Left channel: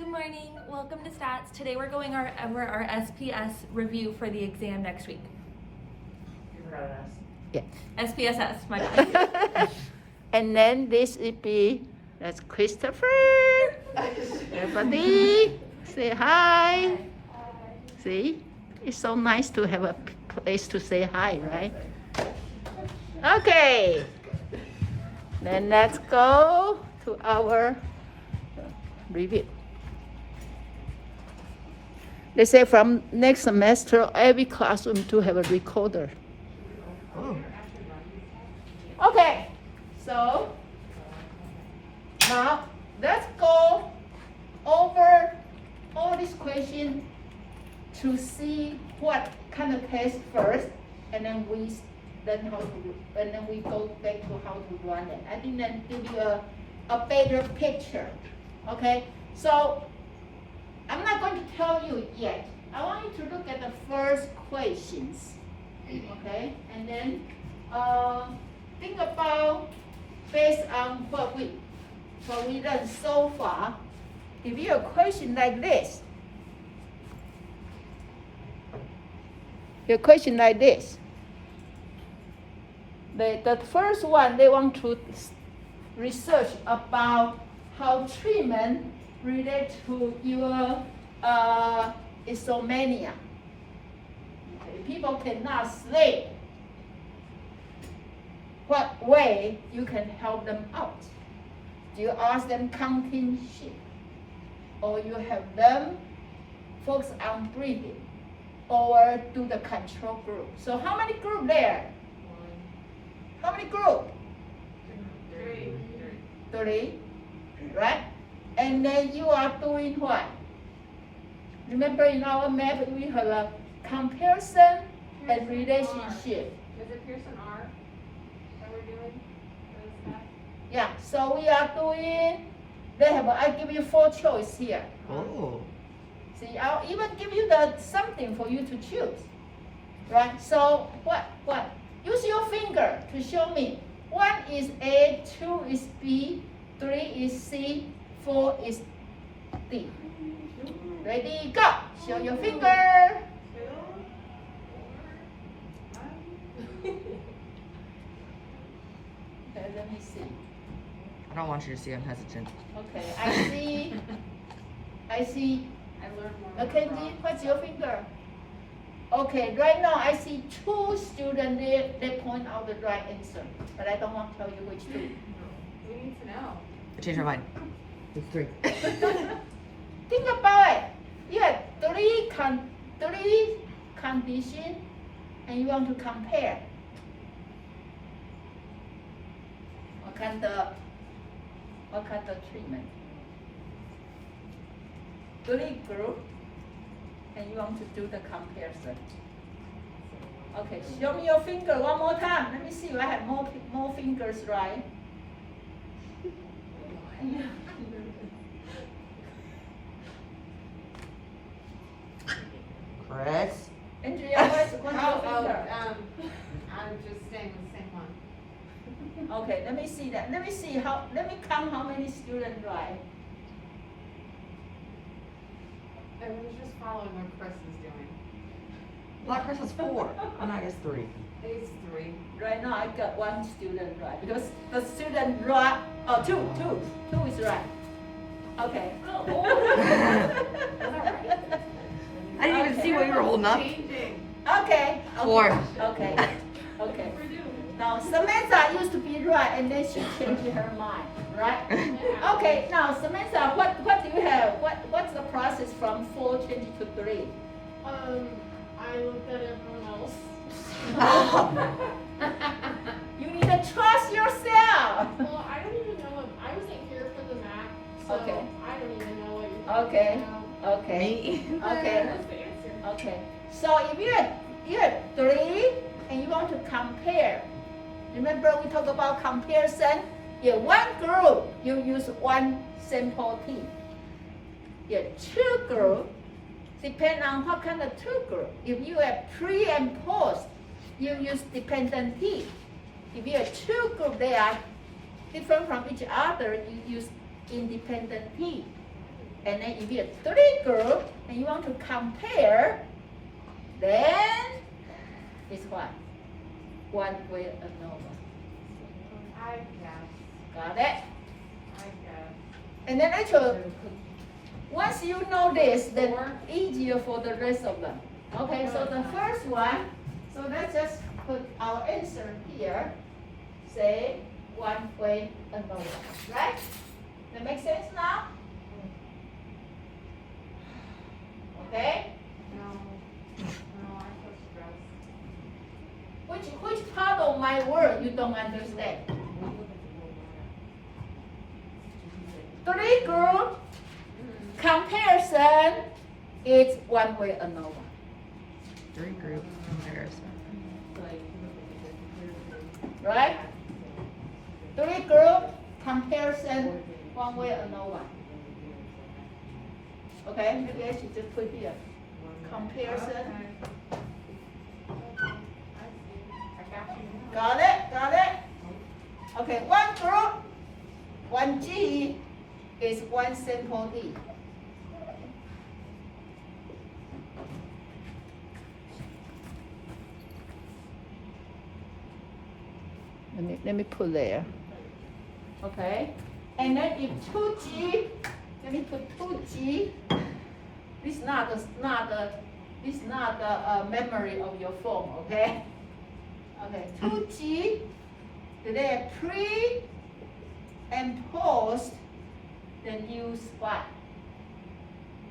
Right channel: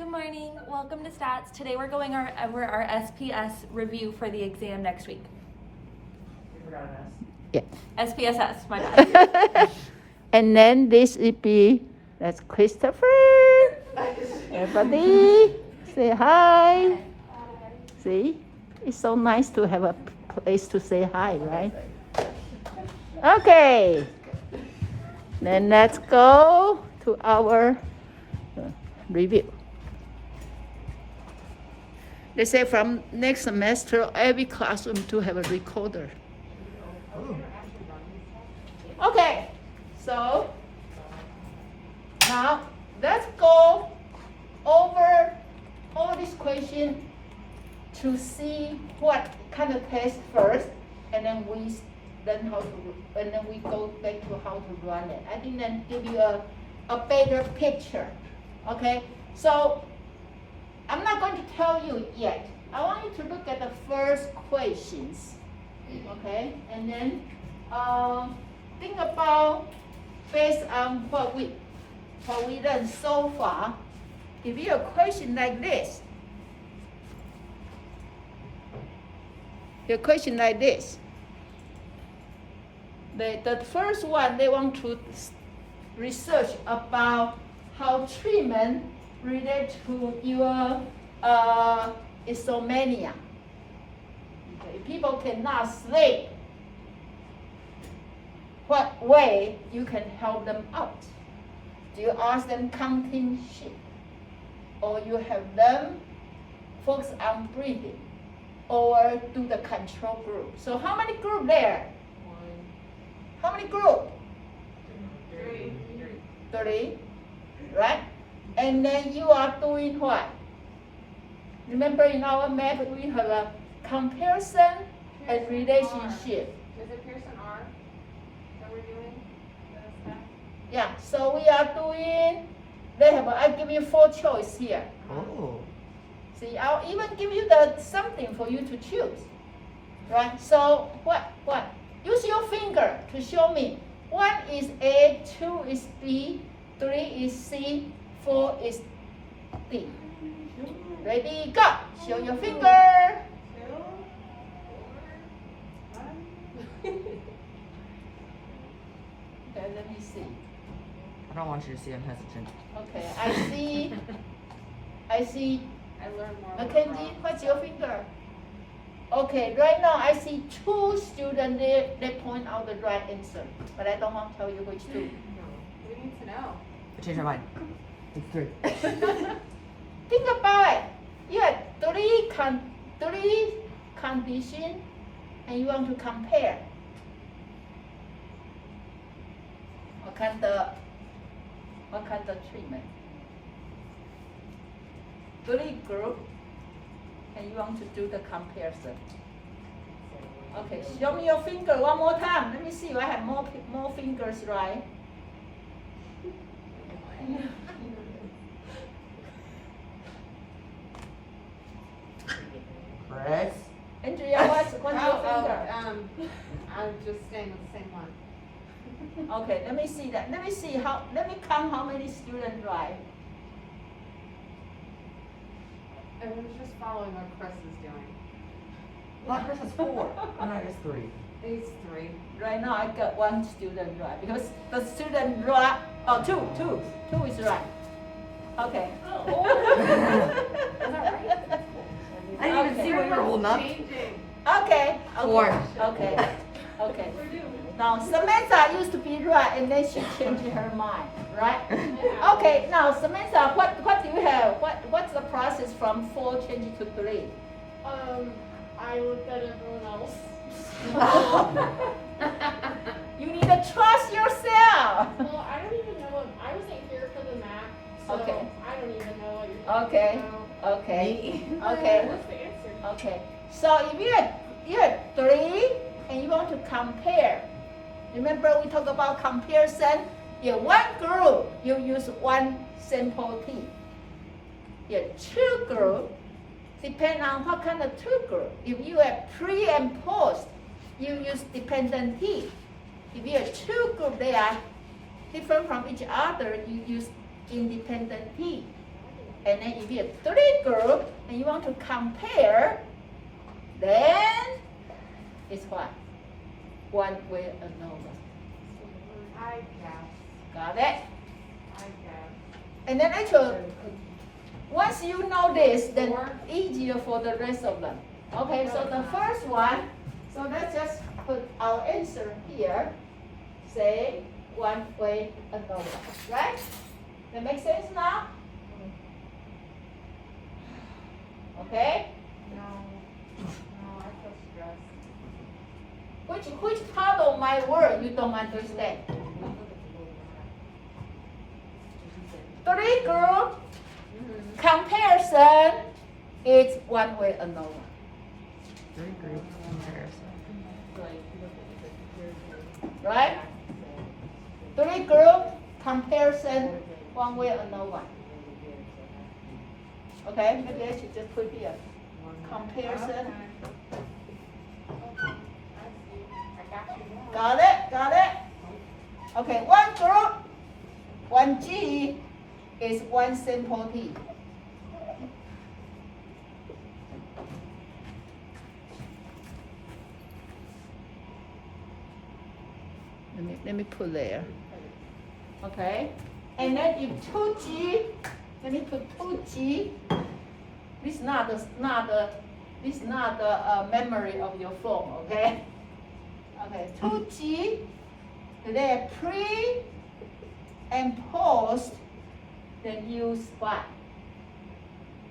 Good morning. Welcome to Stats. Today we're going over our SPS review for the exam next week. You forgot an S. Yeah. SPSS, my bad. And then this would be, that's Christopher. Everybody, say hi. See, it's so nice to have a place to say hi, right? Okay. Then let's go to our review. They say from next semester, every classroom to have a recorder. Oh. Okay, so now let's go over all these questions to see what kind of test first, and then we go back to how to run it. I think that give you a better picture. Okay, so I'm not going to tell you yet. I want you to look at the first questions. Okay, and then think about based on what we learned so far. If you have a question like this, the first one, they want to research about how treatment relate to your insomnia. Okay, people cannot sleep. What way you can help them out? Do you ask them counting sheep? Or you have them focus on breathing? Or do the control group? So how many group there? How many group? Three, right? And then you are doing what? Remember in our map we have a comparison and relationship. Is it Pearson R that we're doing? Yeah, so we are doing, I give you 4 choices here. Oh. See, I'll even give you something for you to choose. Right? So what? Use your finger to show me. 1 is A, 2 is B, 3 is C, 4 is D. Ready, go! Show your finger. Okay, let me see. I don't want you to see I'm hesitant. Okay, I see. I learned more. Mackenzie, what's your finger? Okay, right now I see 2 students there. They point out the right answer, but I don't want to tell you which 2. We need to know. I changed my mind. It's 3. Think about it. You have 3 conditions, and you want to compare. What kind of treatment? 3 group, and you want to do the comparison. Okay, show me your finger one more time. Let me see if I have more fingers right. Chris? Andrea, what's your finger? I'm just staying with the same one. Okay, let me see that. Let me count how many students right. I was just following what Chris is doing. Black Chris is 4. And I guess 3. He's 3. Right now I got 1 student right because the student right. Oh, two is right. Okay. I didn't even see what you were holding up. Changing. Okay. 4. Okay. Now Samantha used to be right, and then she changed her mind, right? Okay. Now Samantha, what do you have? What's the process from 4 changing to 3? I looked at everyone else. You need to trust yourself. Well, I don't even know. I wasn't here for the map, so Okay. I don't even know what you're talking Okay. about. Okay. Me? Okay. What's the answer? Okay. So if you had 3 and you want to compare, remember we talked about comparison? You have 1 group, you use 1 sample T. You have 2 groups, depend on what kind of 2 group. If you have pre and post, you use dependent T. If you have 2 groups, they are different from each other, you use independent T. And then if you have 3 groups and you want to compare, then it's what? One way ANOVA. I guess. Got it? I guess. And then actually, once you know this, then easier for the rest of them. Okay, so the first one, so let's just put our answer here. Say one way ANOVA, right? That makes sense now? Okay? No. No, I feel stressed. Which part of my word you don't understand? 3 group comparison is one way ANOVA. 3 group comparison. Right? 3 group comparison, one way ANOVA. Okay, maybe I should just put here. Comparison. Got it? Got it? Okay, one group, one G is one simple D. Let me put there. Okay, and then if 2G, let me put 2G. This is not the memory of your phone. Okay. Okay, 2G. Today pre and post. Then use what?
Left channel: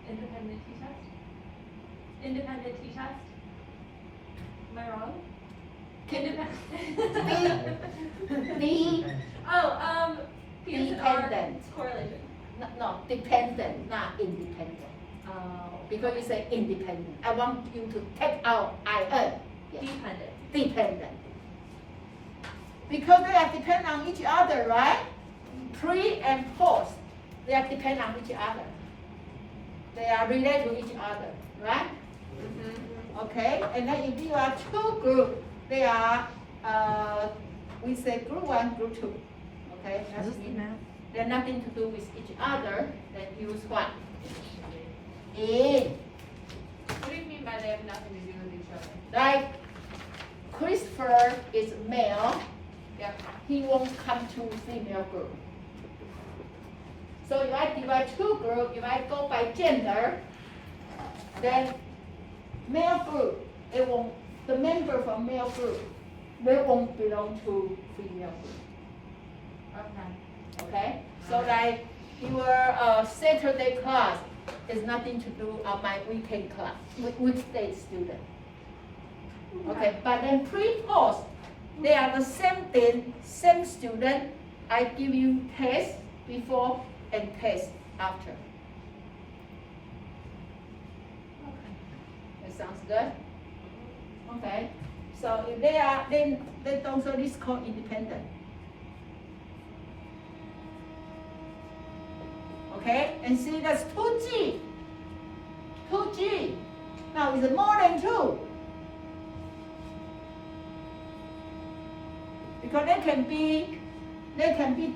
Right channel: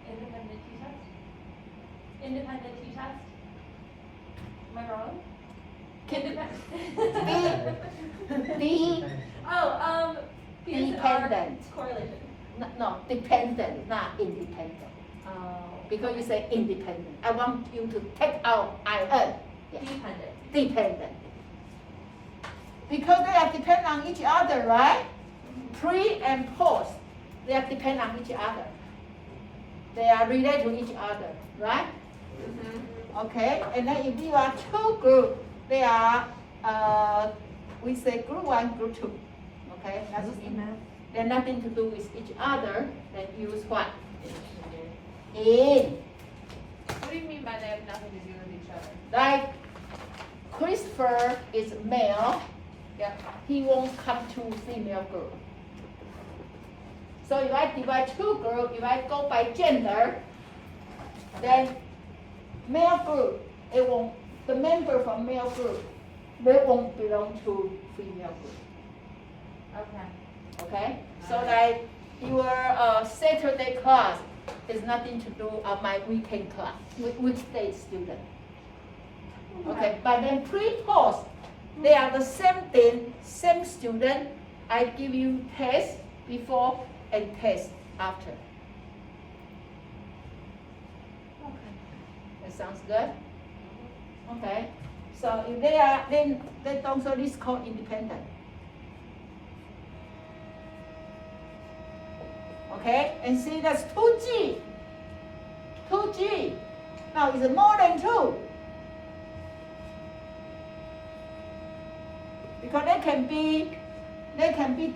Independent t-test? Independent t-test? Am I wrong? D, Oh, dependent. correlation. No, dependent, not independent. Because you say independent. I want you to take out IN. Yes. Dependent. Dependent. Because they are dependent on each other, right? Pre and post, they are dependent on each other. They are related to each other, right? Okay, and then if you are 2 groups, they are, we say group 1, group 2. Okay, Is this the math? they're nothing to do with each other, then use what? In. What do you mean by they have nothing to do with each other? Like, Christopher is male, Yep. he won't come to female group. So if I divide 2 groups, if I go by gender, then male group, it won't, the member from male group, they won't belong to female group. Okay. Okay? So like your Saturday class is nothing to do on my weekend class, weekday student. Okay, but then pre-post, they are the same thing, same student. I give you test before and test after. Okay. That sounds good? Okay, so if they are, then also this called independent. Okay, and see that's 2G. 2G. Now is it more than 2? Because they can be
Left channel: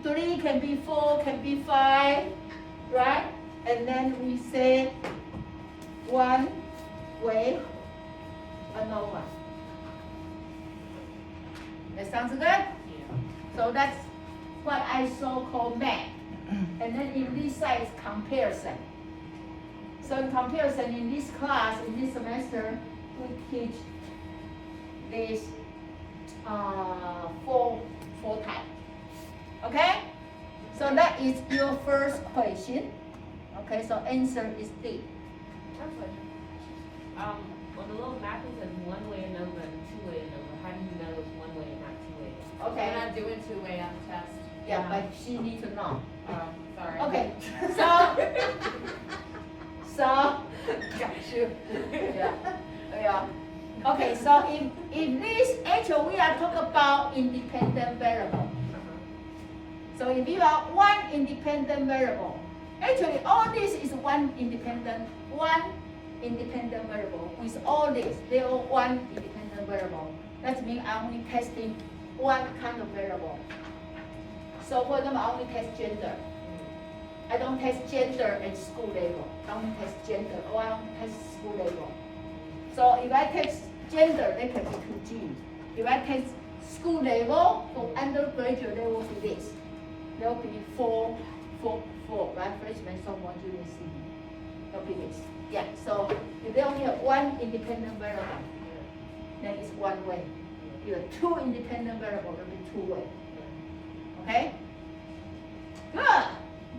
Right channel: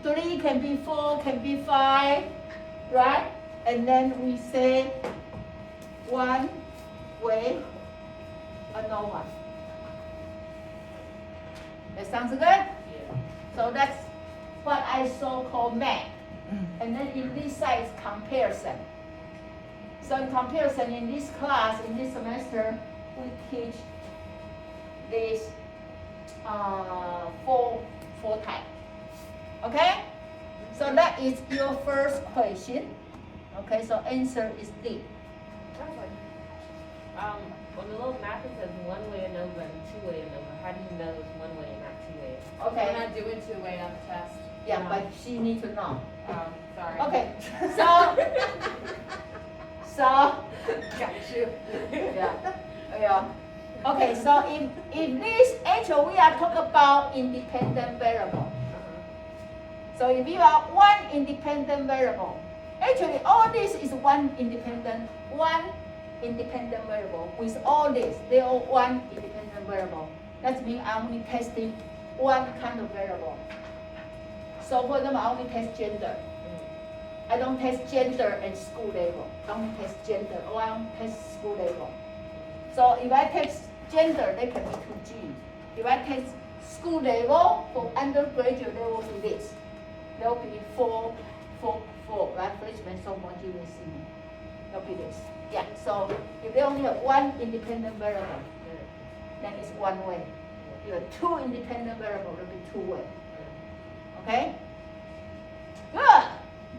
3, can be 4, can be 5, right? And then we say one way ANOVA. That sounds good? So that's what I so-call map. And then in this side is comparison. So in comparison, in this class, in this semester, we teach this four types. Okay? So that is your first question. Okay, so answer is D. When the little map says one way ANOVA and 2-way ANOVA, how do you know it's 1-way and not 2-way? Okay. We're not doing 2-way on the test. Yeah, but she needs to know. Oh, sorry. Okay, so Got you. yeah. Okay, so in this, actually we are talking about independent variable. So if you have one independent variable, actually all this is one independent variable. With all this, they are one independent variable. That means I'm only testing one kind of variable. So for example, I only test gender. I don't test gender and school level. Don't test gender, or I don't test school level. So if I test gender, they can be 2G. If I test school level for undergraduate, there will be this. There will be 4, right? Freshman, sophomore, junior, senior. There will be this. Yeah, so if they only have one independent variable, then it's one way. If you have two independent variables, it will be two way. Okay? Good.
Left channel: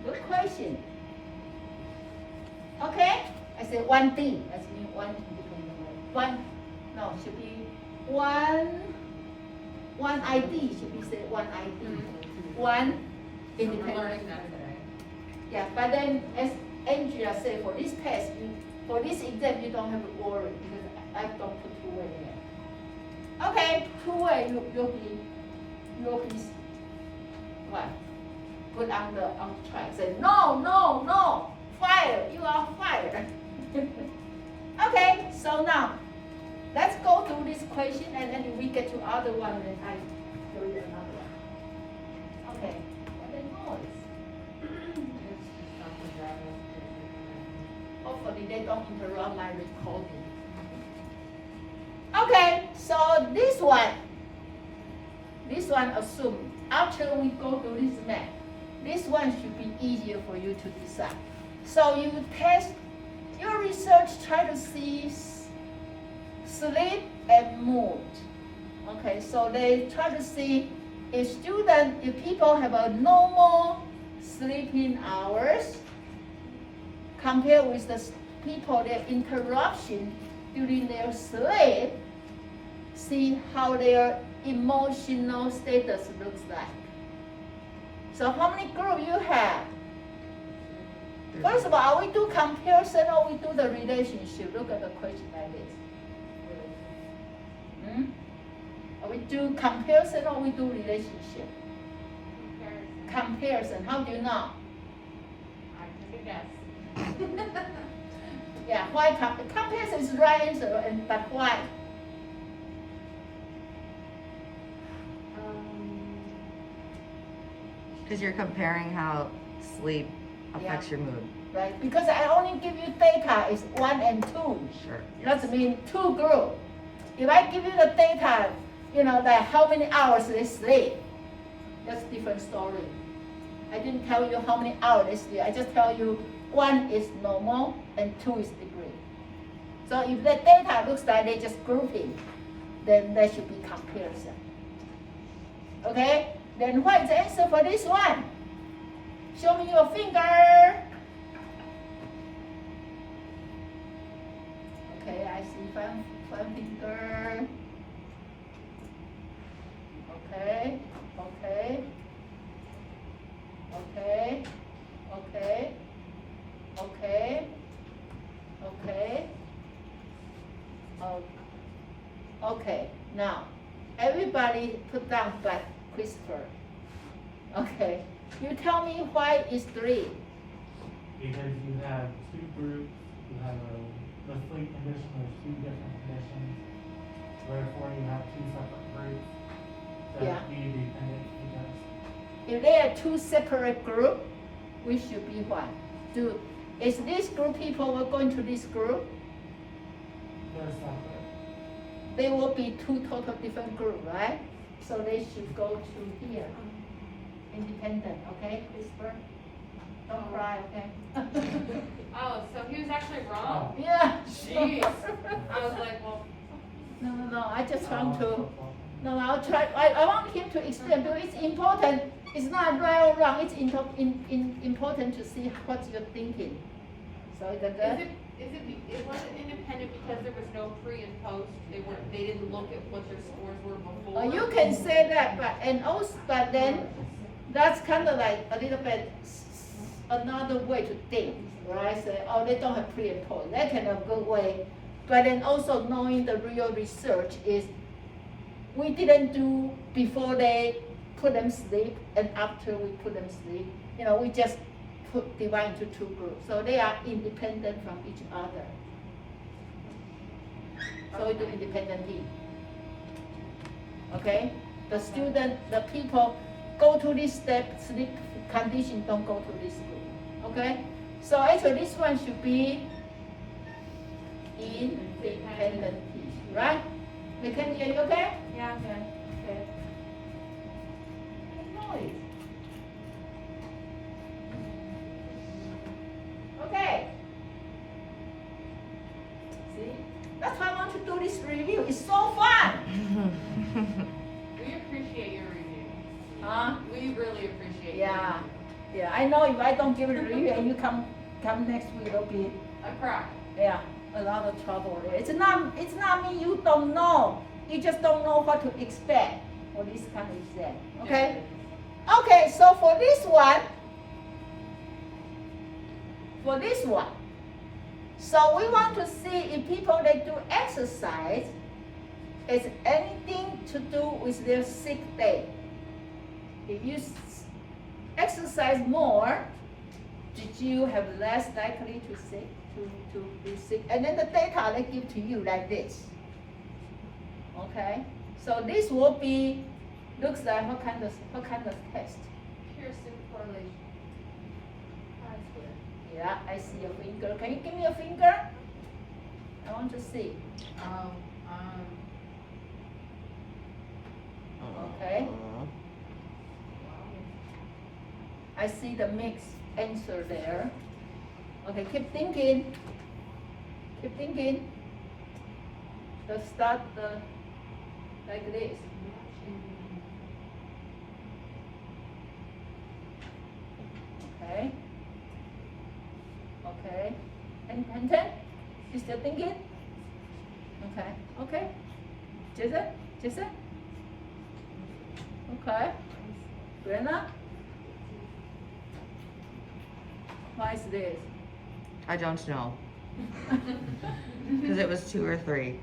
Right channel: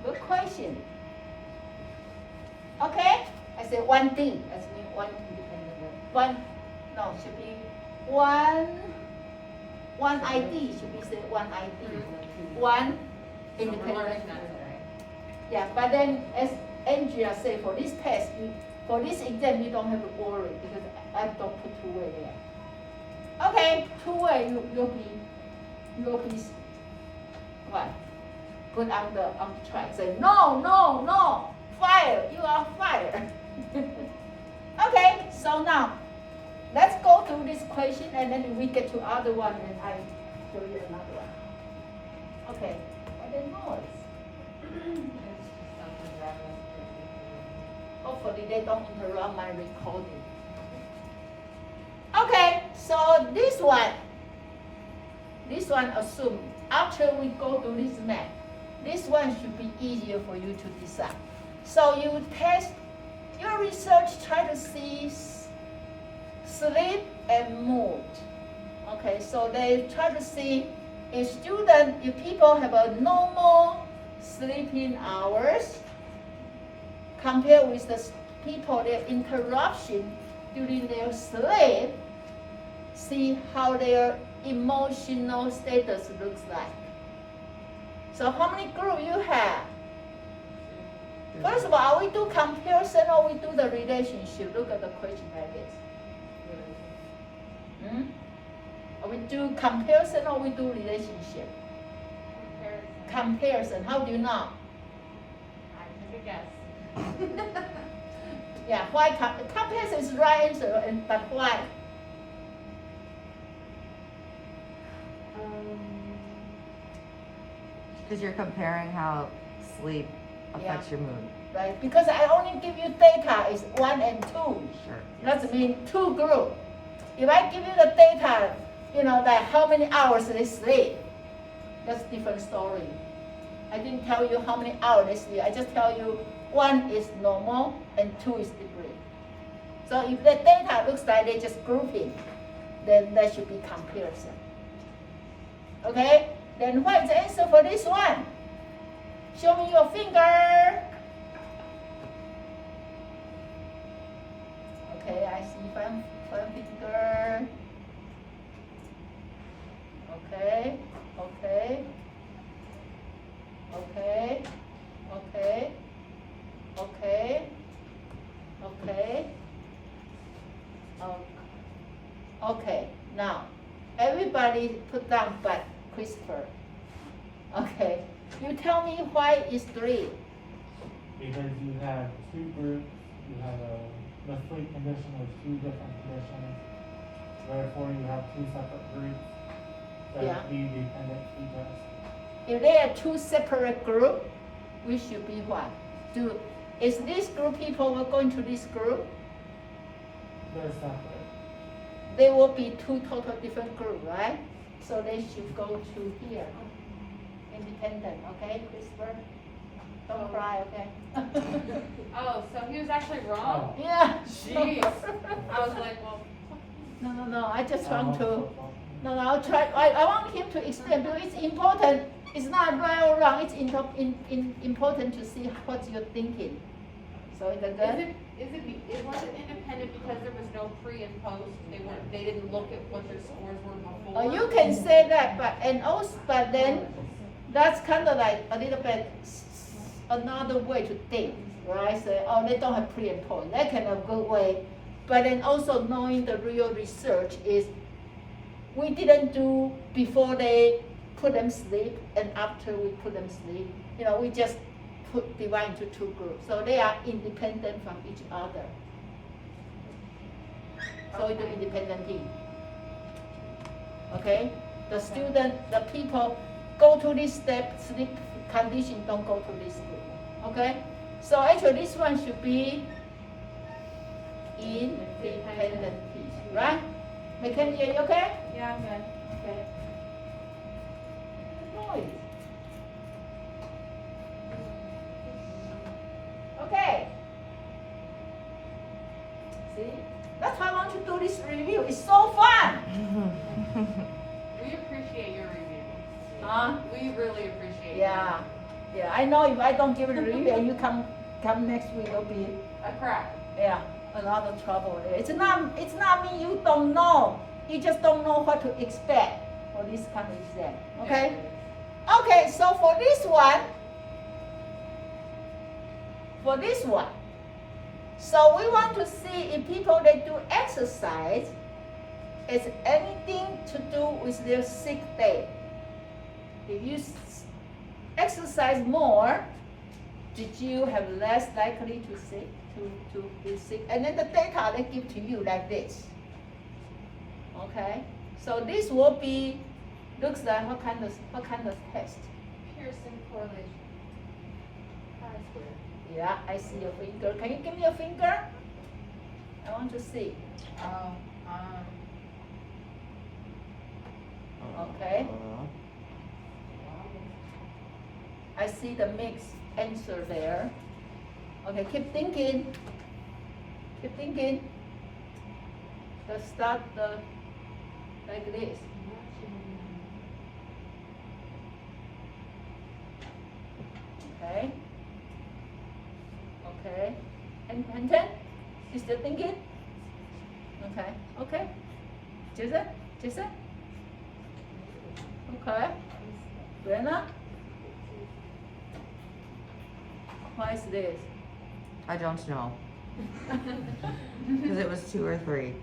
Good question. Okay? I say 1D. That's mean one independent variable. Should be one ID. Should be say one ID. One independent variable. Yeah, but then as Andrea said, for this test, for this exam, you don't have to worry because I don't put two way there. Okay, two way, you'll be what? Good on the track. Say no, fire, you are fired. Okay, so now let's go through this question and then we get to other one and then I show you another one. Okay, and then noise. Hopefully they don't interrupt my recording. Okay, so this one assume after we go through this map, this one should be easier for you to decide. So you test your research, try to see sleep and mood. Okay, so they try to see if people have a normal sleeping hours compared with the people, their interruption during their sleep, see how their emotional status looks like. So how many groups you have? First of all, we do comparison or we do the relationship? Look at the question like this. Or we do comparison or we do relationship? Comparison. How do you know? Yeah, why comparison is the right answer, but why? Because you're comparing how sleep affects your mood. Right, because I only give you data is 1 and 2. Sure. That means 2 groups. If I give you the data, like how many hours they sleep, that's a different story. I didn't tell you how many hours they sleep. I just tell you 1 is normal and 2 is degree. So if the data looks like they just grouping, then that should be comparison. Okay? Then what is the answer for this one? Show me your finger. Okay, I see five finger. Okay. Okay, now everybody put down but Christopher. Okay, you tell me why is 3. Because you have 2 groups, you have the sleep condition with 2 different conditions. Therefore, you have 2 separate groups that be dependent features. If there are 2 separate groups, we should be what? Is this group people will go into this group? They're separate. They will be 2 total different groups, right? So they should go to here. Independent, okay, Christopher? Don't cry, okay? Oh, so he was actually wrong? Yeah. Jeez. I was like, well. No, I just want to. No, I'll try. I want him to explain because it's important. It's not right or wrong. It's important to see what you're thinking. So is that good? It wasn't independent because there was no pre and post. They didn't look at what their scores were before. You can say that, but then that's kind of like a little bit another way to think, right? So, they don't have pre and post. That kind of good way. But then also knowing the real research is we didn't do before they put them sleep and after we put them sleep. We just divide into 2 groups. So they are independent from each other. So we do independently. Okay? The people go to this step, sleep condition, don't go to this group. Okay? So actually this one should be independent piece, right? Mackenzie, are you okay? Yeah, I'm good. Okay. Noise. Okay. See? That's why I want to do this review. It's so fun. We appreciate your review. Huh? We really appreciate Yeah. Yeah. I know if I don't give it a review and you come next week, it'll be a crap. a lot of trouble. It's not me you don't know. You just don't know what to expect for this kind of exam. Okay? Okay, so for this one, so we want to see if people that do exercise is anything to do with their sick day. If you exercise more, did you have less likely to be sick? And then the data they give to you like this. Okay, so this will be looks like what kind of test? Pearson correlation. Yeah, I see your finger. Can you give me a finger? I want to see. Okay. I see the mixed answer there. Okay, keep thinking. Keep thinking. Let's start like this. Okay. Okay. And then, you still thinking? Okay. Okay. Jason? Okay. Brianna? Why is this? I don't know. Because it was 2 or 3.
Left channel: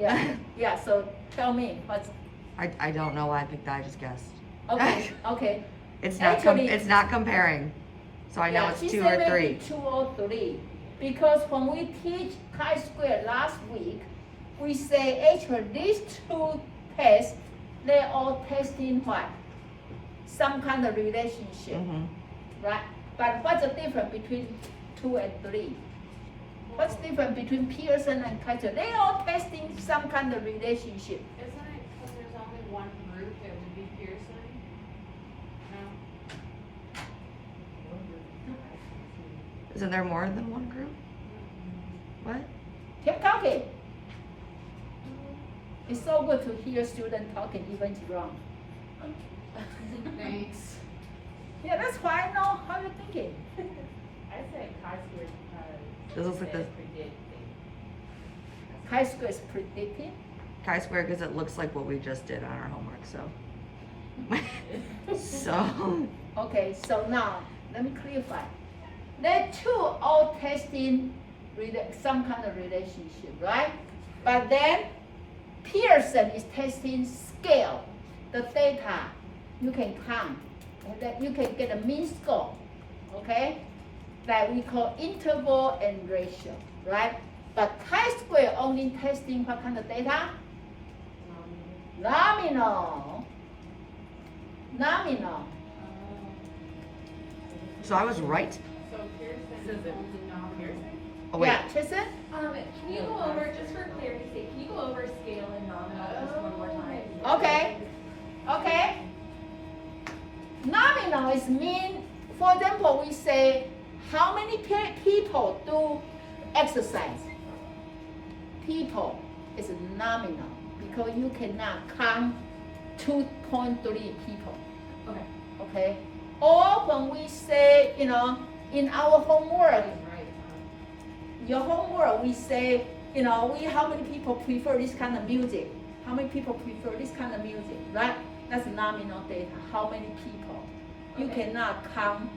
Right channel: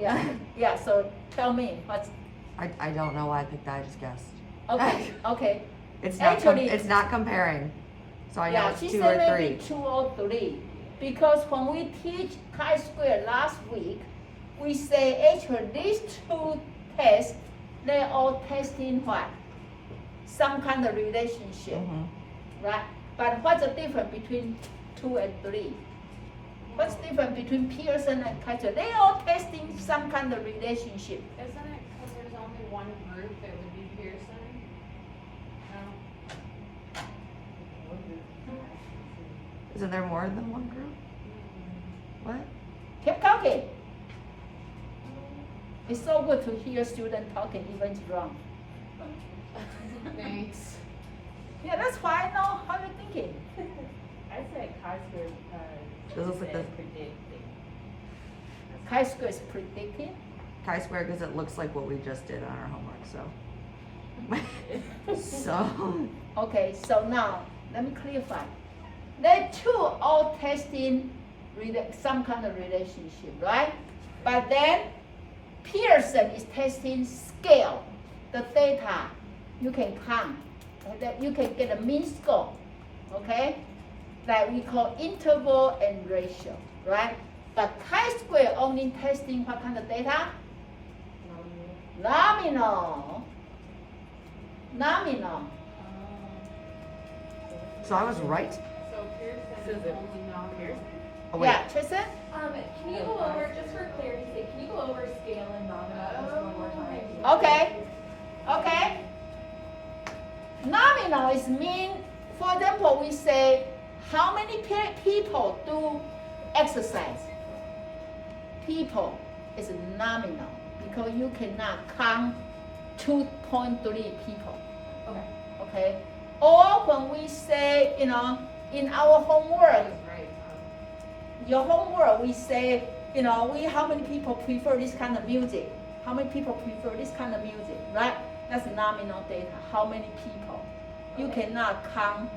Yeah, so tell me, what's, I don't know why I picked that, I just guessed. okay. It's not Actually- it's not comparing. So I know Yeah, it's she 2 said or maybe 3. 2 or 3. Because when we teach chi-square last week, we say actually these 2 tests, they're all testing what? Some kind of relationship, right? But what's the difference between 2 and 3? What's the difference between Pearson and chi-square? They all testing some kind of relationship. Isn't it because there's only one group that would be Pearson? No? Isn't there more than one group? What? Keep talking. It's so good to hear students talking even it's wrong. Thanks. Yeah, that's why I know how you're thinking. I said chi-square because. This looks like it the- says predict things. Chi-square is predicting. Chi-square because it looks like what we just did on our homework, so. So. Okay, so now let me clarify. They two all testing some kind of relationship, right? But then Pearson is testing scale, the data you can count, and that you can get a mean score, okay? That we call interval and ratio, right? But chi-square only testing what kind of data? Nominal. So I was right? So Pearson is only non-Pearson? Oh wait. Yeah, Tristan? Can you go over, just for clarity's sake, can you go over scale and nominal just one more time? Okay. Nominal is mean, for example, we say, how many people do exercise? People is nominal because you cannot count 2.3 people. Okay? Or when we say, in our homework, Right. your homework, we say, how many people prefer this kind of music? How many people prefer this kind of music, right? That's nominal data. How many people? You cannot count,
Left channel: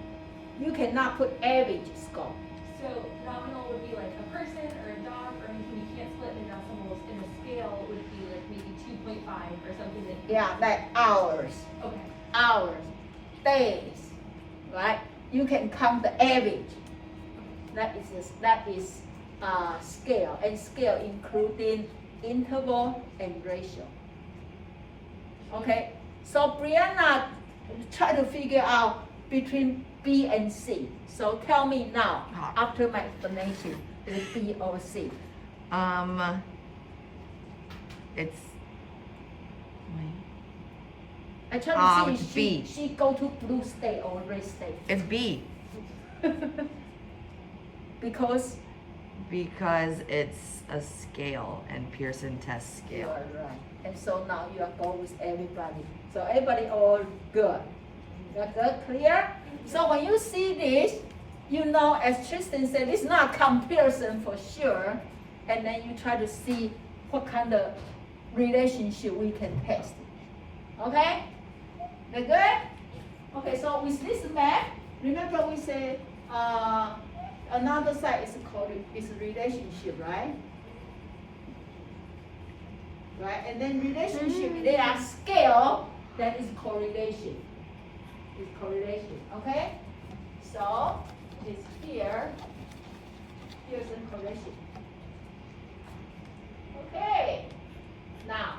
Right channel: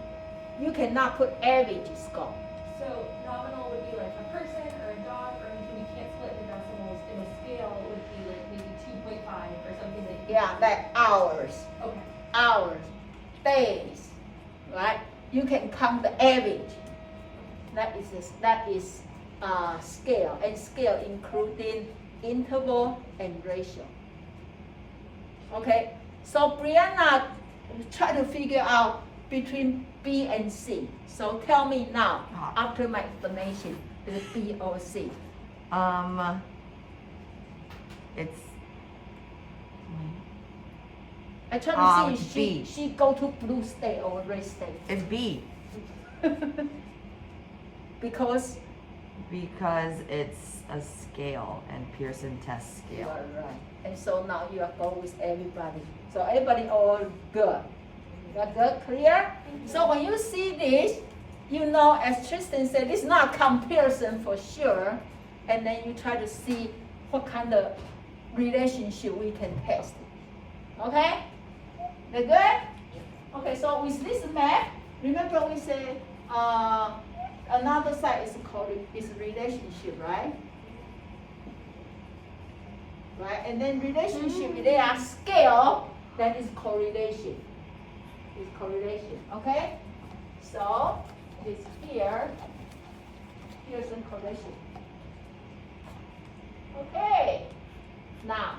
you cannot put average score. So nominal would be like a person or a dog or anything you can't split in decimals, and a scale would be like maybe 2.5 or something that you Yeah, like hours, Okay. days, right? You can count the average. That is scale, and scale including interval and ratio. Okay, so Brianna try to figure out between B and C. So tell me now, Ah. after my explanation, is it B or C? It's. I try to it's see B. she go to blue state or red state. It's B Because because it's a scale and Pearson test you scale. are right. And so now you are going with everybody. So everybody all good. That good? Clear? So when you see this, you know, as Tristan said, this is not a comparison for sure. And then you try to see what kind of relationship we can test. Okay? That good? Okay, so with this map, remember we say another side is called is relationship, right? Right? And then relationship, they are scale, that is correlation. Is correlation, okay? So it's here, here's a correlation. Okay, now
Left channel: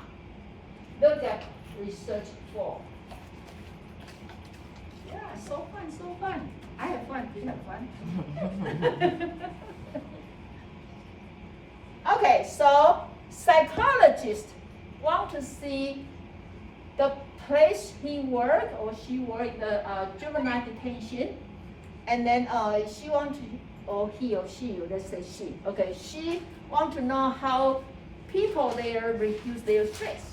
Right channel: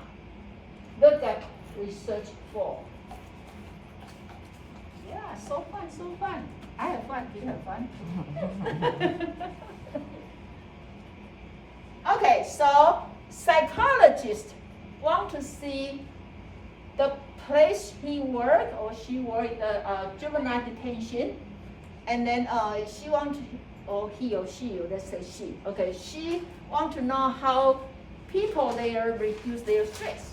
look at research 4. Yeah, so fun, so fun. I have fun, you have fun. Okay, so psychologists want to see the place he worked or she worked in juvenile detention, and then she want to, or he or she, let's say she, okay, she want to know how people there reduce their stress.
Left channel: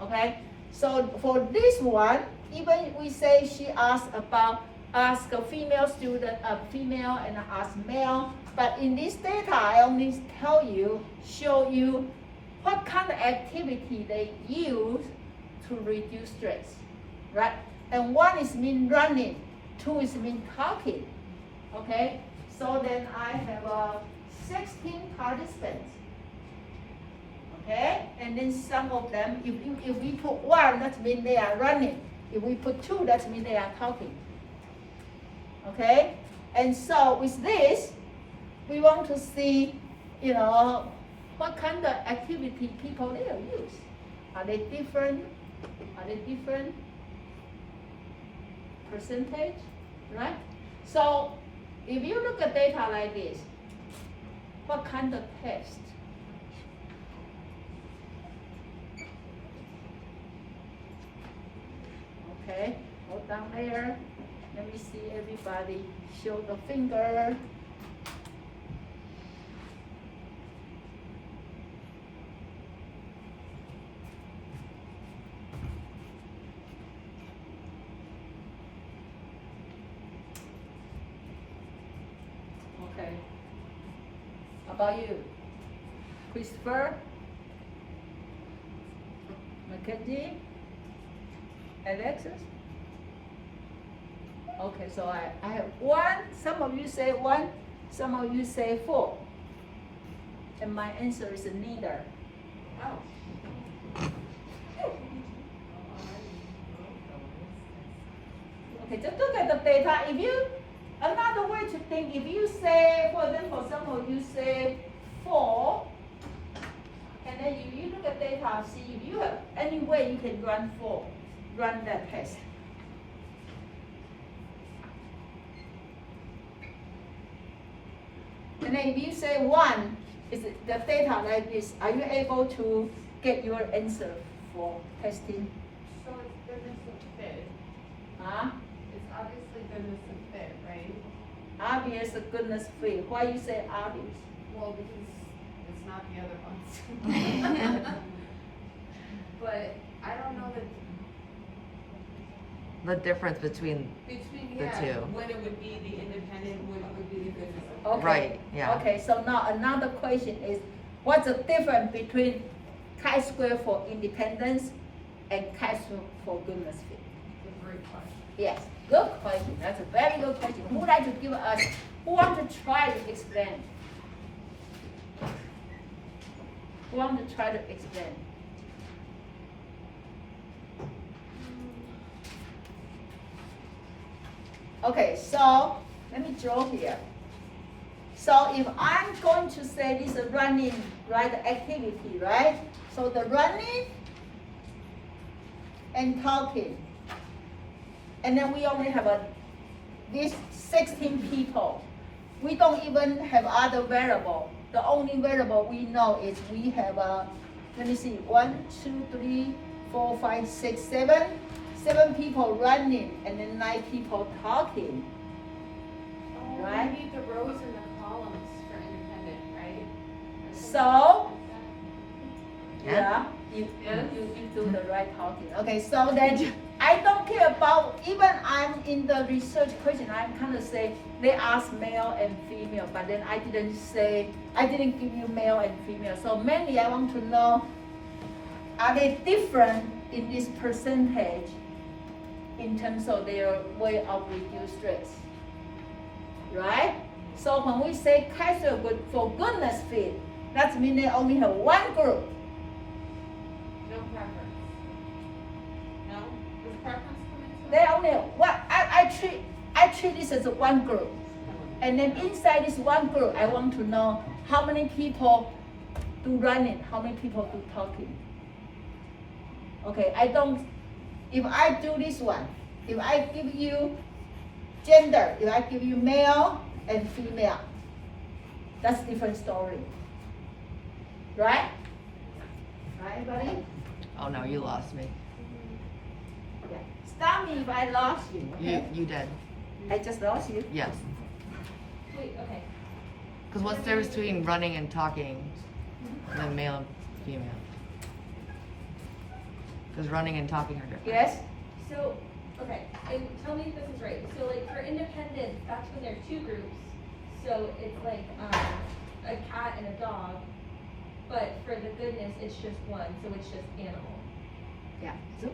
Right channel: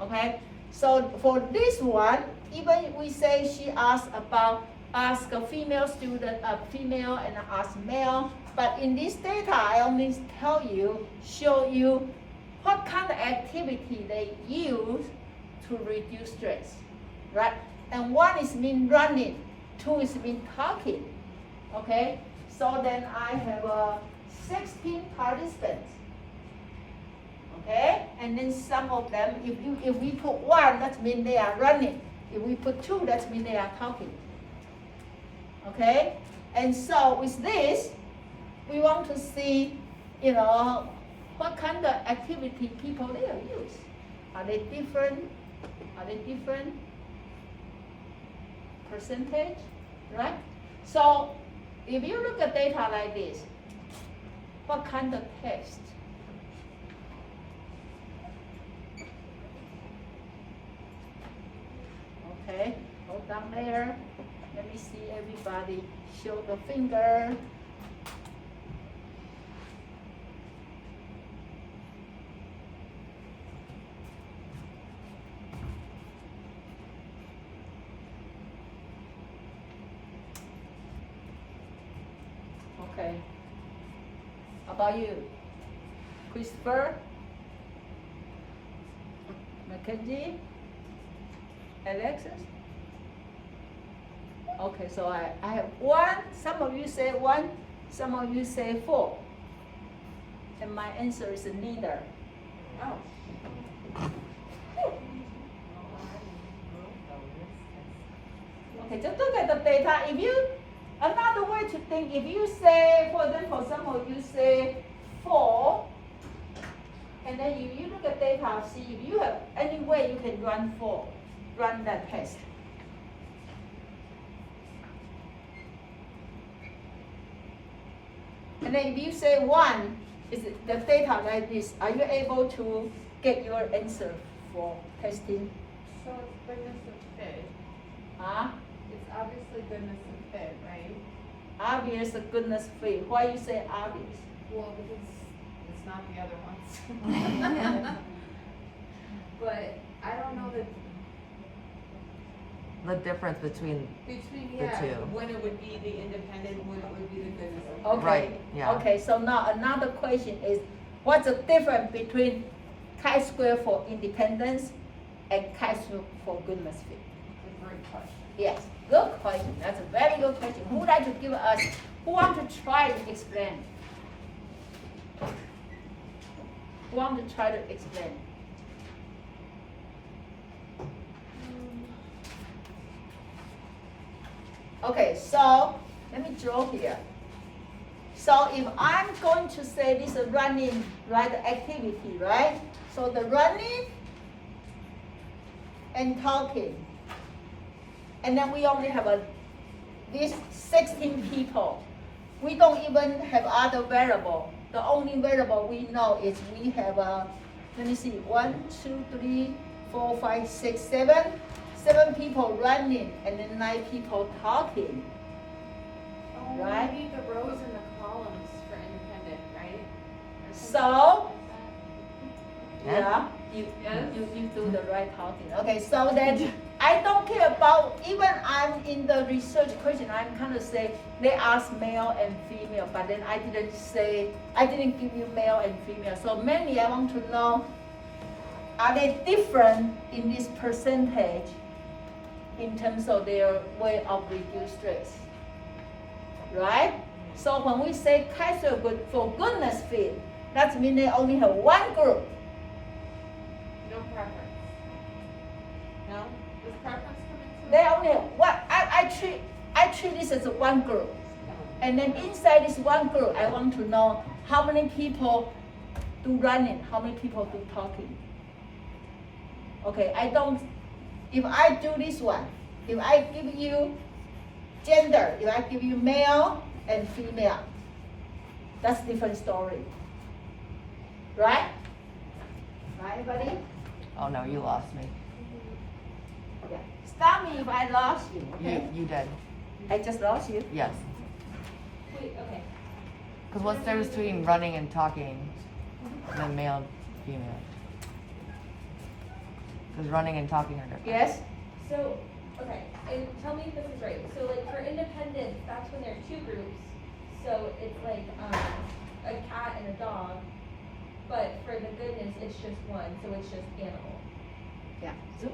Okay, so for this one, even we say she asked a female student, female and ask male, but in this data, I only show you what kind of activity they use to reduce stress, right? And one is mean running, 2 is mean talking, okay? So then I have 16 participants, okay? And then some of them, if we put 1, that means they are running. If we put 2, that means they are talking, okay? And so with this, we want to see, what kind of activity people there use. Are they different? Are they different percentage, right? So if you look at data like this, what kind of test? Okay, go down there. Let me see everybody. Show the finger. Okay. How about you? Christopher? Mackenzie? Alexis? Okay, so I have 1, some of you say 1, some of you say 4. And my answer is neither. Oh. Okay, just look at the data. Another way to think, if you say, for example, some of you say 4, and then if you look at data, see if you have any way you can run that test. And then if you say 1, is the data like this, are you able to get your answer for testing? So it's goodness of fit. Huh? It's obviously goodness of fit, right? Obvious goodness fit. Why you say obvious? Well, because it's not the other ones. But I don't know The difference between between, the two. when it would be the independent, when it would be the goodness of fit. Okay. Right, yeah. Okay, so now another question is, what's the difference between chi-square for independence and chi-square for goodness fit? Great question. Yes, good question. That's a very good question. Who would like to give us, who want to try to explain? Who want to try to explain? Okay, so let me draw here. So if I'm going to say this is running, right, activity, right? So the running and talking. And then we only have these 16 people. We don't even have other variable. The only variable we know is we have let me see, 1, 2, 3, 4, 5, 6, 7. 7 people running and then 9 people talking. Oh, Right. we need the rows and the columns for independent, right? So, Yeah. you Yes. do the right talking. Okay, so then I don't care about, even I'm in the research question, I'm kind of say, they ask male and female, but then I didn't give you male and female. So mainly I want to know, are they different in this percentage in terms of their way of reduce stress? Right? So when we say Kaiser good for goodness fit, that means they only have one group. No preference. No? Does preference come into it? They only have one. I treat this as one group. And then inside this one group, I want to know how many people do running, how many people do talking. Okay, if I do this one, if I give you gender, if I give you male and female, that's different story. Right? Right, everybody? Oh no, you lost me. Okay. Stop me if I lost you. Okay? You did. I just lost you. Yes. Wait, okay. Because what's the difference between running and talking, and then male and female? Because running and talking are different. Yes? So, okay, and tell me if this is right. So like for independence, that's when there are 2 groups. So it's like a cat and a dog. But for the goodness, it's just one, so it's just animal. Yeah. So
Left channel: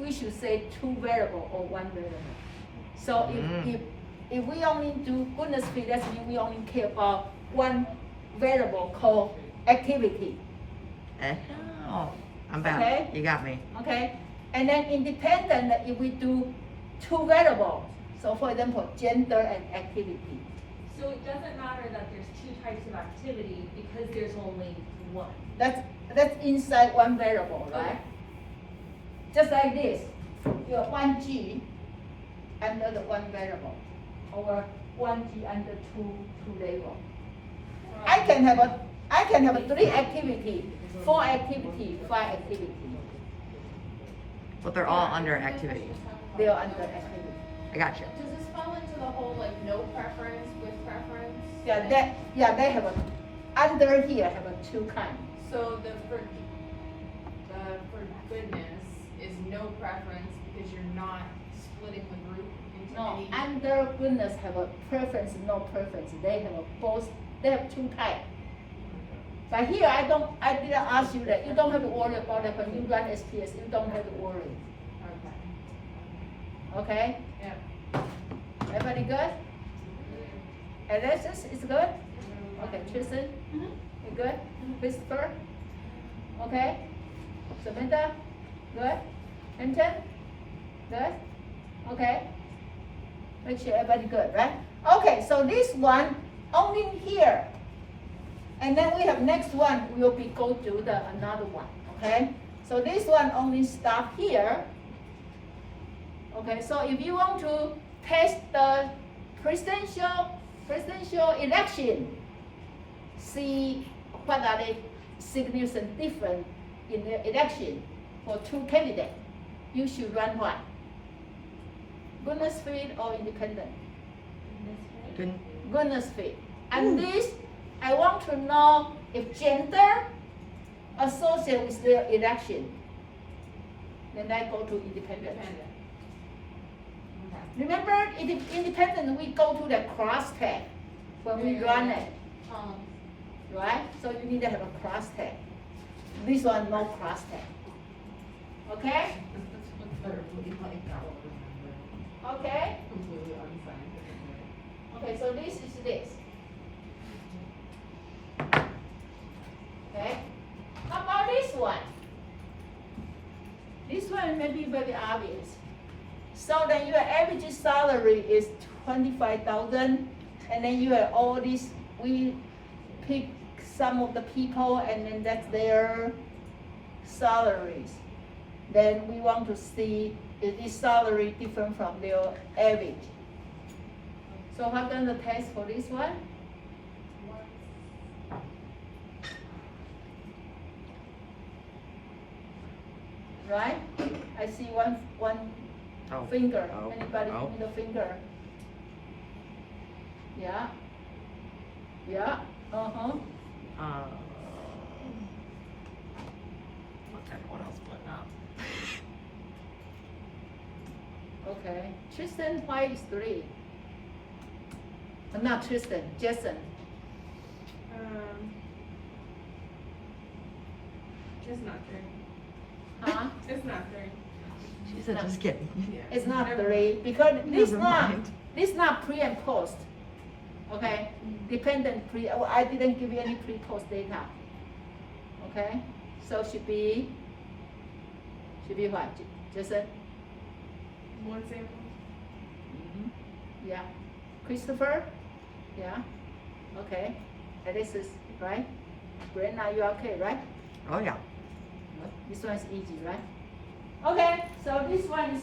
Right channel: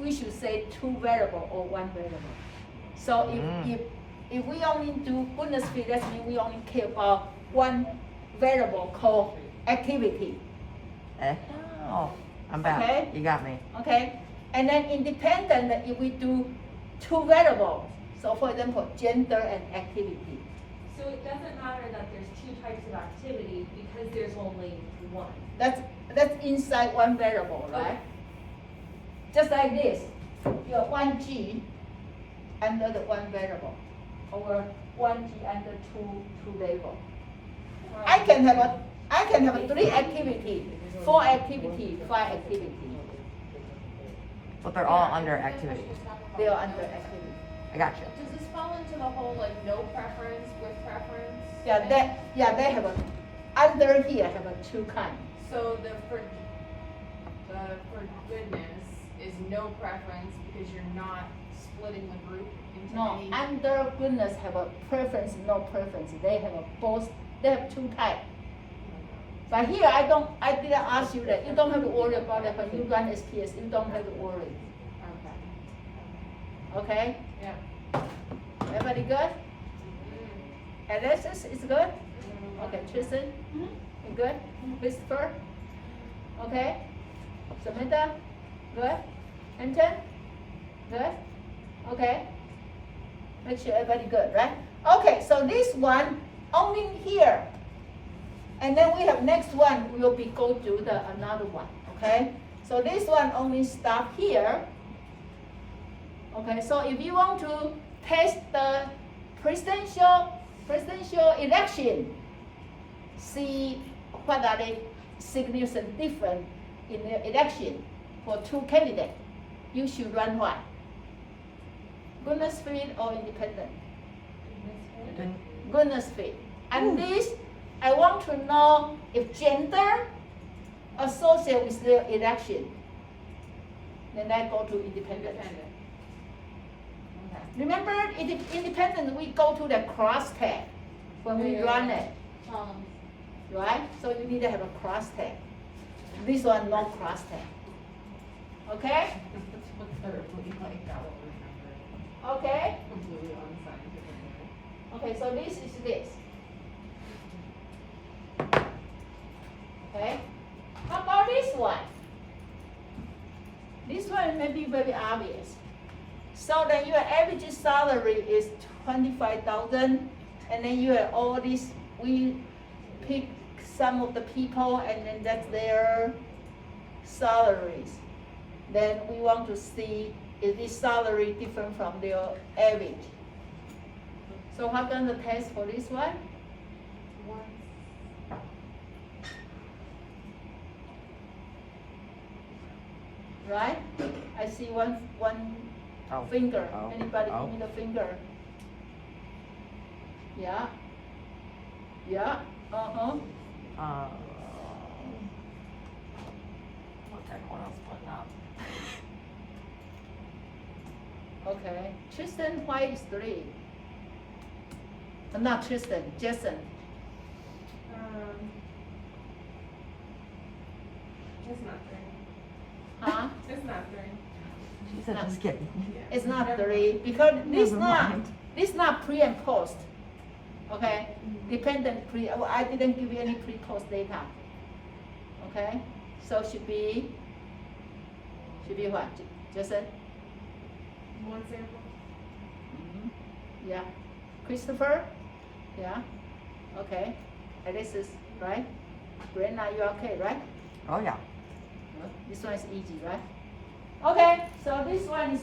we should say 2 variable or 1 variable. So if we only do goodness fit, that means we only care about 1 variable called activity. Oh, I'm back. Okay. You got me. Okay? And then independent, if we do 2 variables. So for example, gender and activity. So it doesn't matter that there's 2 types of activity because there's only one. That's inside 1 variable, right? Just like this. You have 1G under the 1 variable, or 1G under 2 label. I can have a 3 activity, 4 activity, 5 activity. But they're all under activity. They are under activity. I got you. Does this fall into the whole like no preference with preference? They have under here have 2 kinds. So the for goodness is no preference because you're not splitting the group into No, any. under goodness have a preference, no preference. They have both. They have 2 types. But here I didn't ask you that. You don't have to worry about that when you run SPS. You don't have to worry. Okay. Okay? Yeah. Everybody good? Alexis is good? Okay, Tristan? You good? Christopher? Okay? Samantha? Good? Anton? Good? Okay? Make sure everybody good, right? Okay, so this one only here. And then we have next one, we'll be go to the another one, okay? So this one only stop here. Okay, so if you want to test the presidential election, see what are the significant difference in the election for 2 candidates, you should run what? Goodness fit or independent? Good. Goodness fit. And this, I want to know if gender associated with the election. Then I go to independent. Independent. Okay. Remember, independent, we go to the cross tag when we run it, right? So you need to have a cross tag. This one, no cross tag. Okay? Okay? Okay, so this is this. Okay? How about this one? This one may be very obvious. So then your average salary is 25,000, and then you have all these, we pick some of the people, and then that's their salaries. Then we want to see, is this salary different from their average? So what done the test for this one? Right? I see one Oh. finger. Oh. Anybody Oh. give me the finger? Yeah. Yeah. Uh-huh. What's everyone else putting up? Okay. Tristan, why is 3? Not Tristan, Jason. Just not 3. Huh? Just not 3. She said, just kidding. It's not 3 because this Never not mind. this not pre and post. Okay? Dependent pre. Oh, I didn't give you any pre-post data. Okay? So should be what? Jason? 1 sample. Yeah. Christopher? Yeah. Okay. Alexis, right? Brenna, you okay, right? Oh, yeah. This one is easy, right? Okay, so this one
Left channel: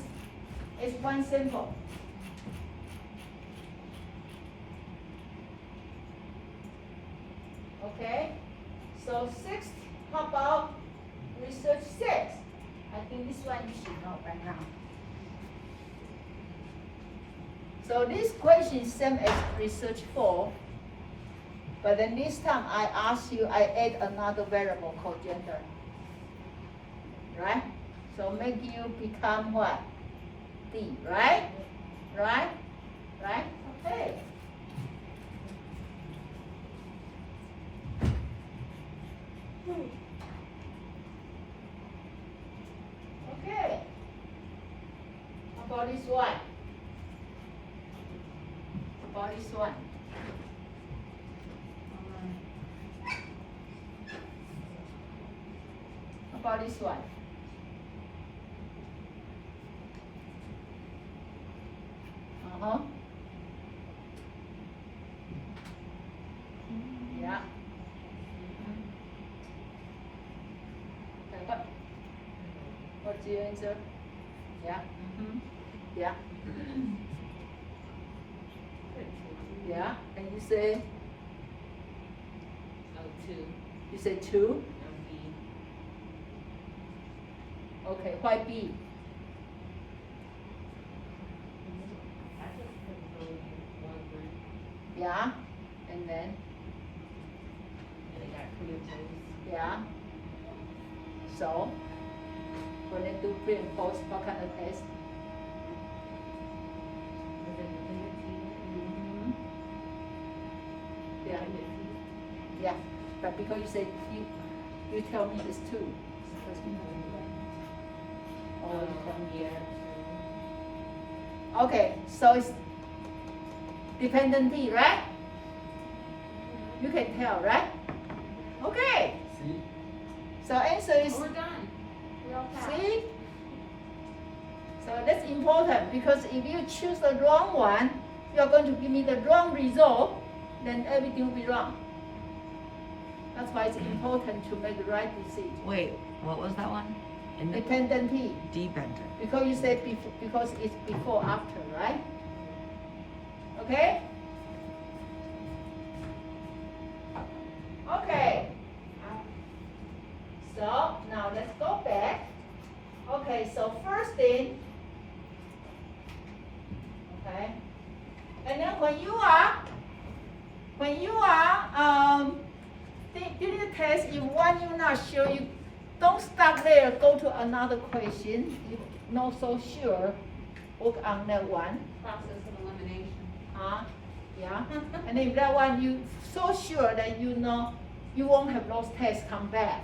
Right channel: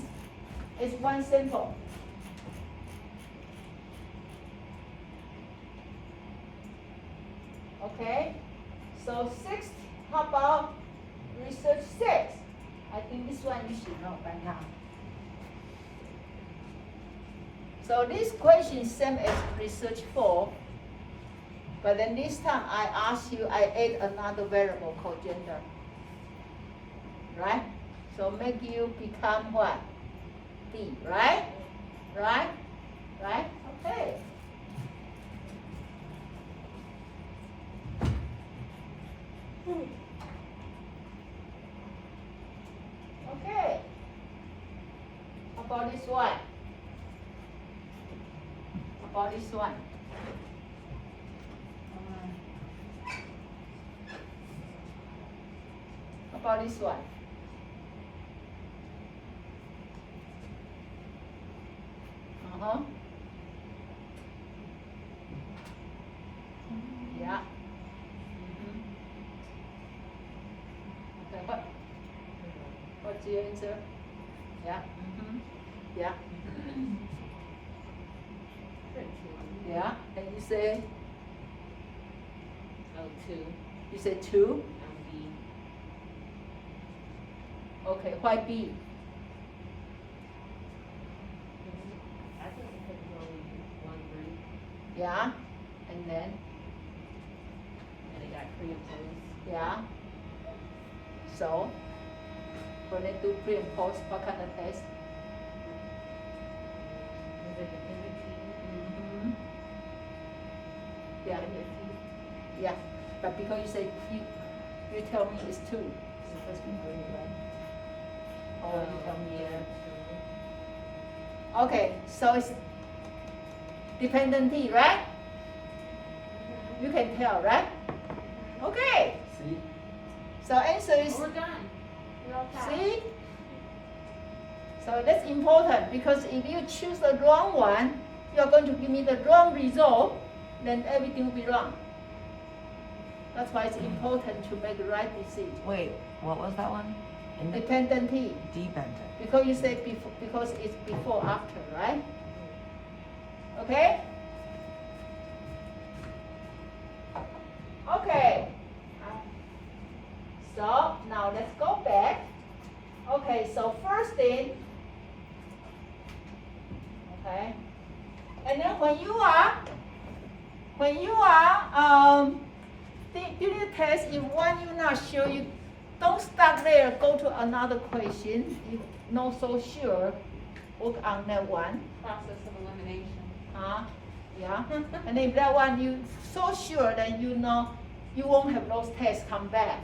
is 1 sample. Okay, so 6, how about research 6? I think this one you should know by now. So this question is same as research 4, but then this time I ask you, I add another variable called gender. Right? So make you become what? D, right? Right? Right? Okay. Okay. How about this one? How about this one? How about this one? Uh-huh. Yeah. Okay, what's your answer? Yeah. Yeah. Yeah. And you say? Oh, 2. You say 2? B. Okay, why B? I think it's only 1 group, Yeah. And then? and it got pre-imposed. Yeah. So, when they do pre and post, what kind of test? Was it Mm-hmm. Yeah. Yeah. But because you say you tell me it's 2. Because you know it, right? Or you tell me yeah. Okay, so it's dependent D, right? You can tell, right? Okay. So answer is We're done. We're all passed. C. So that's important because if you choose the wrong one, you're going to give me the wrong result, then everything will be wrong. That's why it's important to make the right decision. Wait, what was that one? Dependent T. Dependent. Because you said before, because it's before after, right? Okay? Okay. So now let's go back. Okay, so first thing, okay, and then when you are doing the test, if one you're not sure, you don't stop there. Go to another question. You're not so sure. Work on that one. Process of elimination. Yeah. And if that one you so sure that you know you won't have those tests come back,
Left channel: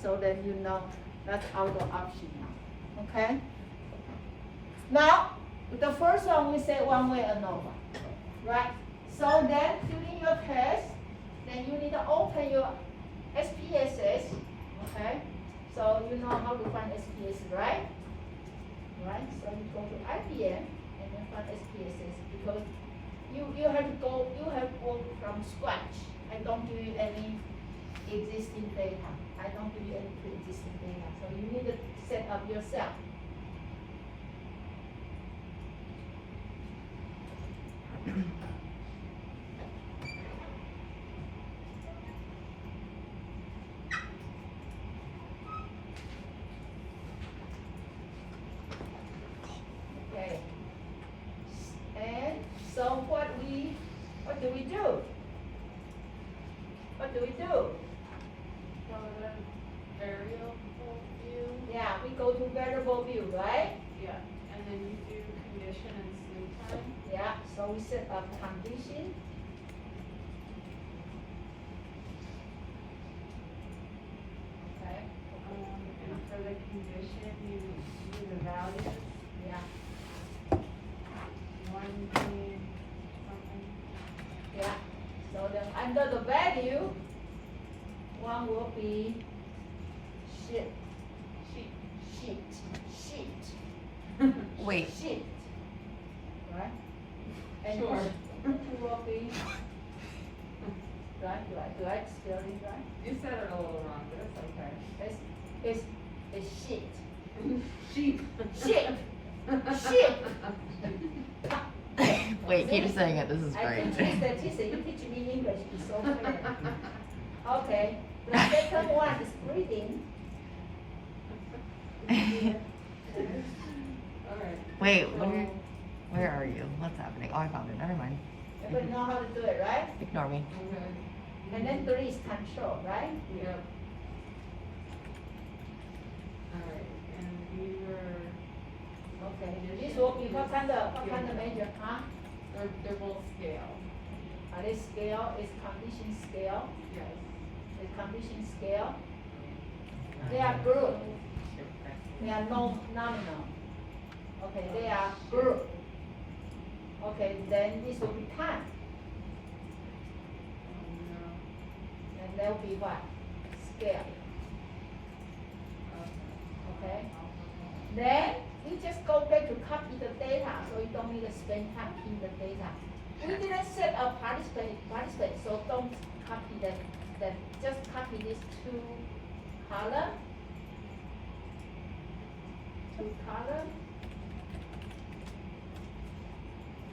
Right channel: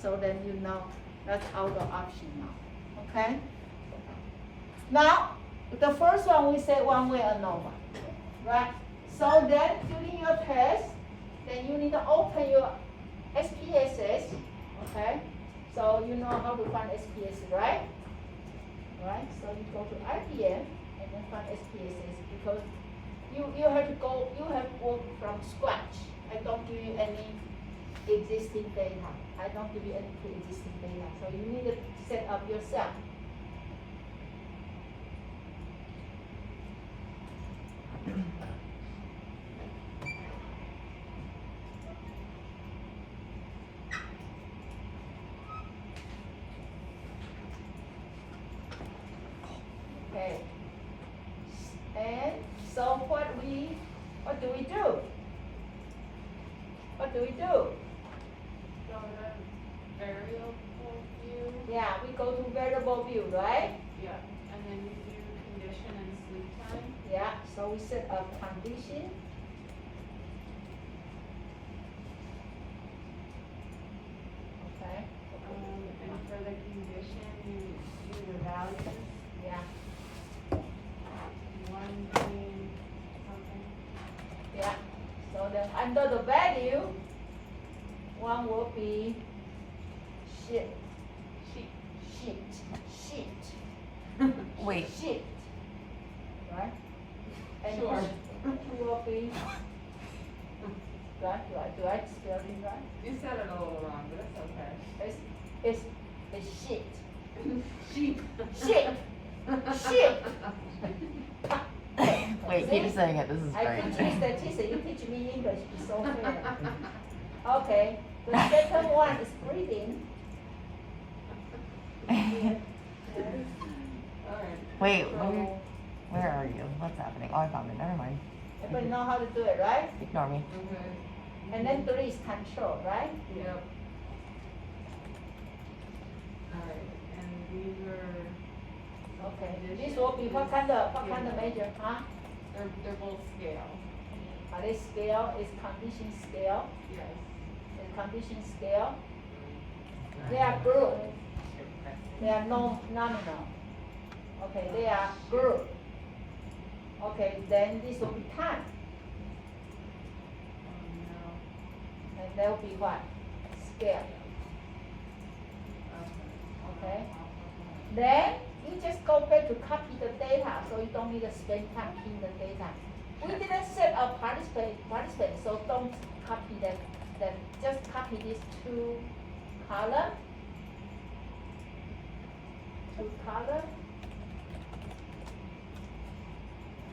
so then you know that's out of option now. Okay? Now, the first one we say one way ANOVA. Right? So then during your test, then you need to open your SPSS. Okay? So you know how to find SPSS, right? Right? So you go to RPM and then find SPSS because you have to work from scratch. I don't give you any existing data. I don't give you any pre-existing data. So you need to set up yourself. Okay. And so what do we do? What do we do? Variable view. Yeah, we go to variable view, right? Yeah, and then you do condition and sleep time. Yeah, so we set up condition. Okay. And for the condition, you do the values, Yeah, one being something. yeah. So then under the value, one will be shift, Wait, shift, right? And Sure. two will be, right, do I spell it right? You said it a little wrong, but it's okay. It's shift, Sheep. shift. wait, keep saying it, this is I great. teach you statistics, you teach me English, it's so fair. Okay, the second one is breathing. Alright. Wait, where are you? What's happening? Oh, I found it, never mind. Everybody know how to do it, right? Ignore me. Okay. And then three is control, right? Yep. Alright, and we were, Okay, this will be what kind of measure, huh? they're both scale. Are they scale, is condition scale, Yes. is condition scale? They are group, they are nominal. Okay, they are group. Okay, then this will be time, and that will be what? Scale, okay? Then you just go back to copy the data, so you don't need to spend time in the data. We didn't set a participant, so don't copy that, just copy these two column.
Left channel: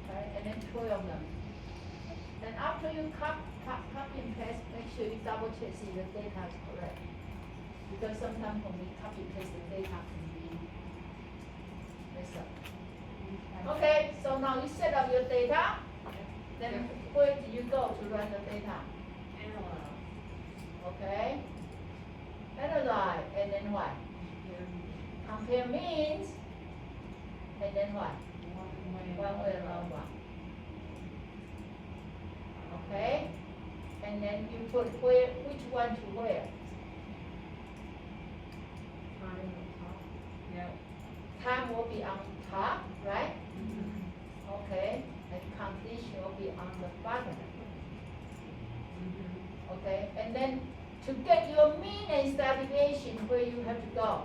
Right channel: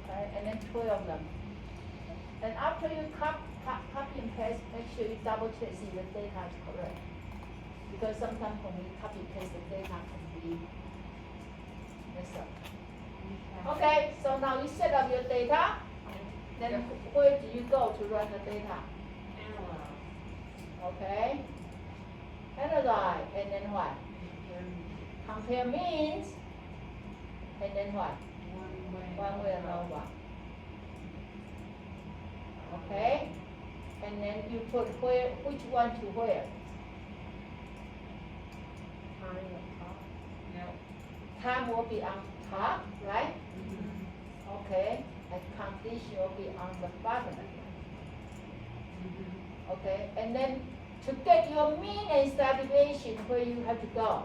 Okay, and then 12 of them. And after you copy and paste, make sure you double check see the data is correct. Because sometimes when we copy and paste the data can be messed up. Okay, so now you set up your data. Then where do you go to run the data? Analyze. Okay. Analyze, and then what? Compare means, and then what? One way and over. Okay? And then you put where, which one to where? Yep. Time will be on top, right? Okay, and condition will be on the bottom. Okay, and then to get your mean and standard deviation, where you have to go?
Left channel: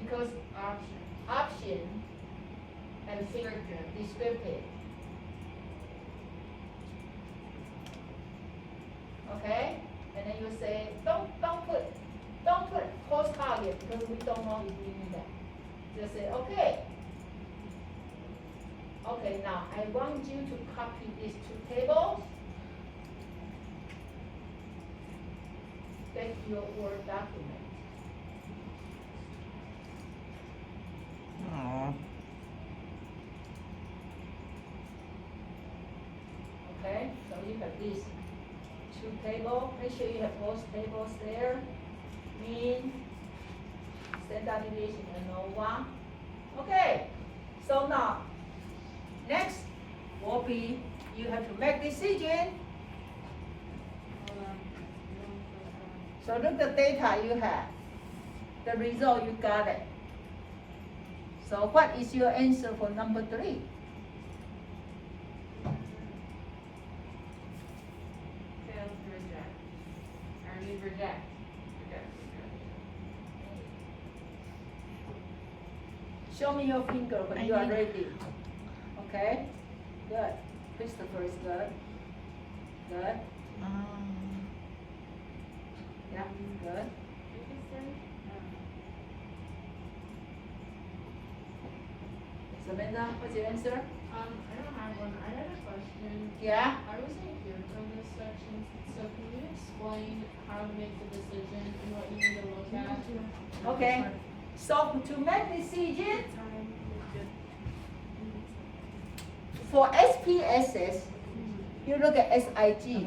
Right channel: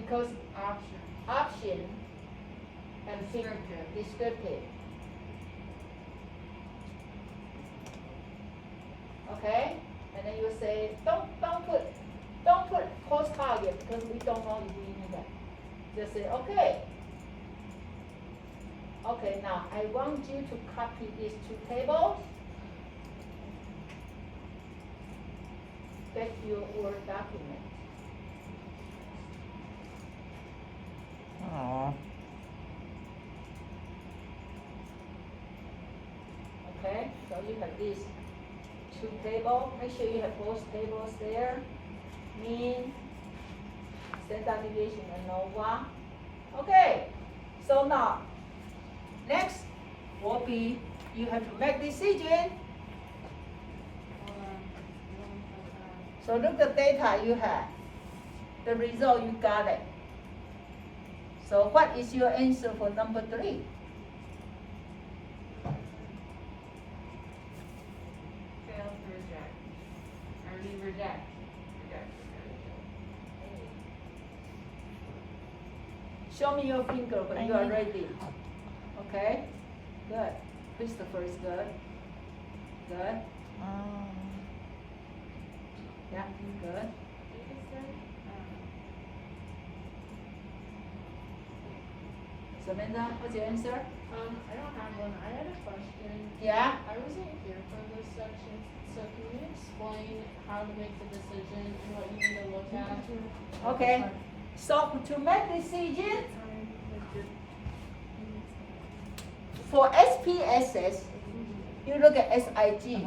Because option and descriptive. Okay, and then you say don't put post target because we don't know if we need that. Just say okay. Okay, now I want you to copy these two tables. Back to your Word document. Aww. Okay, so you have these two tables. Make sure you have both tables there. Mean, standard deviation, and ANOVA. Okay, so now next will be you have to make decision. So look the data you have, the result you got it. So what is your answer for number 3? Fails to reject. I mean reject. Show me your finger when you are ready. Okay, good. Christopher is good. Good. Yeah, good. Samantha, what's your answer? I don't have Yeah? I wasn't here for this section, so can you explain how to make the decision and what you need to look at? Okay. So to make decision for SPSS, you look at SIG.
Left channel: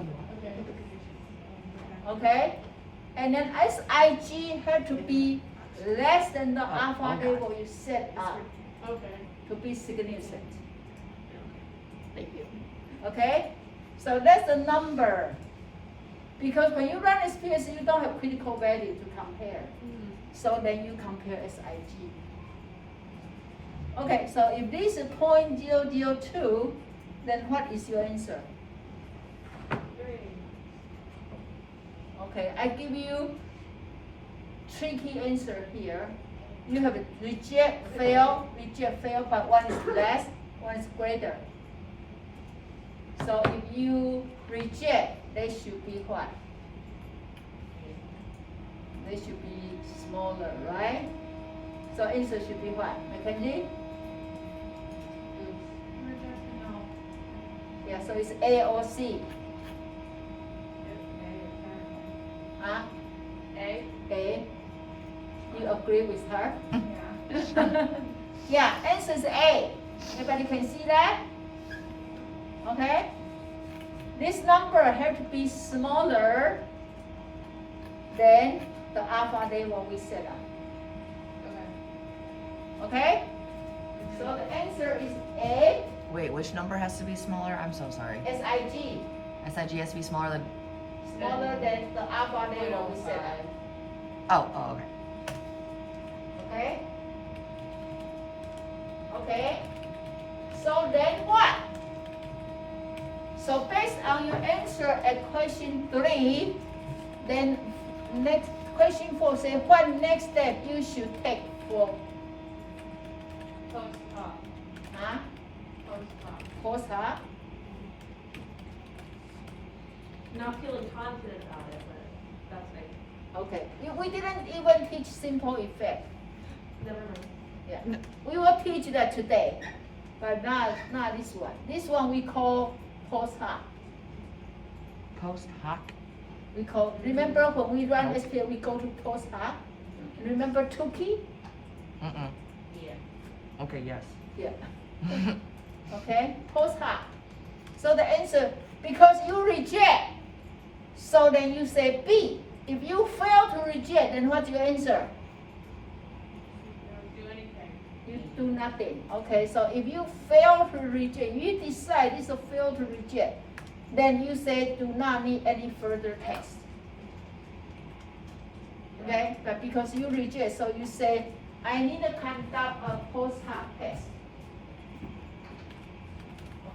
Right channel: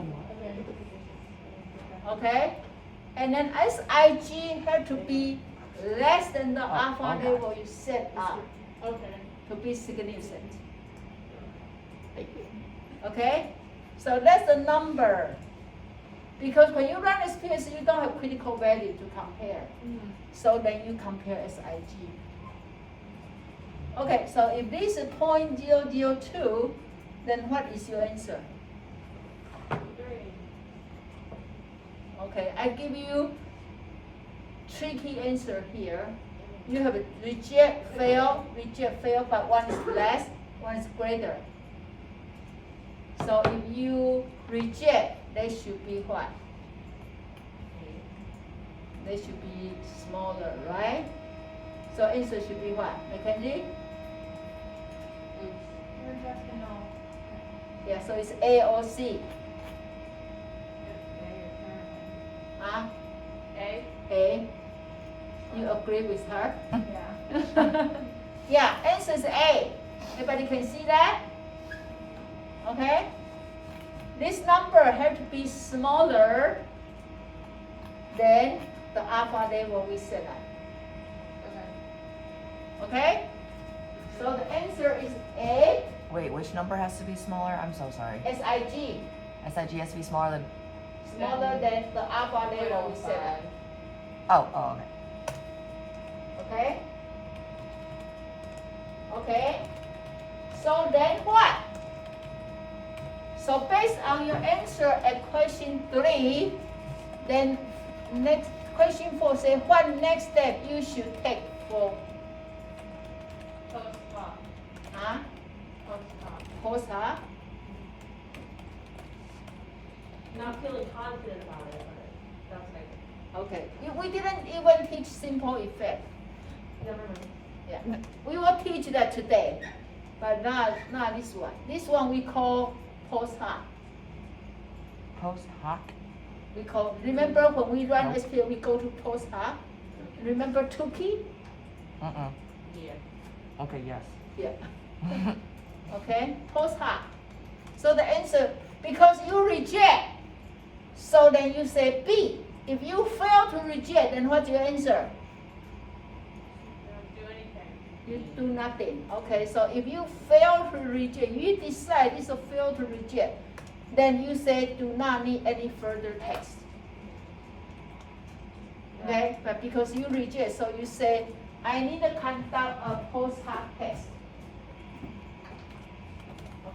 Okay? And then SIG had to be less than the alpha okay. level you set up Okay. to be significant. Okay? So that's the number. Because when you run SPSS, you don't have critical value to compare. So then you compare SIG. Okay, so if this is 0.002, then what is your answer? Okay, I give you tricky answer here. You have a reject, fail, but one is less, one is greater. So if you reject, they should be what? They should be smaller, right? So answer should be what? Mackenzie? Yeah, so it's A or C. Huh? A. You agree with her? Yeah. Yeah, answer is A. Everybody can see that? Okay? This number has to be smaller than the alpha level we set up. Okay? So the answer is A, Wait, which number has to be smaller? I'm so sorry. SIG, SIG has to be smaller than. smaller than the alpha level we set up. Oh, okay. Okay? Okay? So then what? So based on your answer at question 3, then next question 4 say what next step you should take for huh? Post hoc? Not feeling confident about it, but that's like, Okay. We didn't even teach simple effect. never mind. Yeah. We will teach that today, but not this one. This one we call post hoc. Post hoc? We call, remember when we run Nope. SPSS, we go to post hoc? Remember Tukey? Yeah. Okay, yes. Yeah. Okay, post hoc. So the answer, because you reject, so then you say B. If you fail to reject, then what's your answer? Don't do anything. You do nothing. Okay, so if you fail to reject, you decide it's a fail to reject, then you say do not need any further test. Okay, but because you reject, so you say I need to conduct a post hoc test.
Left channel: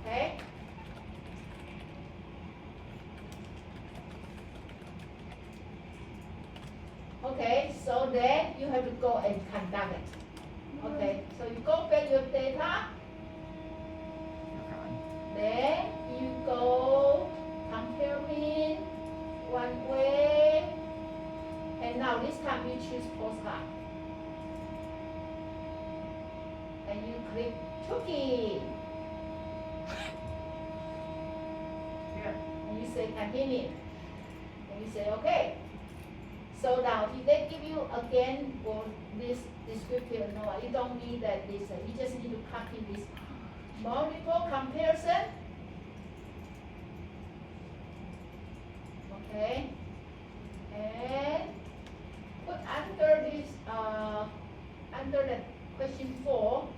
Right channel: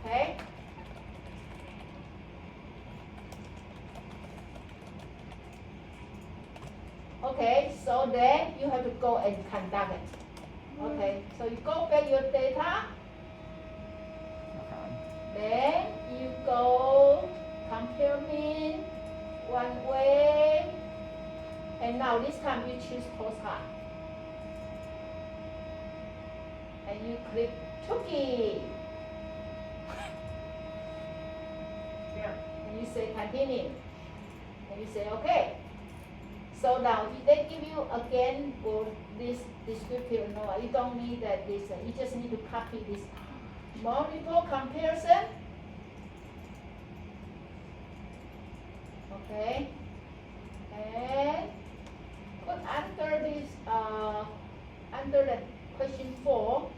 Okay? Okay, so then you have to go and conduct it. Okay, so you go back your data, then you go compare mean one way, and now this time you choose post hoc. And you click Tukey. And you say continue. And you say okay. So now if they give you again for this descriptive, no, you don't need that this. You just need to copy this multiple comparison. Okay. And put under this under the question 4.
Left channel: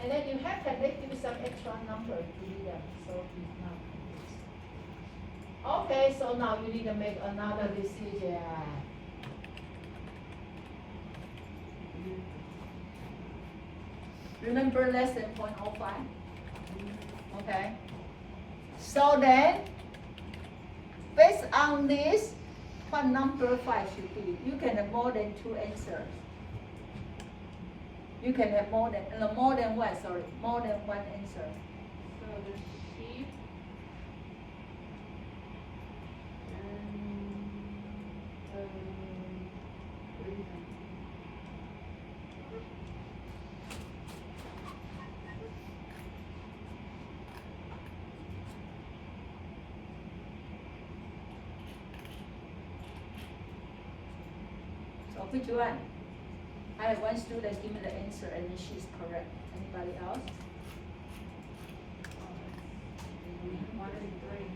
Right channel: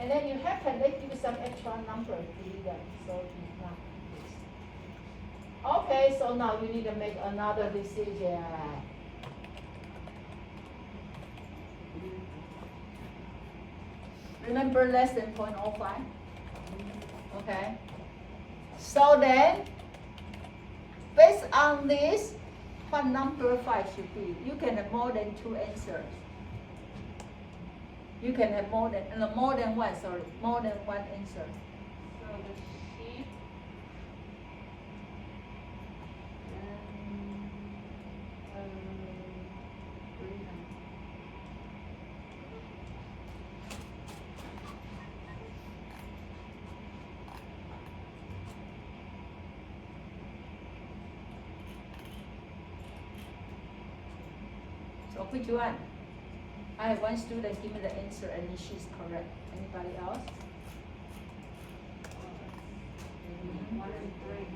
And then you have to let give some extra number to do that. So you now this. Okay, so now you need to make another decision. Remember less than 0.05? Okay. So then, based on this, what number 5 should be? You can have more than 2 answers. You can have more than one, sorry, more than one answer. So the sheep and which one? I have one student give me the answer and she's correct. Anybody else? One and three.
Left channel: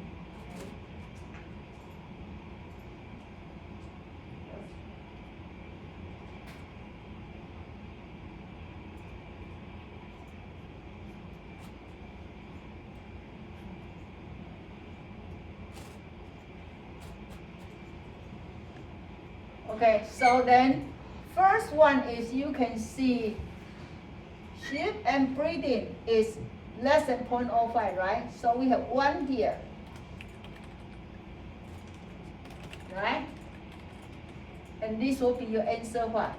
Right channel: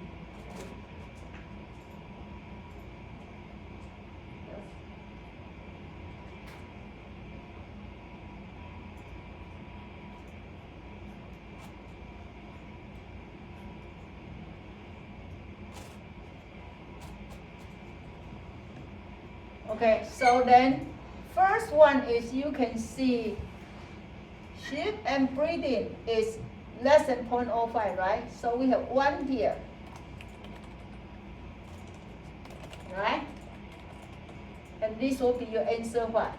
Okay, so then first one is you can see sheep and breeding is less than 0.05, right? So we have 1 here. Right? And this will be your answer what?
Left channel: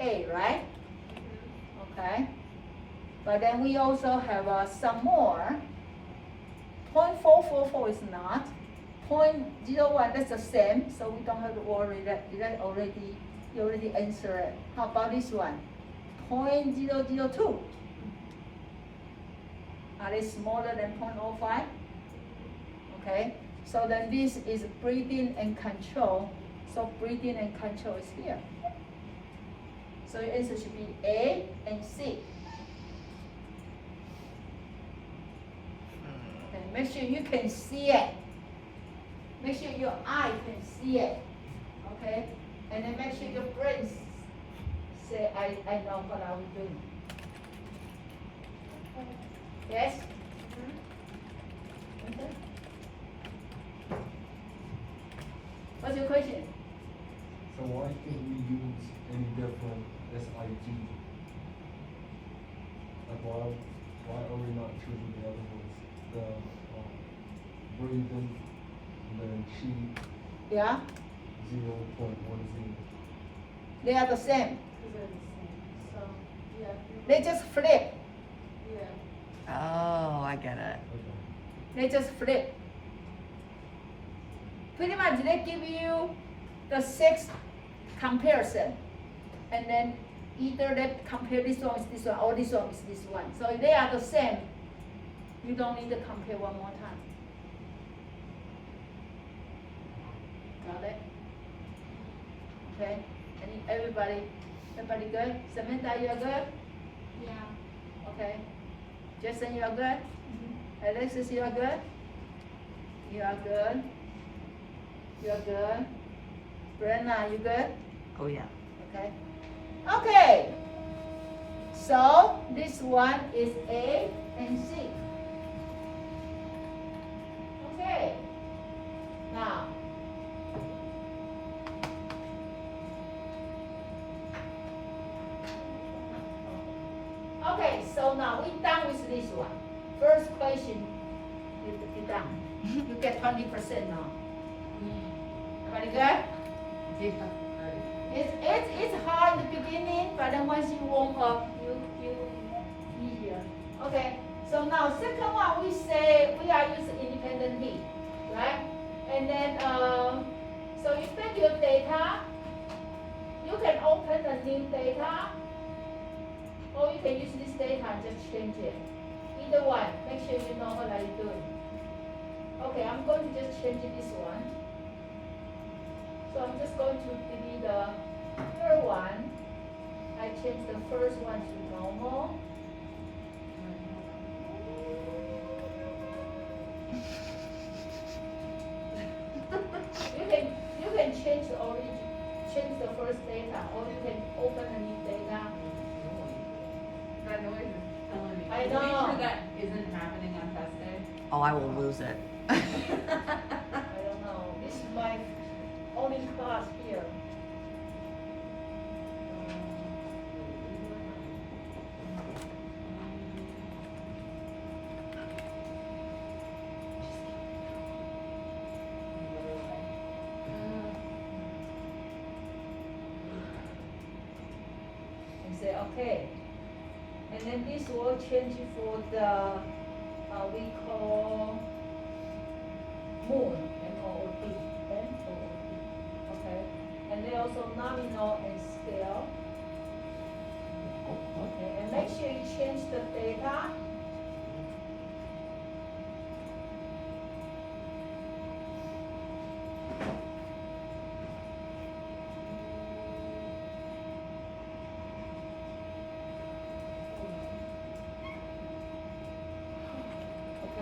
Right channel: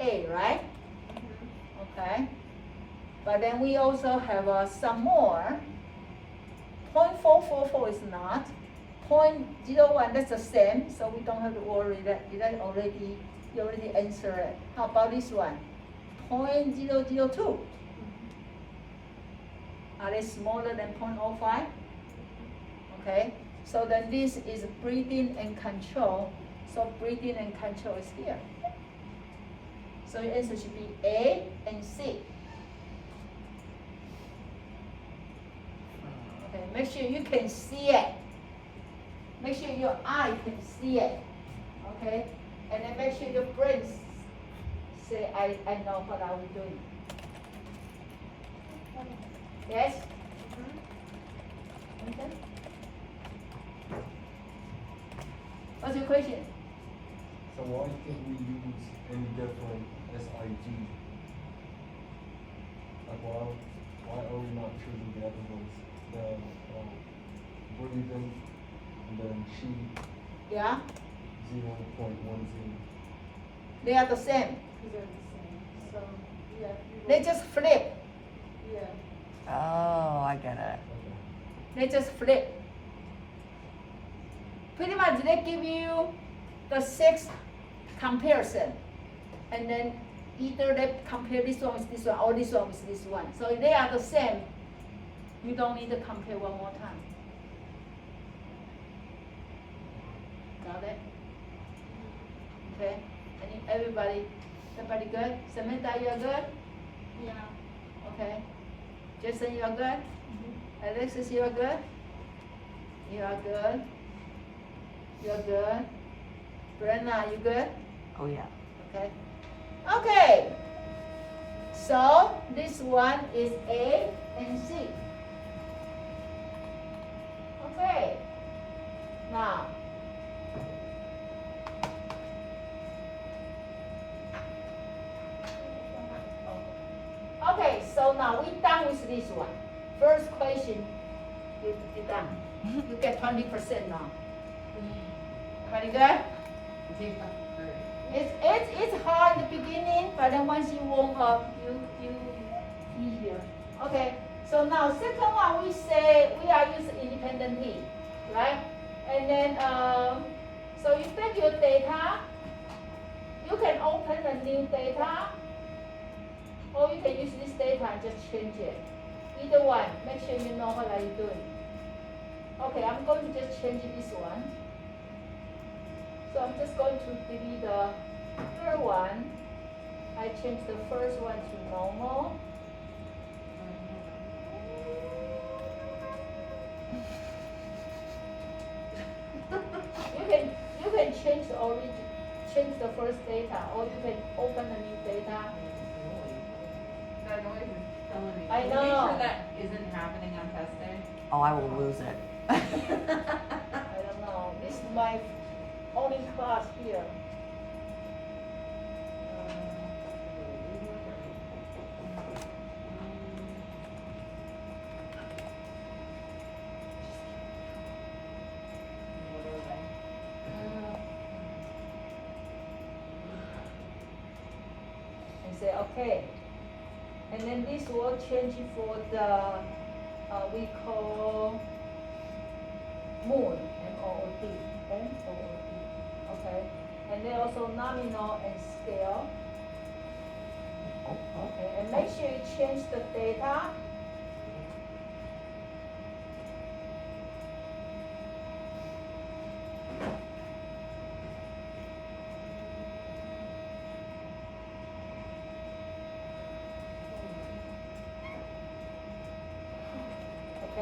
A, right? Okay. But then we also have some more. 0.444 is not. 0.01, that's the same, so we don't have to worry that you already answered it. How about this one? 0.002. Are they smaller than 0.05? Okay, so then this is breeding and control. So breeding and control is here. So your answer should be A and C. Okay, make sure you can see it. Make sure your eye can see it. Okay? And then make sure your brain say, I know what I'm doing. Yes? Okay. What's your question? So why can't we use any different SIG? Like why are we not choosing the other ones? The breathing, and then sheep, Yeah? 0.10. They are the same. So, yeah. They just flip. Yeah. Oh, I get it. They just flip. Pretty much they give you the 6 comparison. And then either they compare this one with this one or this one with this one. So if they are the same, you don't need to compare one more time. Got it? Okay. And everybody good? Samantha, you are good? Yeah. Okay. Jason, you are good? Alexis, you are good? You are good? You are good? Brenna, you good? Oh yeah. Okay. Okay. So this one is A and C. Okay. Now. Okay, so now we're done with this one. First question, you're done. You get 20% now. Everybody good? It's hard in the beginning, but then once you warm up, you easier. Okay, so now second one we say we are using independent lead, right? And then so you take your data, you can open a new data, or you can use this data and just change it. Either one, make sure you know what are you doing. Okay, I'm going to just change this one. So I'm just going to delete the third one. I changed the first one to normal. You can change the origin, change the first data, or you can open a new data. That noise is killing me. I Make know. sure that isn't happening on test day. Oh, I will lose it. I don't know. This is my only class here. And say okay. And then this will change for the we call mood, M-O-O-D, M-O-O-D, okay? And then also nominal and scale. Okay, and make sure you change the data.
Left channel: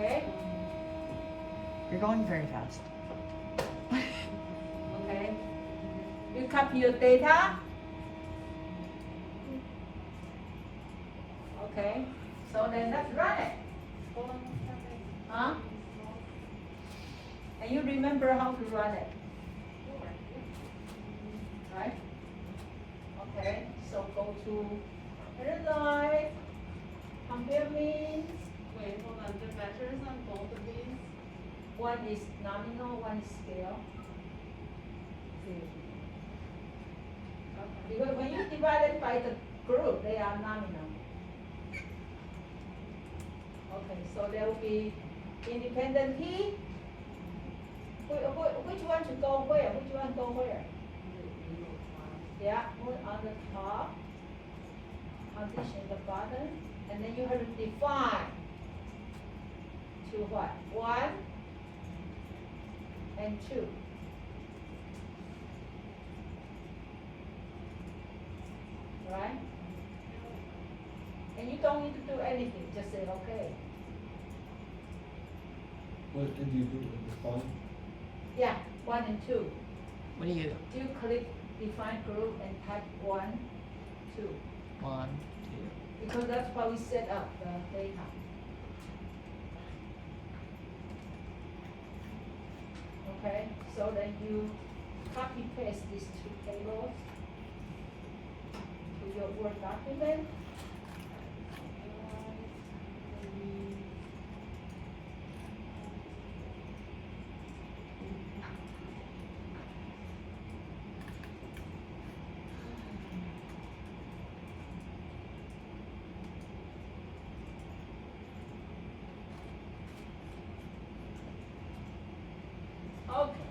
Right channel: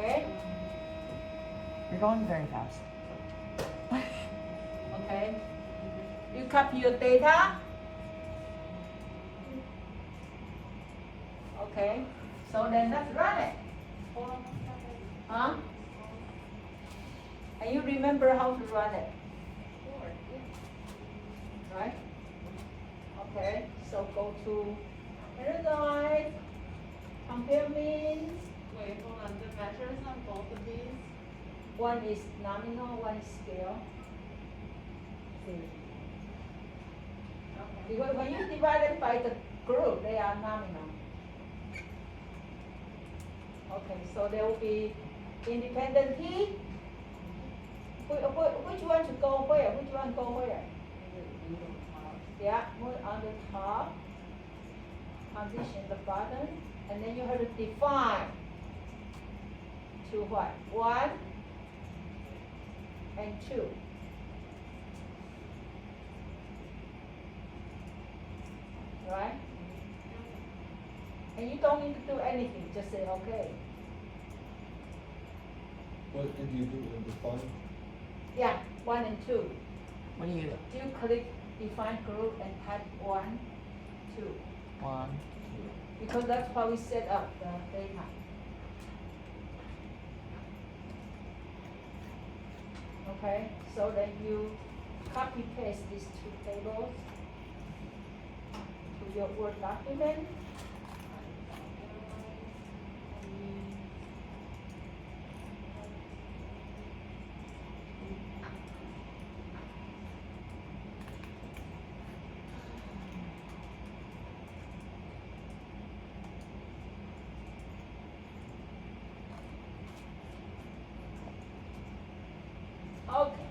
Okay? You're going very fast. Okay? You copy your data? Okay, so then let's run it. Huh? And you remember how to run it? Right? Okay, so go to paradigm, compare means. Wait, hold on, the measures on both of these? One is nominal, one is scale. See? Because when you divide it by the group, they are nominal. Okay, so there will be independent T. Which one to go where? Which one go where? Yeah, move on the top. Condition the bottom. And then you have to define to what? 1 and 2. Right? And you don't need to do anything, just say okay. What did you put in this file? Yeah, 1 and 2. What do you? You click define group and type 1, 2. 1. Because that's how we set up the data. Okay, so then you copy paste these 2 tables to your Word document. Okay.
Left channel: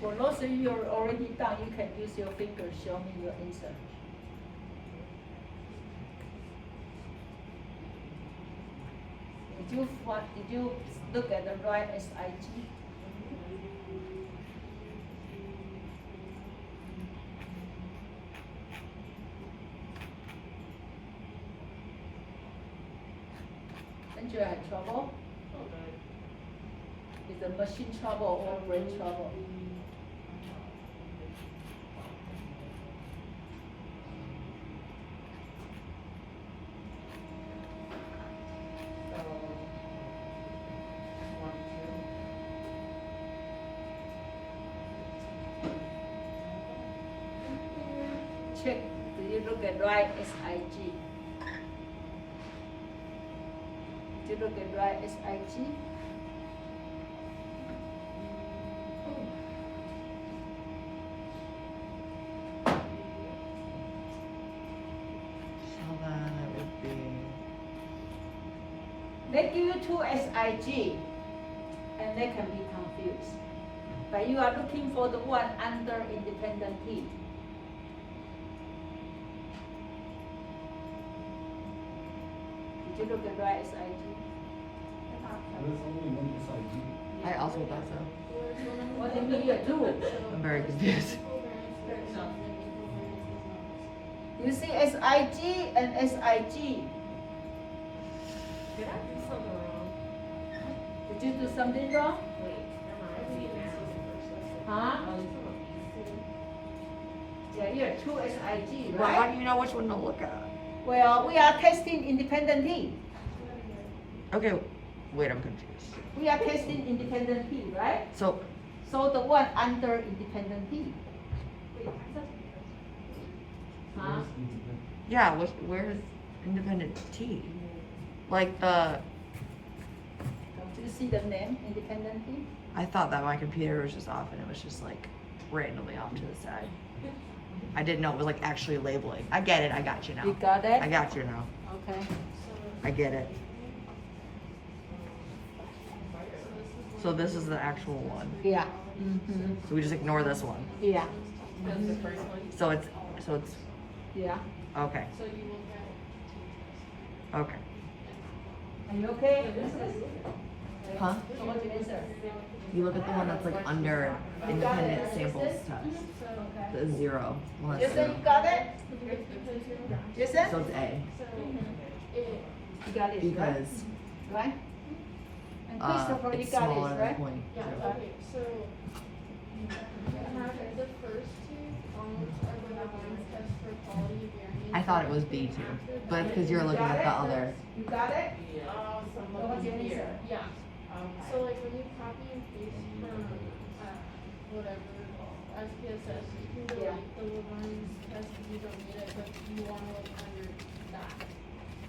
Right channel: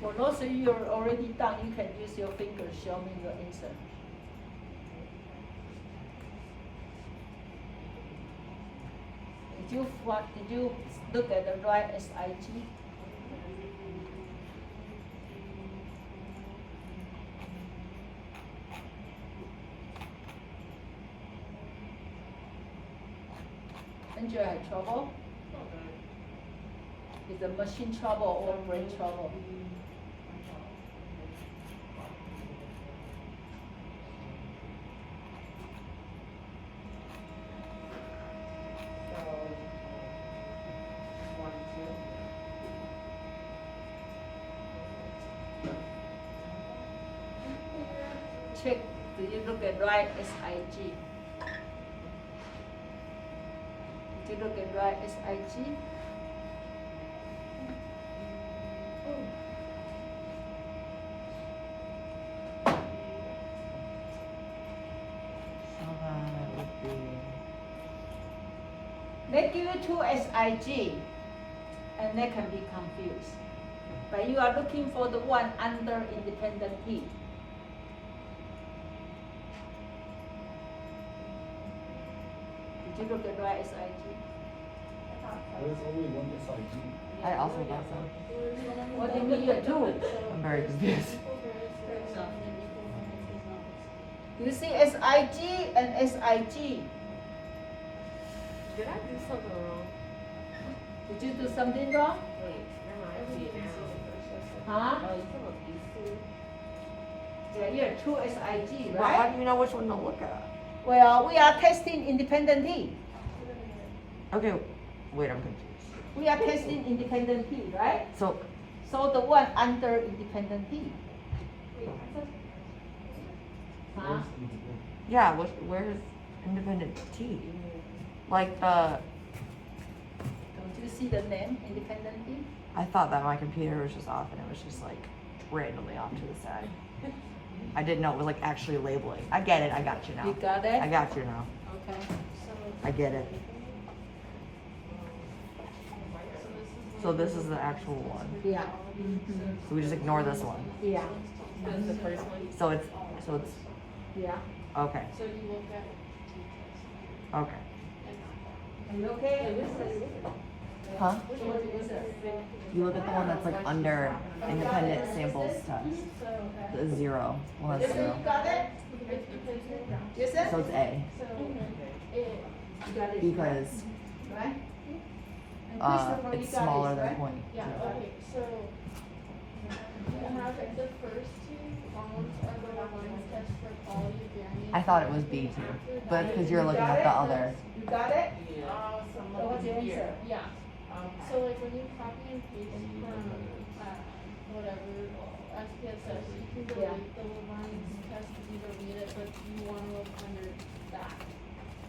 For those of you who are already done, you can use your finger show me your answer. Did you look at the right SIG? Angela had trouble? Is the machine trouble or brain trouble? Check, do you look at right SIG? Did you look at right SIG? So then it would be. They give you 2 SIG and they can be confused. But you are looking for the one under independent P. Did you look at right SIG? There's only one SIG. I also thought so. What do you mean you do? I'm very confused. You see SIG and SIG. Did I do something wrong? Did you do something wrong? Wait, never mind. I see it now. Huh? Oh, you talking about these two? Yeah, you have 2 SIG, Well, how right? do you know which one to look at? Well, we are testing independent P. Okay, wait, I'm confused. We are testing independent P, right? So, So the one under independent P. Huh? yeah, where's independent T? Like the, Don't you see the name, independent P? I thought that my computer was just off and it was just like randomly off to the side. I didn't know it was like actually labeling. I get it, I got you now. You got it? I got you now. Okay, I get it. So this is the actual one. yeah. Mm-hmm. So we just ignore this one. Yeah, That's the first one. So it's yeah. okay. So you look at teachers. Okay. Are you okay? Huh? So what is it? You look at the one that's like under independent samples test. The 0. Well, You that's say 0. you got it? You said? So it's A You got it, because right? And Christopher, you it's got smaller it, than right? 0.2. Yeah, okay, so have the first two columns are the lines test for quality of variance. I thought it was B too, but because you're looking at the other. You got it? So What's your answer? Yeah, so like when you copy and paste from, whatever, SPSS, you can delete the lines test if you don't need it, but you wanna look under that.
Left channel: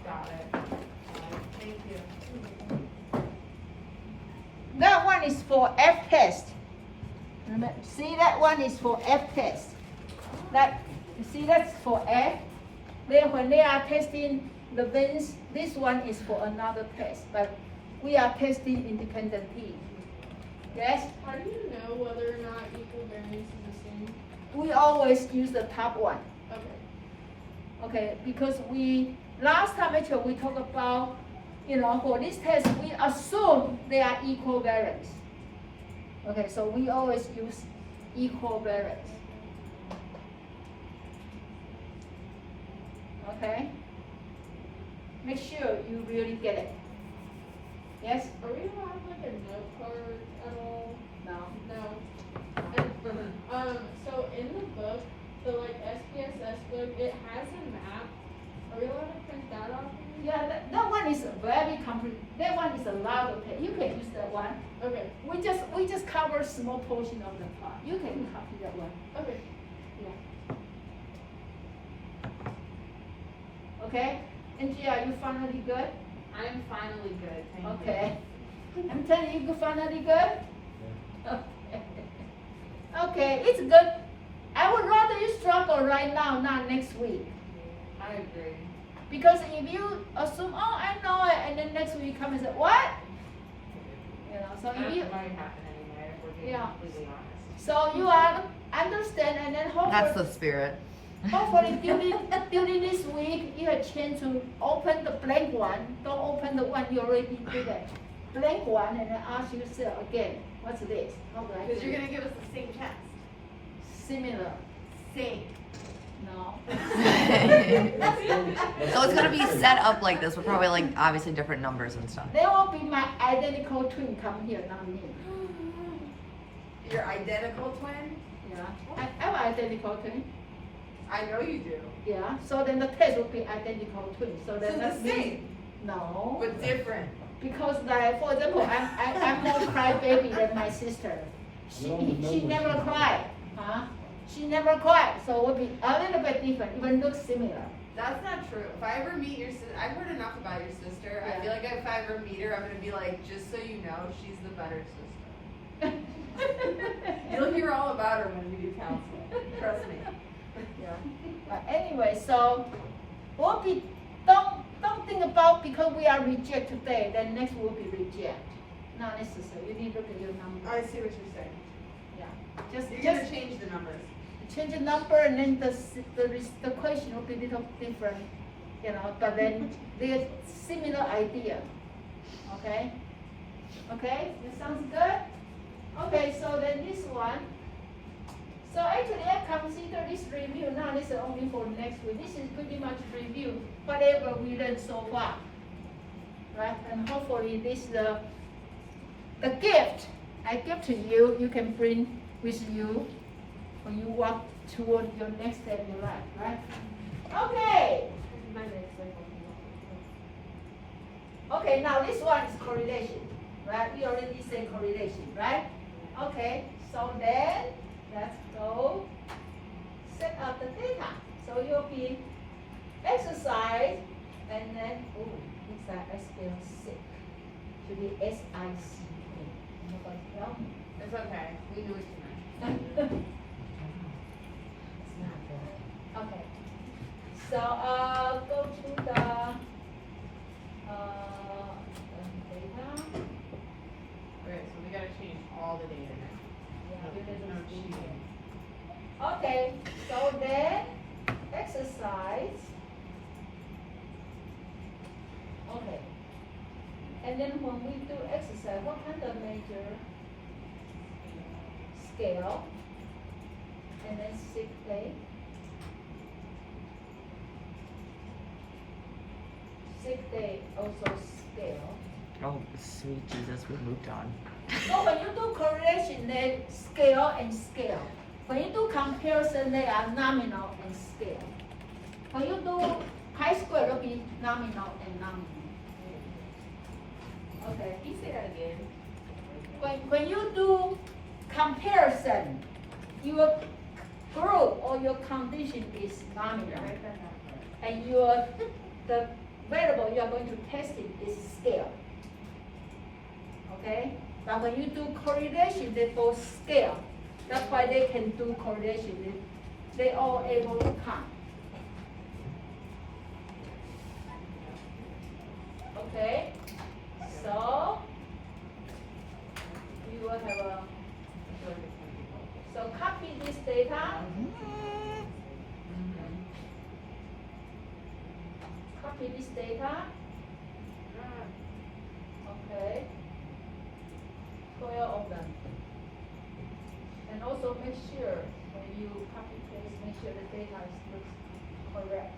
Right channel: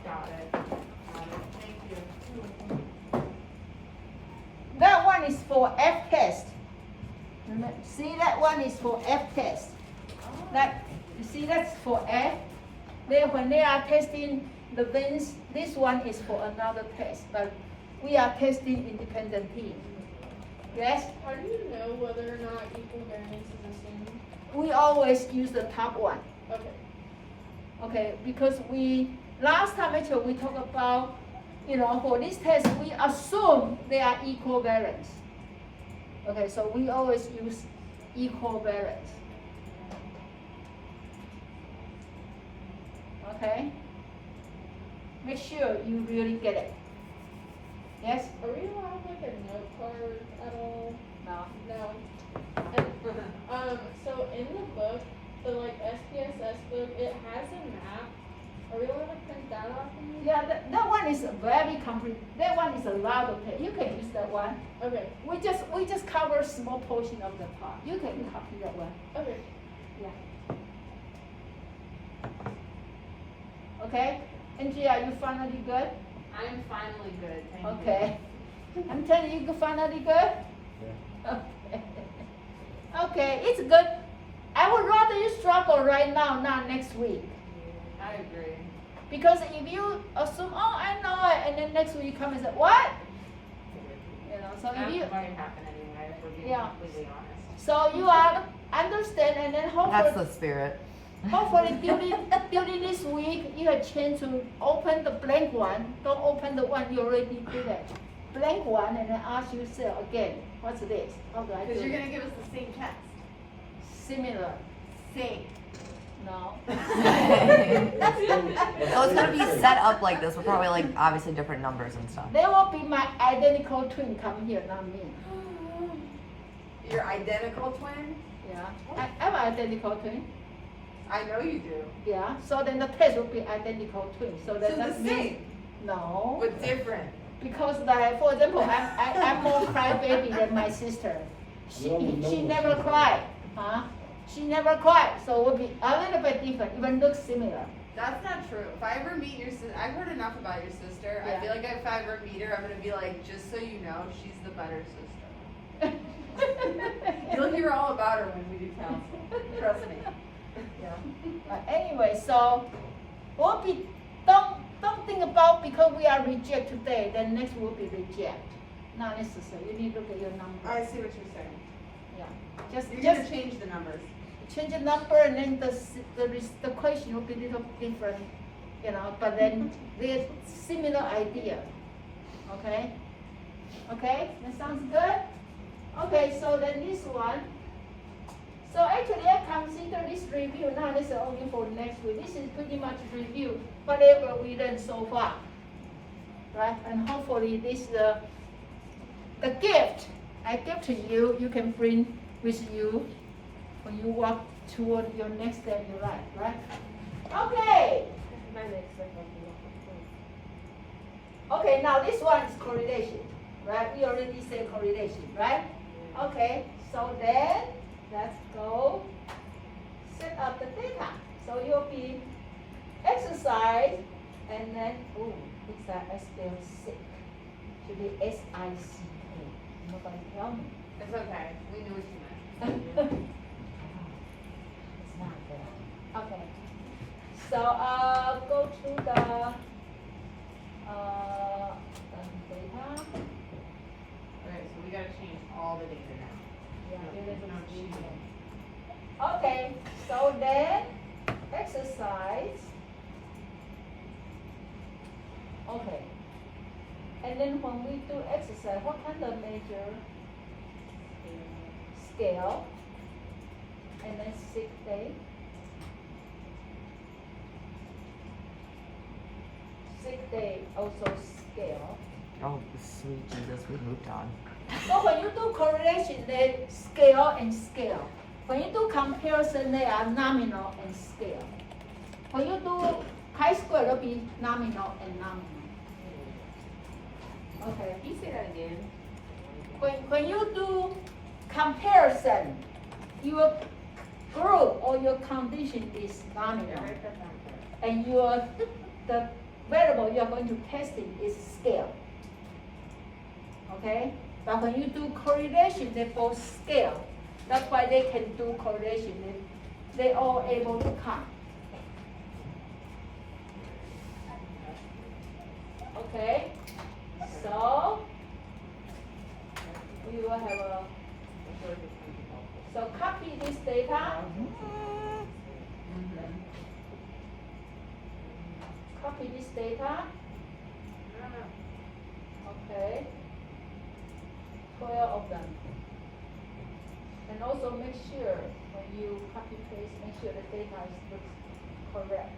Got it. Thank you. That one is for F test. See, that one is for F test. That, you see, that's for F. Then when they are testing the bins, this one is for another test, but we are testing independent P. Yes? How do you know whether or not equal variance is the same? We always use the top one. Okay. Okay, because last time actually we talked about, for this test, we assume they are equal variance. Okay, so we always use equal variance. Okay? Make sure you really get it. Yes? Are we gonna have like a note card at all? No? No. And, so in the book, the like SPSS book, it has a map. Are we allowed to print that off? Yeah, that one is very complete. That one is allowed, okay, you can use that one. Okay, We just cover small portion of the part. You can copy that one. okay. Okay? Angie, are you finally good? I'm finally good, thank you. Okay. I'm telling you, you finally good? Okay. Okay, it's good. I would rather you struggle right now, not next week. I agree. Because if you assume, oh, I know it, and then next week you come and say, what? So That's if you, going to happen anyway, if we're being Yeah. completely honest. so you are understand, and then That's hopefully, the spirit. hopefully during this week, you have chance to open the blank one. Don't open the one you already did it. Blank one, and then ask yourself again, what's this? How do I do Because you're it? gonna give us the same test. Similar. Same. No. So it's gonna be set up like this with probably like obviously different numbers and stuff. There will be my identical twin come here, not me. Your identical twin? Yeah. I'm identical twin. I know you do. Yeah. So then the test will be identical twin. So then So that the means same, no. but different. Because like for example, I'm more crybaby than my sister. She never cried. Huh? She never cried. So it will be a little bit different, even look similar. That's not true. If I ever meet your sister, I've heard enough about your sister. Yeah. I feel like if I ever meet her, I'm gonna be like, just so you know, she's the better sister. You'll hear all about her when we do counseling. Trust me. Yeah. But anyway, so we'll be don't think about because we are reject today, then next will be reject. Not necessary. You need to look at your number. I see what you're saying. Yeah. You're Just gonna change the numbers. change the number and then the question will be a little different, but then they're similar idea. Okay? Okay? That sounds good? Okay, so then this one. So actually I consider this review not necessarily only for next week. This is pretty much review whatever we learned so far. Right? And hopefully this the gift I give to you, you can bring with you when you walk toward your next step in life, right? Okay. Okay, now this one is correlation, right? We already said correlation, right? Okay, so then let's go set up the data. So you'll be exercise and then, oh, it's like I spell sick. To be S-I-C-K. Nobody tell me. It's okay. We knew what you meant. It's not there. Okay. So go to the Okay, so then exercise. Okay. And then when we do exercise, what kind of measure? Scale. And then sick day. Sick day also scale. Oh, sweet Jesus, we moved on. So when you do correlation, they scale and scale. When you do comparison, they are nominal and scale. When you do chi-square, it'll be nominal and nominal. Okay. Can you say that again? When you do comparison, your group or your condition is nominal, and the variable you are going to test it is scale. Okay? But when you do correlation, they both scale. That's why they can do correlation. They all able to count. Okay? So we will have a, so copy this data. Copy this data. Okay. 12 of them. And also make sure when you copy paste, make sure the data looks correct.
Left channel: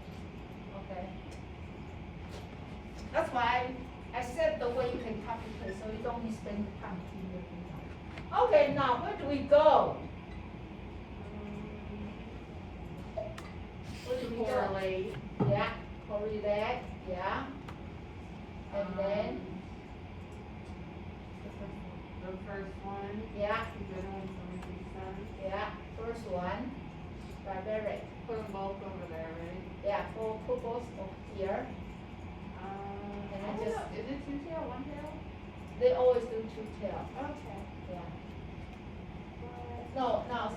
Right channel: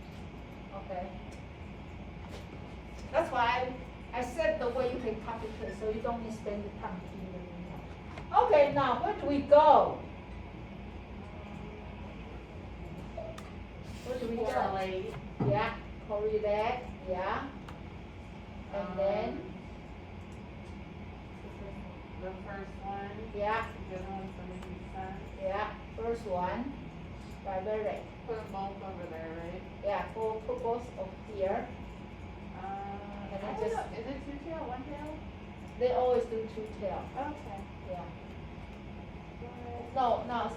Okay. That's why I said the way you can copy paste, so you don't need to spend the time keying it. Okay, now where do we go? Where do we go? Correlate. Yeah, correlate, yeah. And then, The first one, yeah, the other one's 70%. yeah, first one, direct. Put them both over there, right? Yeah, put both of here. And I I just- just, is it two tail, one tail? They always do two tail. Okay. Yeah. No,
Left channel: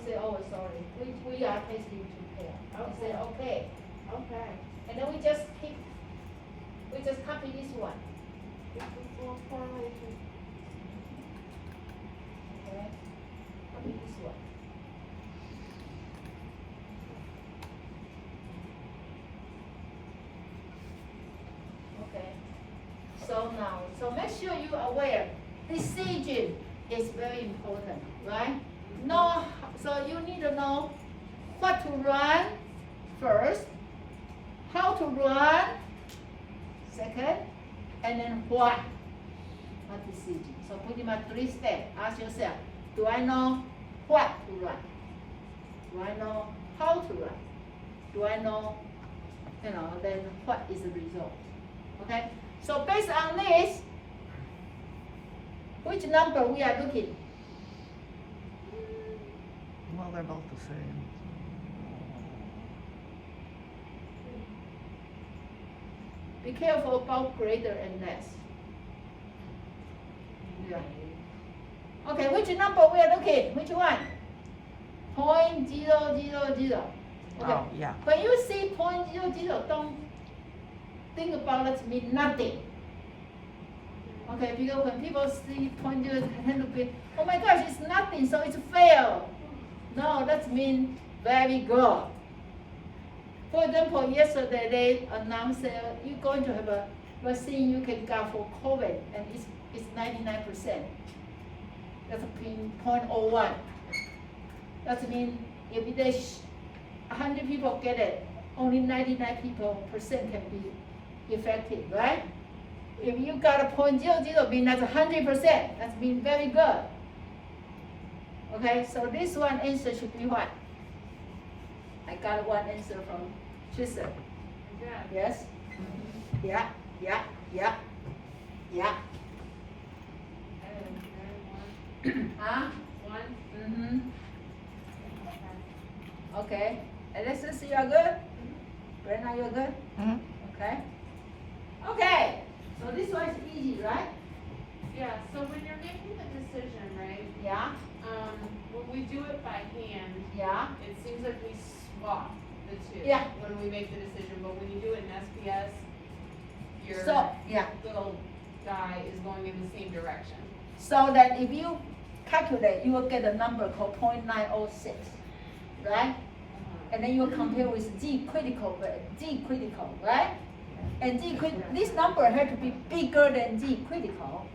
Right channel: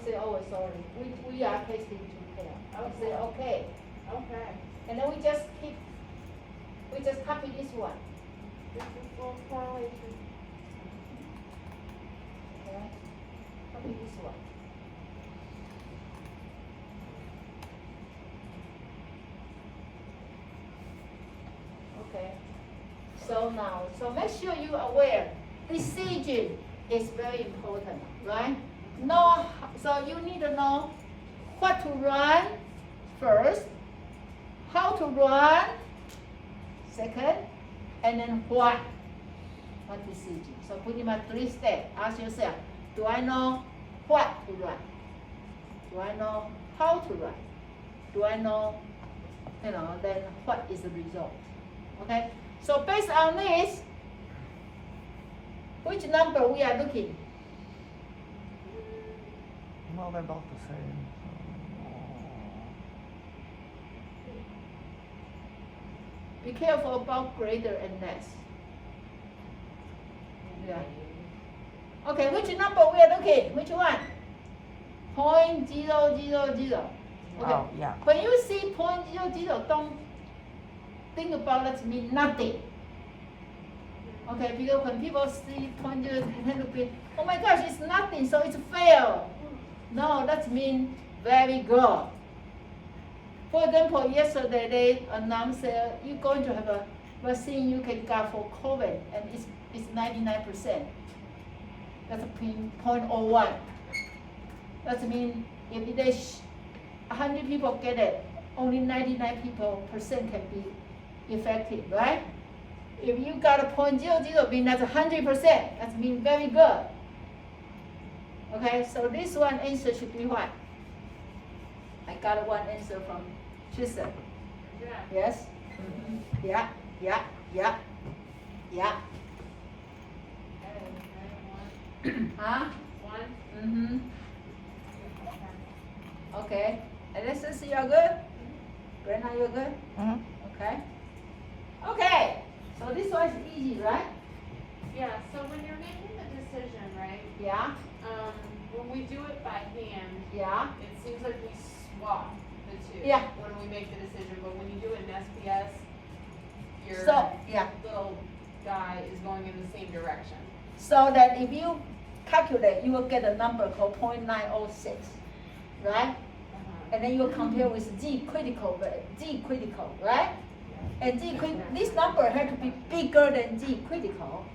say always, sorry. We are testing two tail. I say okay. Okay. And then we just copy this one. This is for correlation. Okay. Copy this one. Okay. So now, so make sure you are aware, decision is very important, right? Know, so you need to know what to run first, how to run second, and then what decision. So pretty much 3 steps. Ask yourself, do I know what to run? Do I know how to run? Do I know, then what is the result? Okay? So based on this, which number we are looking? Well, they're both the same. Be careful about greater and less. Yeah. Okay, which number we are looking? Which one? 0.000. Okay. Oh, yeah. When you see 0.00, don't think about that mean nothing. Okay, because when people see 0.0, tend to be, oh my gosh, it's nothing, so it's fail. No, that means very good. For example, yesterday they announced you're going to have a vaccine you can get for COVID, and it's 99%. That's 0.01. That means if there's 100 people get it, only 99% can be effective, right? If you got a 0.00, mean that's 100%. That means very good. Okay, so this one answer should be what? I got one answer from Tristan. Yeah. Yes? Yeah. Huh? One. Okay. Alexis, you are good? Brenna, you are good? Okay. Okay. So this one is easy, right? Yeah, so when you're making the decision, right, Yeah. when we do it by hand, Yeah. it seems like we swap the two. Yeah. When we make the decision, but when you do it in SPS, your So, yeah. little guy is going in the same direction. So that if you calculate, you will get a number called 0.906, right? And then you compare with Z critical, right? And this number had to be bigger than Z critical,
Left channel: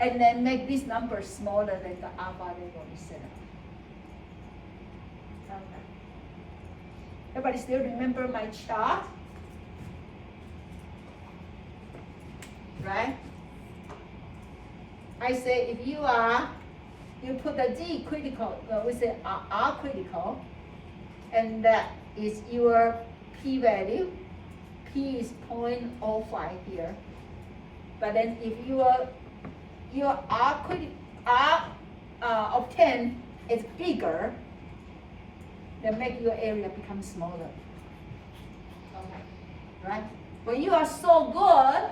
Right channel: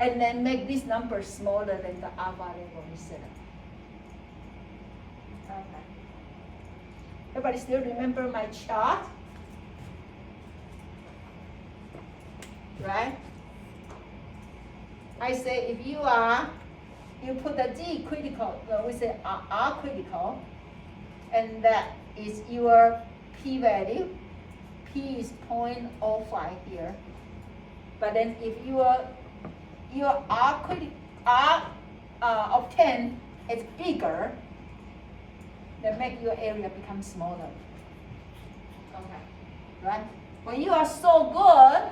and then make this number smaller than the alpha level instead of. Everybody still remember my chart? Right? I say if you put the Z critical, we say R critical, and that is your P value. P is 0.05 here. But then if your R of 10 is bigger, then make your area become smaller. Okay. Right? When you are so good,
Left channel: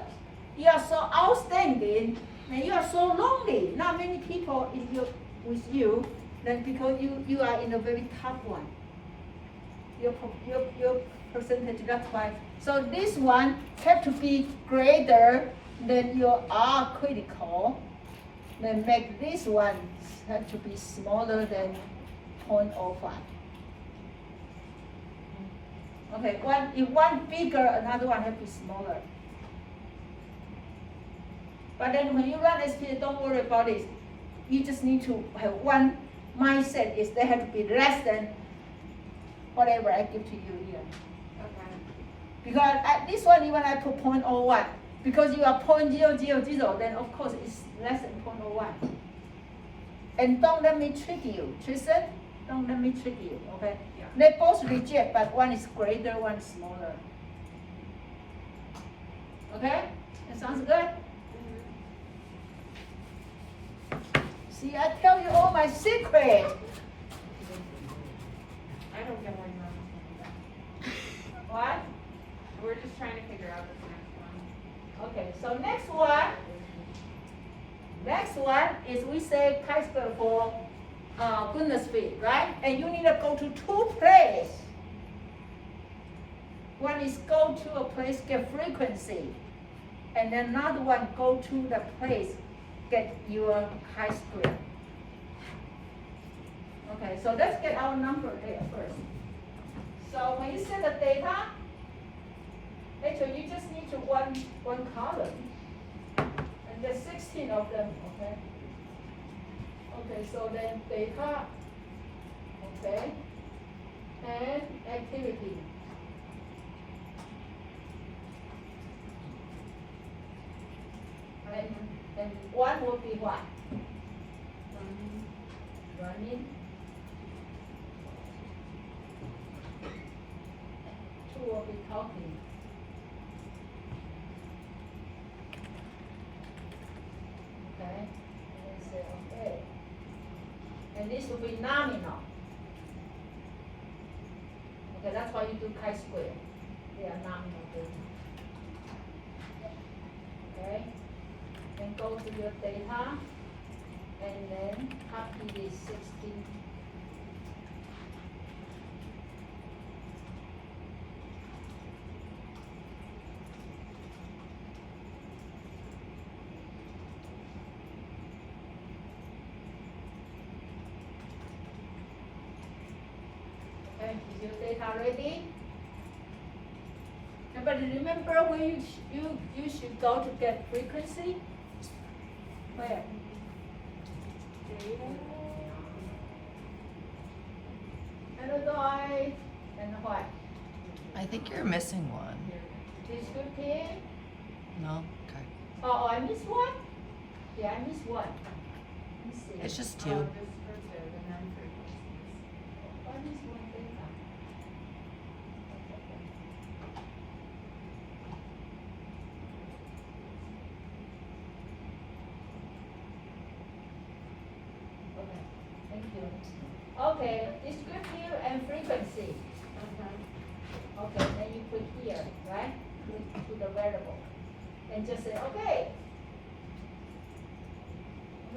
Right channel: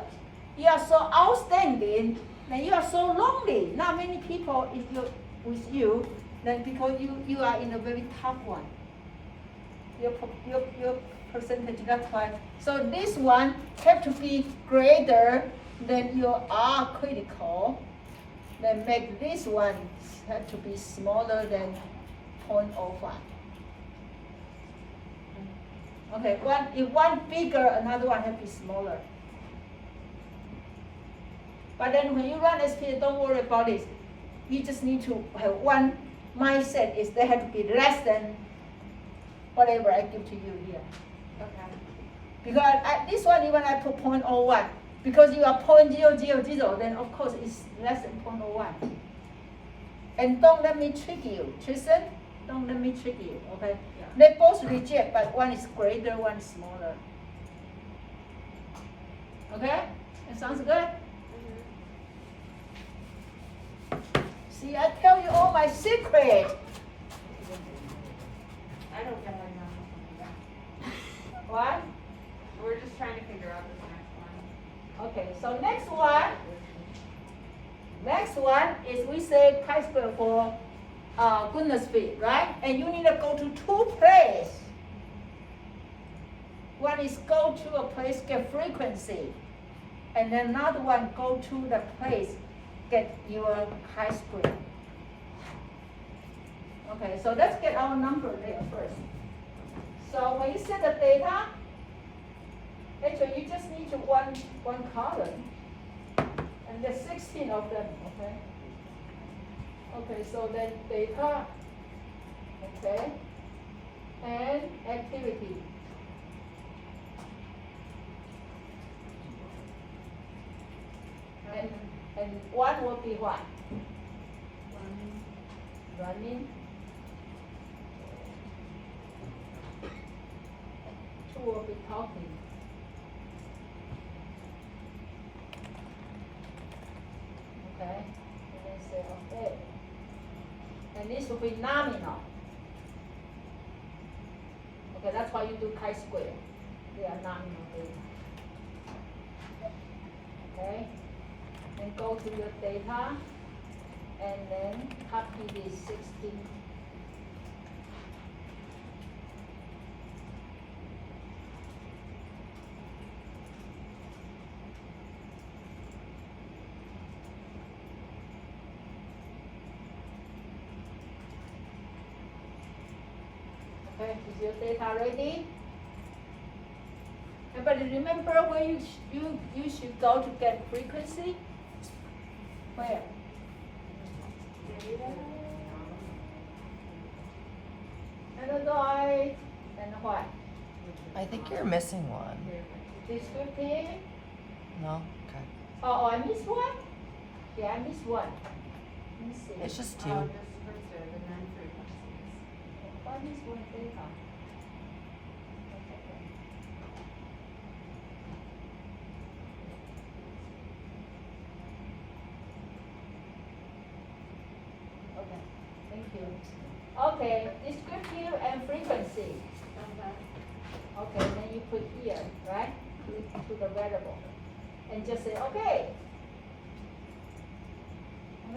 you are so outstanding, then you are so lonely. Not many people with you, then because you are in a very top one. Your percentage, that's why. So this one have to be greater than your R critical. Then make this one have to be smaller than 0.05. Okay, if one bigger, another one has to be smaller. But then when you run SPSS, don't worry about it. You just need to have one mindset is they have to be less than whatever I give to you here. Okay. Because at this one, even I put 0.01, because you are 0.000, then of course it's less than 0.01. And don't let me trick you, Tristan. Don't let me trick you, okay? Yeah. They both reject, but one is greater, one is smaller. Okay? That sounds good? See, I tell you all my secret. I don't get right now. What? We're just trying to figure out this next one. Okay, so next one is we say chi-square for goodness fit, right? And you need to go to two places. One is go to a place, get frequency. And then another one, go to the place, get your chi-square. Okay, so let's get our number there first. So when you set the data, actually you just need to one column. And there's 16 of them, okay? Okay, so then data, okay, and activity. And one will be what? Running. Two will be talking. Okay, and then say okay. And this will be nominal. Okay, that's why you do chi-square. They are nominal data. Okay, and go to your data, and then copy this 16. Okay, is your data ready? Everybody remember where you should go to get frequency? Where? Analyze and what? I think you're missing one. Descriptive? No? Okay. Oh, I missed one? Yeah, I missed one. Let me see. It's just Oh, two. descriptive and then frequencies. What is one data? That's okay. Okay, thank you. Okay, descriptive and frequency. Okay, then you put here, right? To the variable. And just say, okay.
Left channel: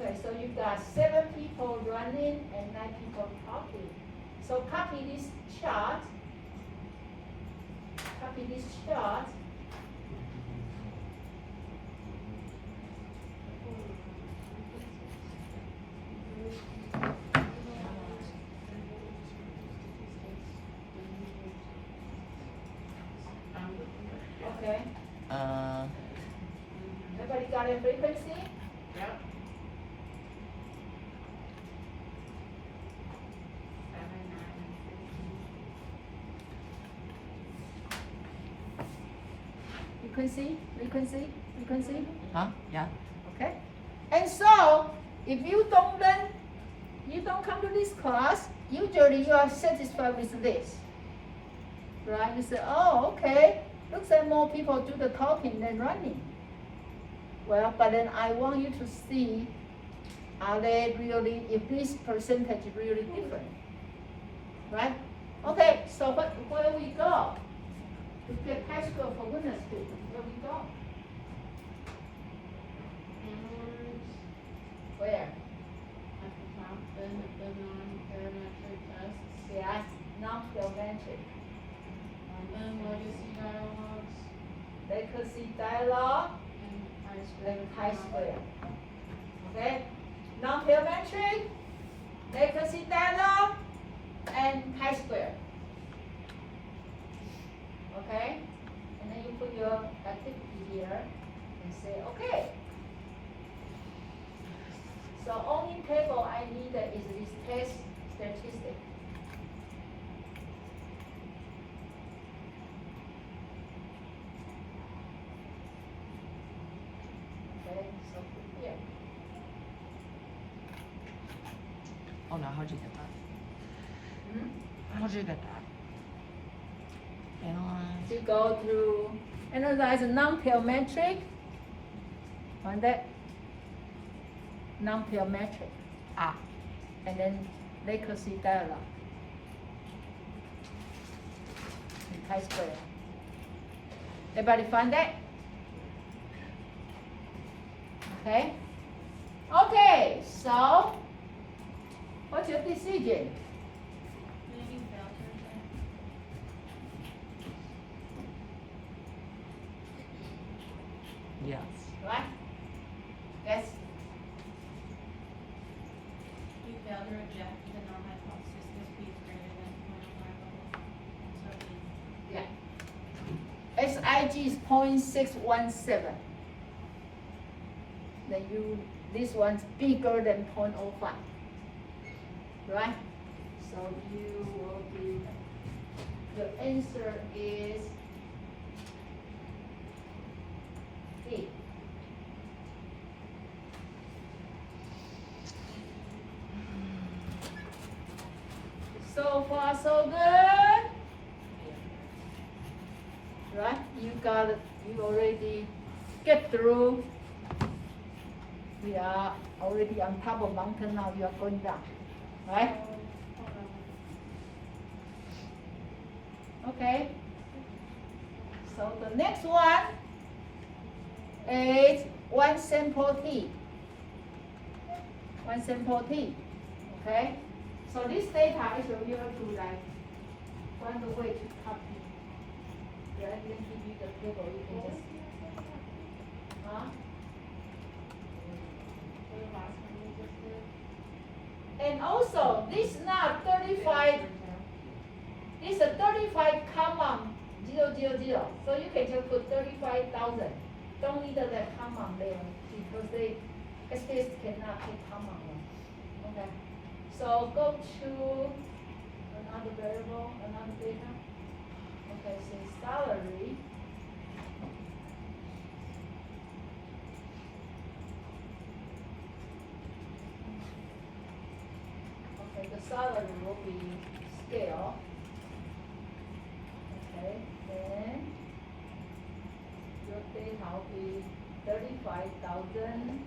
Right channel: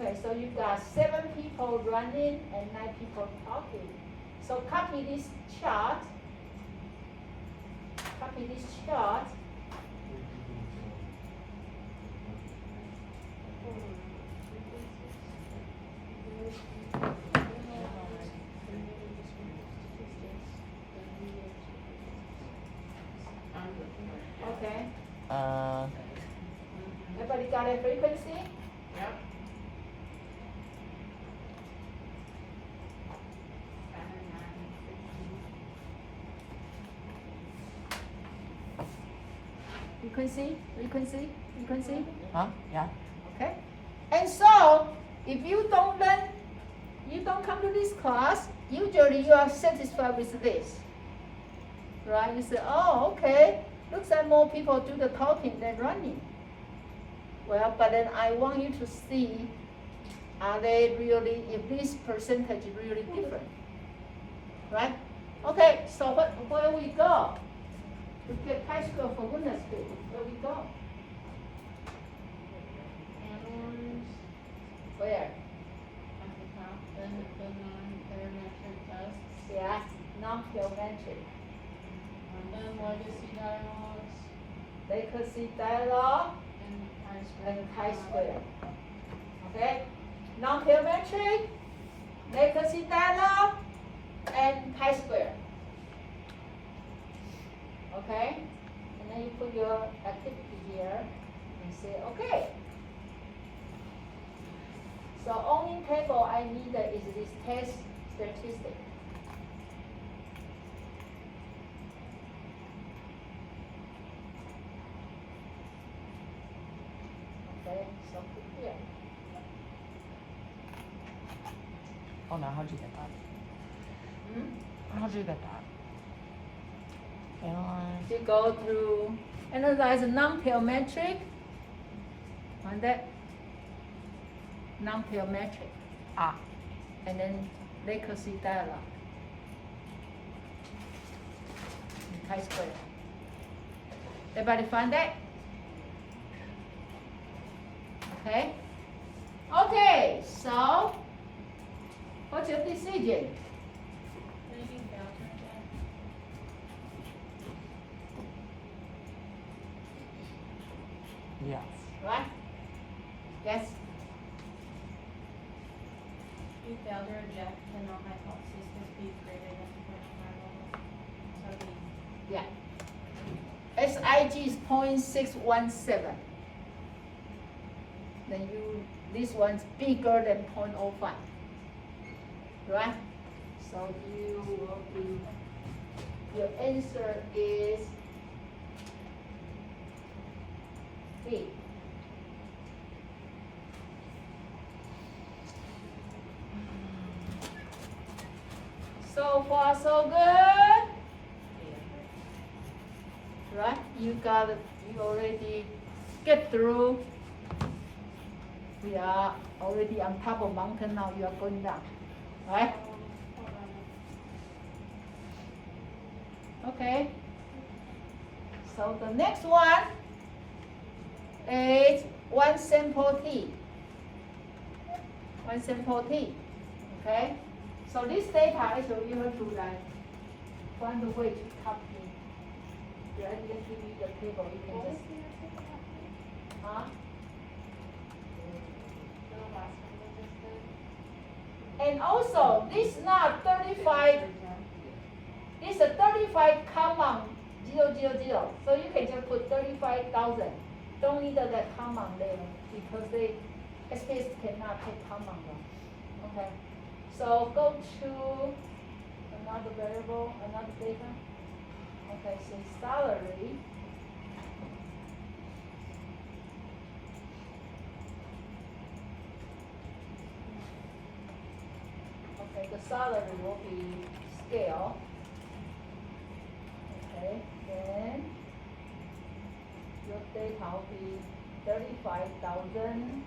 Okay, so you got 7 people running and 9 people talking. So copy this chart. Copy this chart. Okay, Uh, everybody got a frequency? Yeah. 7, 9, 15. Frequency? huh? Yeah. Okay? And so, if you don't learn, you don't come to this class, usually you are satisfied with this. Right? You say, oh, okay, looks like more people do the talking than running. Well, but then I want you to see, are they really, if this percentage is really different? Right? Okay, so where we go? To get high school for goodness sake, where we go? Where? Then the non-parametric tests Yeah, non-geometric. and legacy dialogues Legacy dialogue and and chi-square. Okay? Non-geometric, legacy dialogue, and chi-square. Okay? And then you put your activity here and say, okay. So only table I need is this test statistic. Okay, so put here. Oh no, how'd you get that? How'd you get that? Analyze. You go through analyze non-geometric, find that non-geometric, and then legacy dialogue, and chi-square. Everybody find that? Okay. Okay. So, what's your decision? Yes. Right? Yes. You failed to reject the null hypothesis must be greater than 4.5 level. So Yeah. SIG is 0.617. Then this one's bigger than 0.05. Right? So you will be, your answer is E. So far, so good. Right? You already get through. We are already on top of mountain now, you are going down. Right? Okay. So the next one is one sample T. One sample T. Okay? So this data actually you have to like find a way to copy. Rather than give you the table, you can just and also this not 35, this is a 35 comma 000. So you can just put 35,000. Don't need that comma there because they SPSS cannot take comma. Okay. So go to another variable, another data. Okay, so salary. Okay, the salary will be scale. Okay, then your data will be 35,000.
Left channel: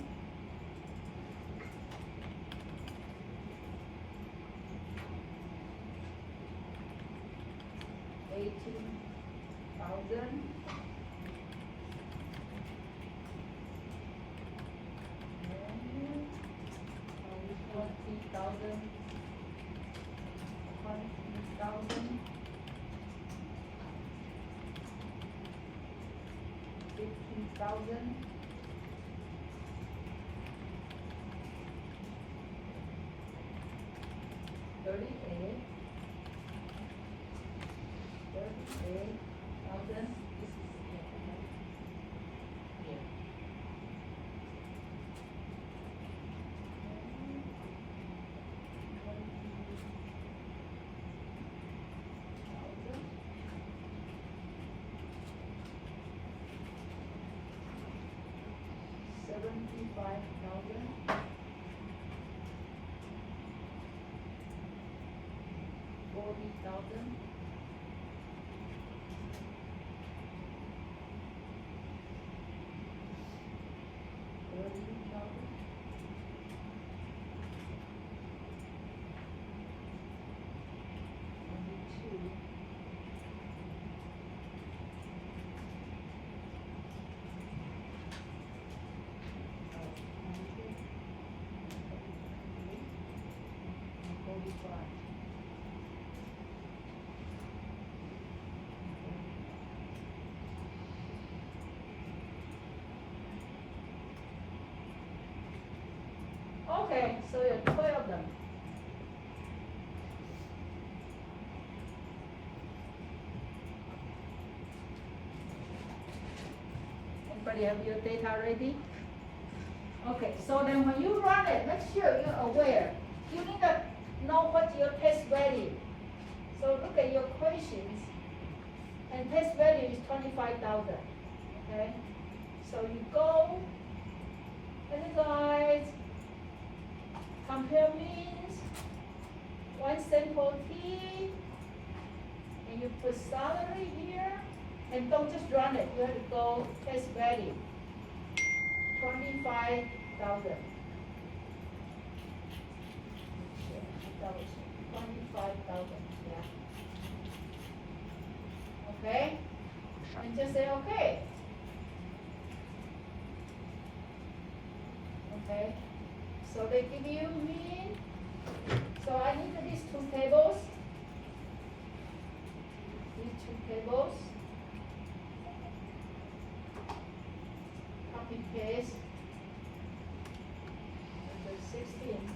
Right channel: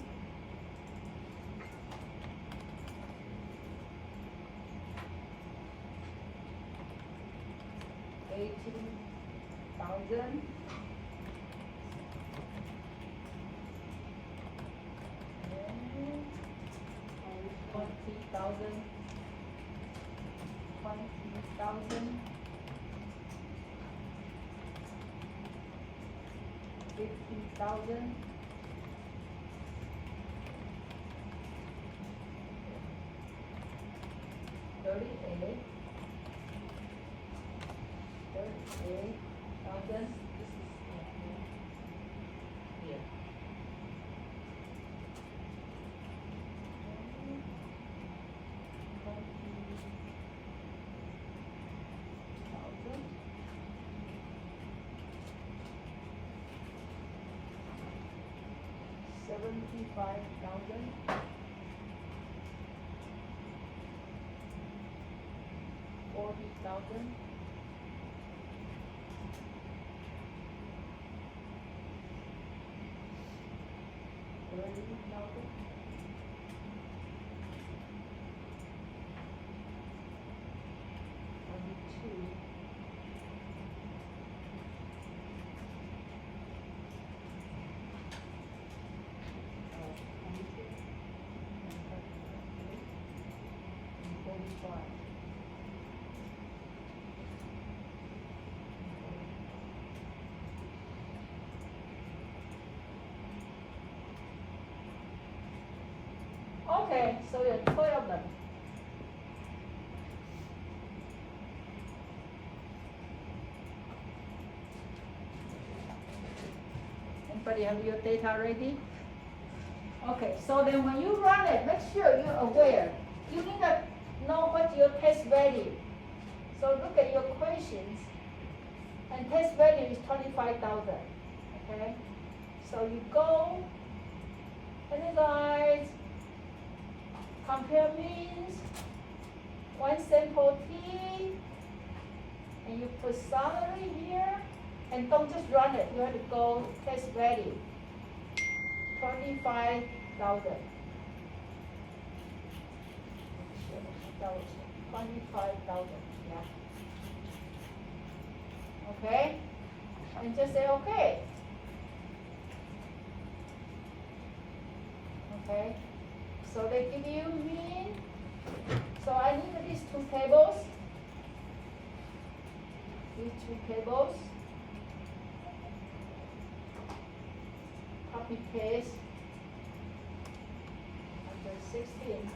$18,000. $20,000. $15,000. $38,000. 75,000. 40,000. 30,000. 22. 35. Okay, so there are 12 of them. Everybody have your data ready? Okay, so then when you run it, make sure you're aware. You need to know what your test value. So look at your equations, and test value is 25,000. Okay, so you go, analyze, compare means, one sample T, and you put salary here, and don't just run it. You have to go test value. 25,000. 25,000. Yeah. Okay? And just say okay. Okay? So they give you mean. So I need these two tables. These two tables. Copy paste. Number 16.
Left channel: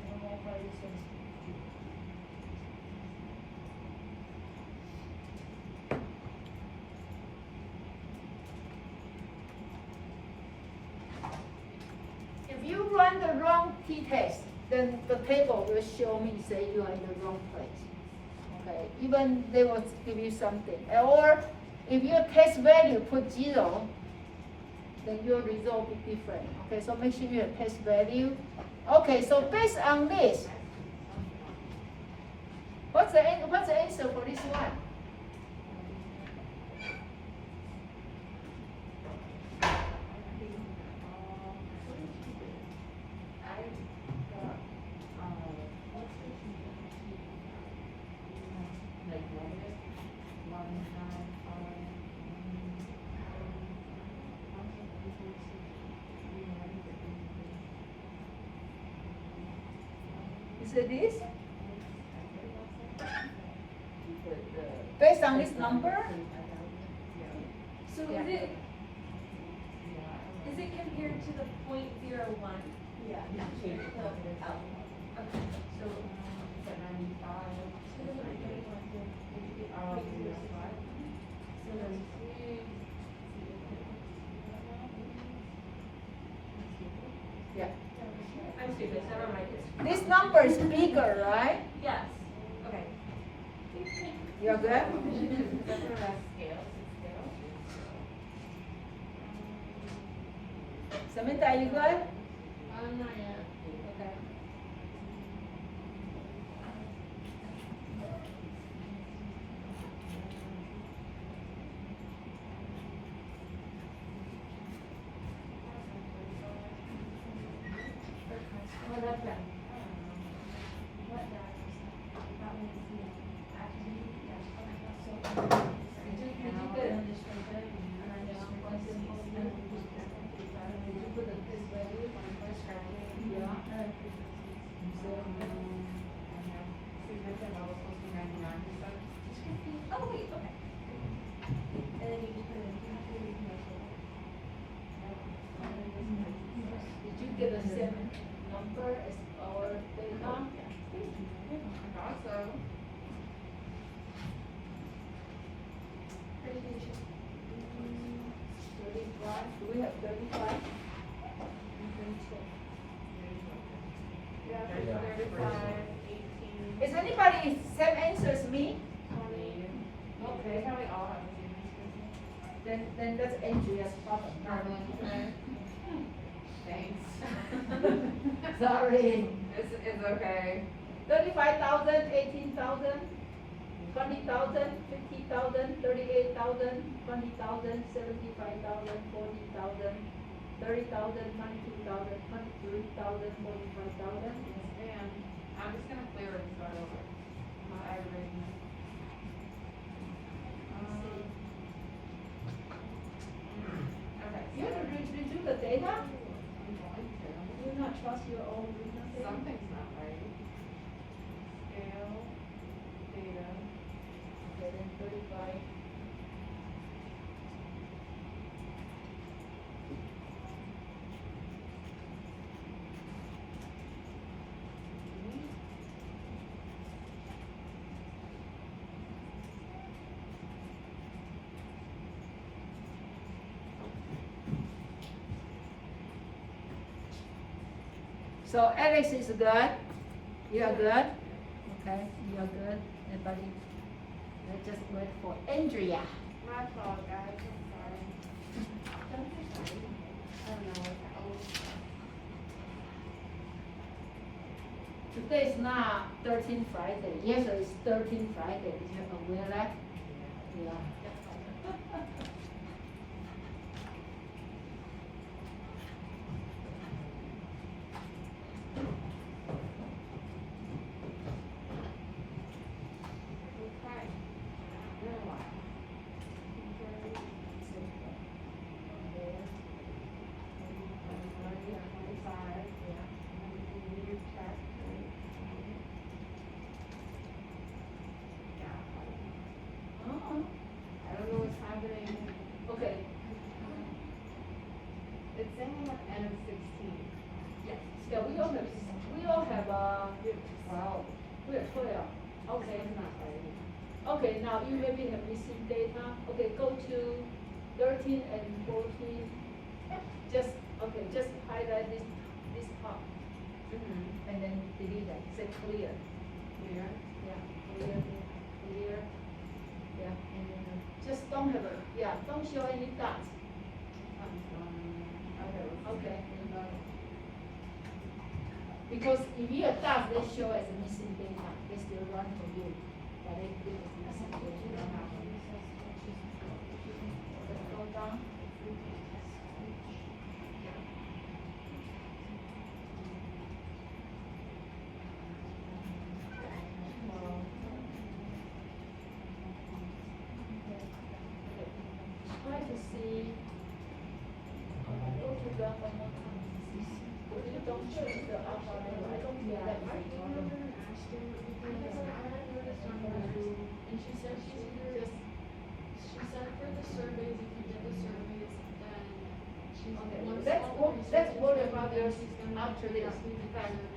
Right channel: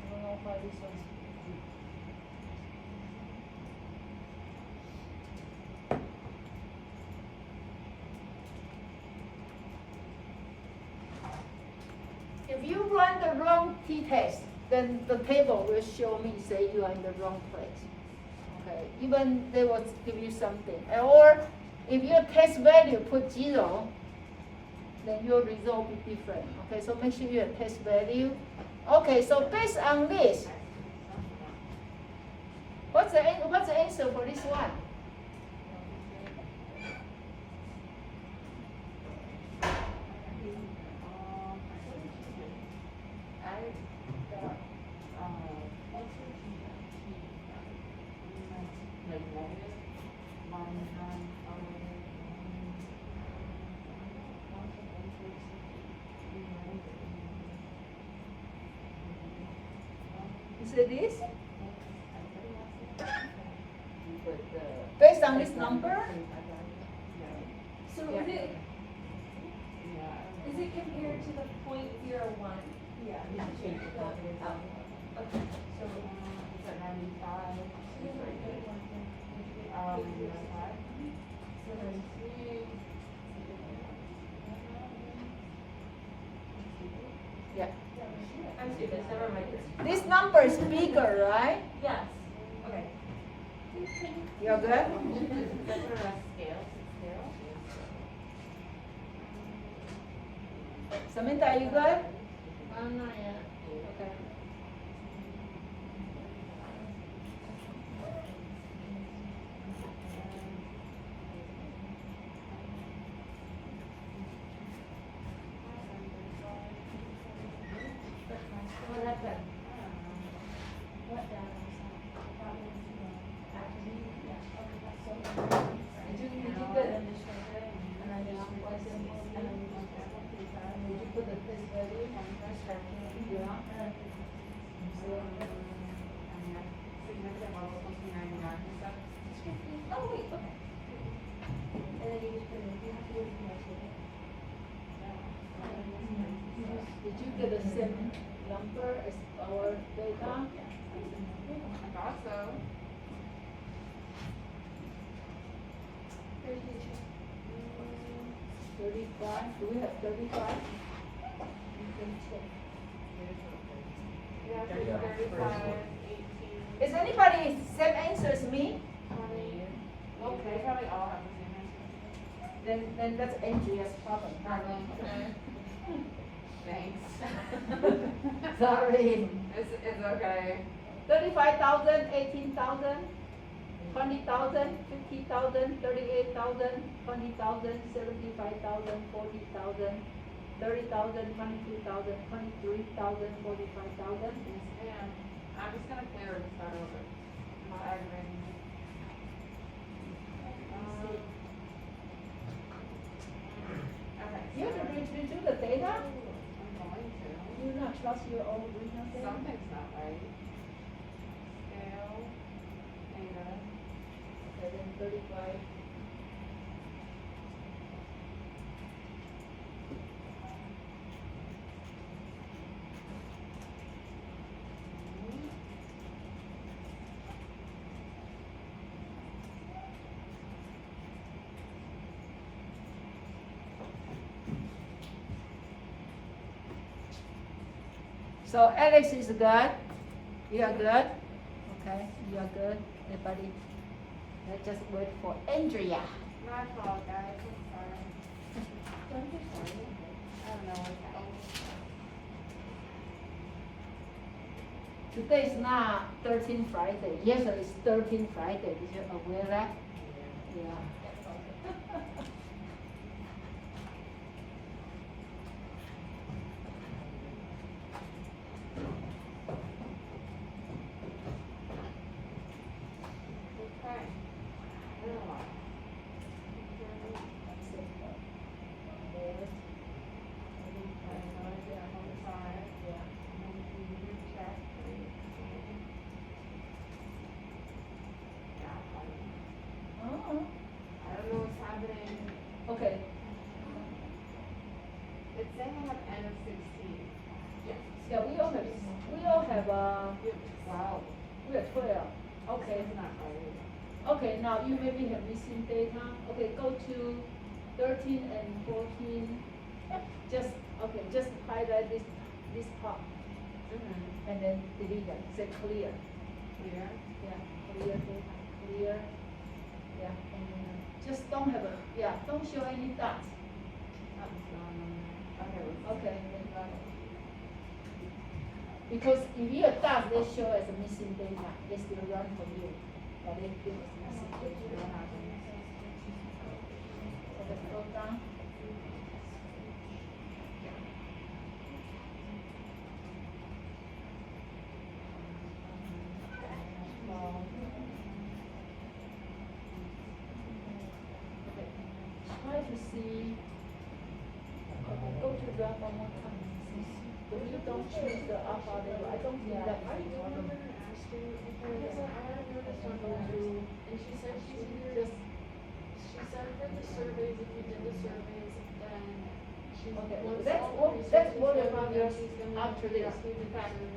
I don't know why this one's if you run the wrong t-test, then the table will show me, say you are in the wrong place. Okay, even they will give you something. Or if your test value put 0, then your result will be different. Okay, so make sure you have test value. Okay, so based on this, what's the answer for this one? Is it this? Based on this number? So Yeah. is it compared to the 0.01? Yeah, you change it up. Okay. Yeah. I'm stupid, never mind. This number is bigger, right? Yes, okay. You're good? Samantha, are you good? Not yet. Okay. What happened? Oh, wait, okay. And then you just put it in, you have to do it. Did you get the same number as our data? I thought so. 35. Yeah, Yeah. 35, 18. Is anybody same answer as me? Okay, Okay. probably all have the same answer. Then that's Andrea's problem, not mine. Thanks. Sorry. It's okay. 35,000, 18,000, 20,000, 50,000, 38,000, 20,000, 75,000, 40,000, 30,000, 22,000, 23,000, 45,000. And I'm just gonna clear it and start over. I'm not aggravating you. Okay. You have to redo the data? I'm going to. Do you not trust your own reading data? Something's not right. Scale, data. Okay, then 35. So Alex is good. You are good. Okay, you are good. Everybody, let's just wait for Andrea. My fault, guys. I'm sorry. Don't be sorry. I don't know what's happening. Today is not 13 Friday. Yesterday is 13 Friday. Did you aware that? Yeah. Okay. Little while. Oh, I don't know what's happening. okay. It's saying I'm at N of 16. Yeah, we all have, Wow. we have 12. Okay. It's not right. Okay, now you maybe have missing data. Okay, go to 13 and 14. Just, okay, just highlight this part Mm-hmm. and then delete it, say clear. Here. Yeah, clear. Yeah, and just don't have don't show any dots. Okay. Because if you have dots, they show as a missing data. They still run for you, but they give us missing data. Go down. Try to see. Go to run one more time. If you don't choose the alpha level, I don't think that is a problem. And she said just, she said for the surveys, if you did the surveys, then she's. Okay, once let's all worry these about surveys, this she's gonna after this. do the pattern.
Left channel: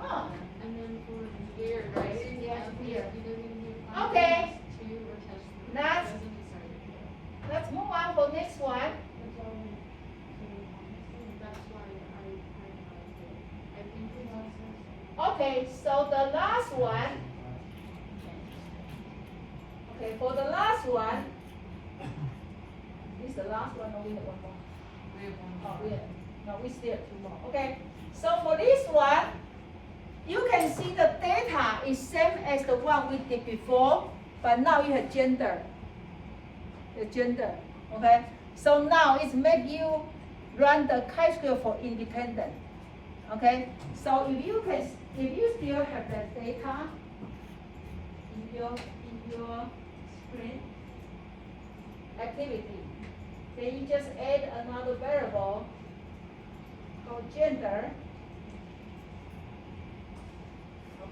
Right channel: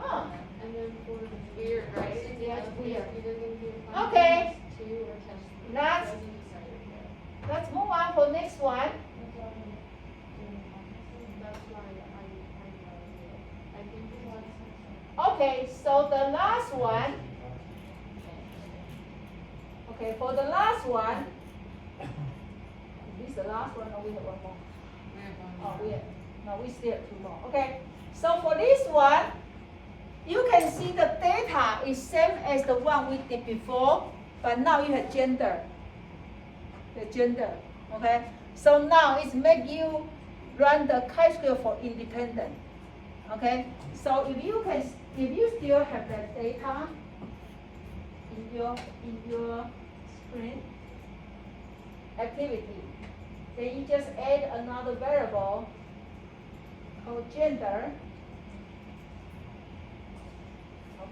Ah, And then for the. Weird, right? Yeah, weird. you didn't do Okay. two or test. That's- Wasn't decided yet. let's move on for next one. That's why I think we have. Okay, so the last one. Okay, for the last one. This is the last one, or we have one more? We have one Oh, more. we have, no, we still have two more. Okay, so for this one, you can see the data is same as the one we did before, but now you have gender. The gender, okay? So now it's make you run the chi-square for independent, okay? So if you still have that data in your screen activity, then you just add another variable called gender,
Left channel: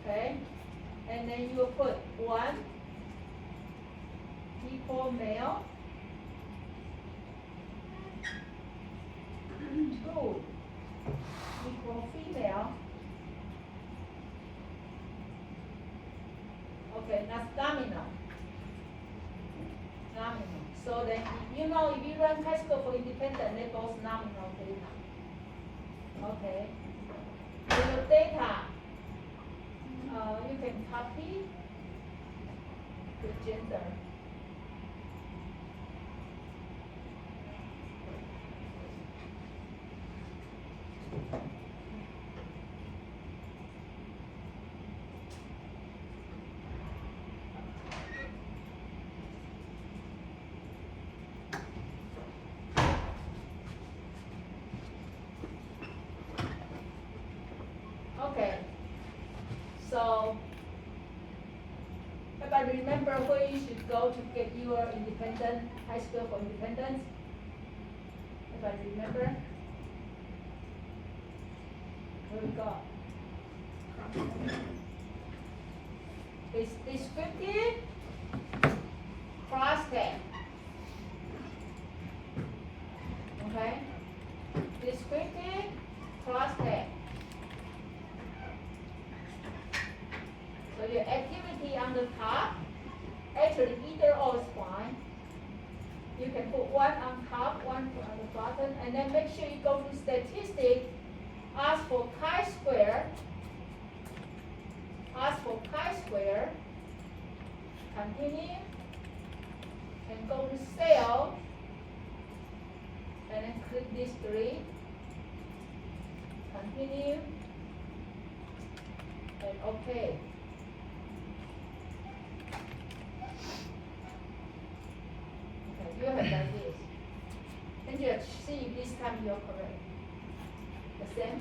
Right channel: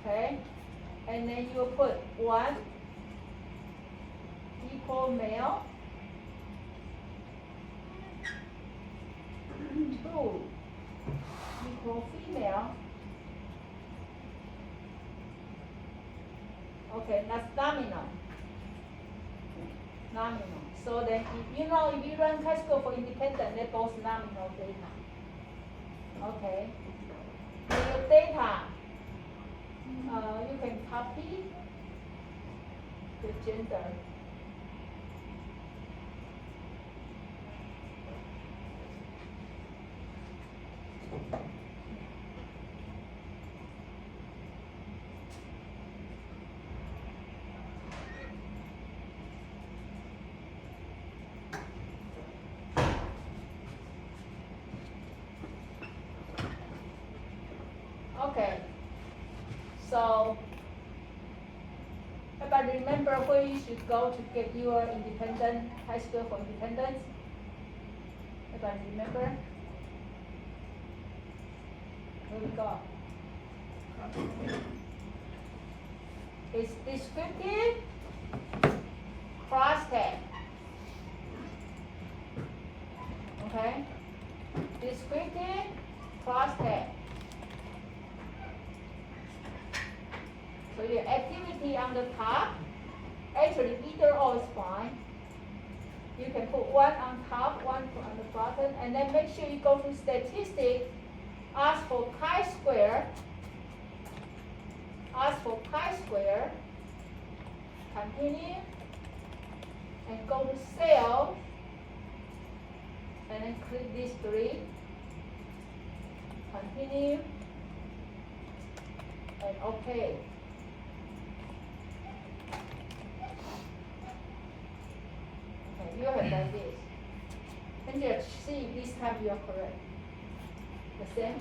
okay? And then you put 1 equal male, 2 equal female. Okay, that's dominant. Nominal. So then, you know, if you run chi-square for independent, they're both nominal data. Okay. Your data, you can copy the gender. Okay, so everybody remember where you should go to get your independent, high school for independence? Everybody remember? Where we go? It's descriptive, cross-tag. Okay? Descriptive, cross-tag. So your activity on the top, actually either or is fine. You can put one on top, one on the bottom, and then make sure you go to statistics, ask for chi-square, continue, and go to cell, and then click these three, continue, and okay. You have like this. And just see if this time you're correct. The same?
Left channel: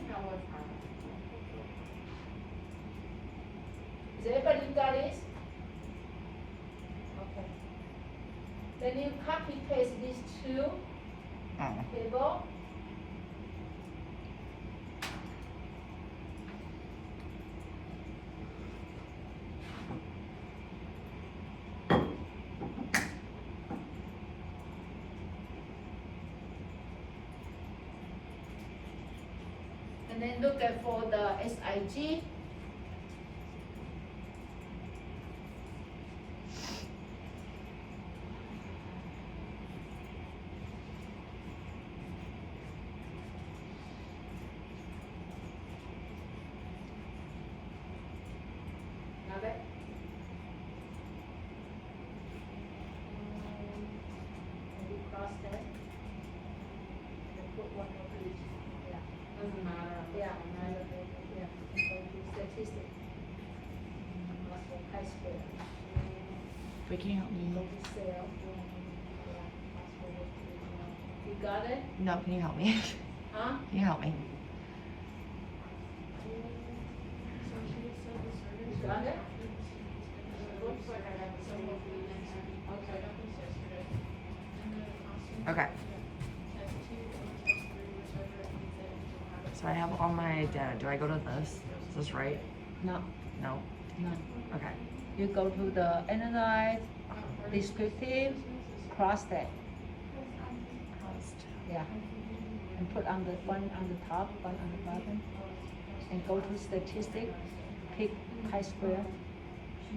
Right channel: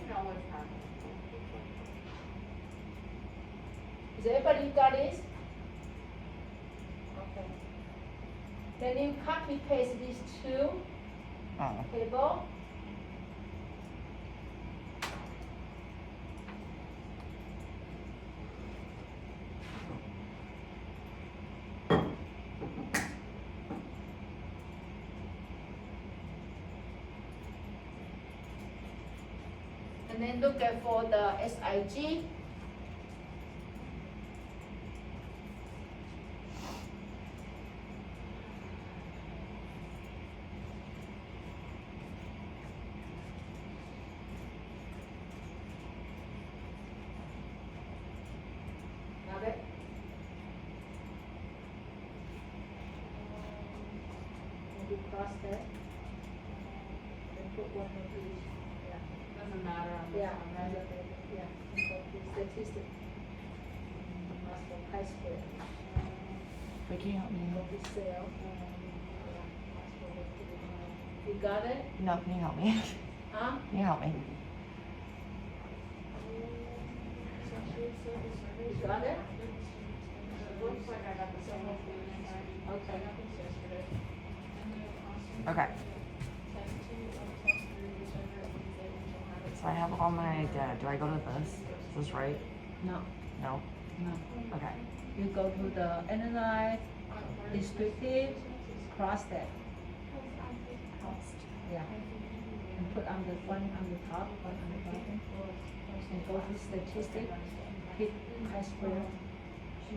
Is everybody got this? Okay. Then you copy paste these two table. And then look at for the SIG. Got it? And you cross that. And put one on each. Doesn't matter. Yeah, statistic. That's for chi-square. But can you help me? Look at cell. You got it? No, can you help me? Huh? Can you help me? You got it? Looks like I got the same one. Okay. Okay. So I have all my data. Do I go to this? Is this right? No, No. no. Okay. You go to the analyze, descriptive, cross-tag. Yeah. And put on the one on the top, one on the bottom. And go to statistic, pick chi-square,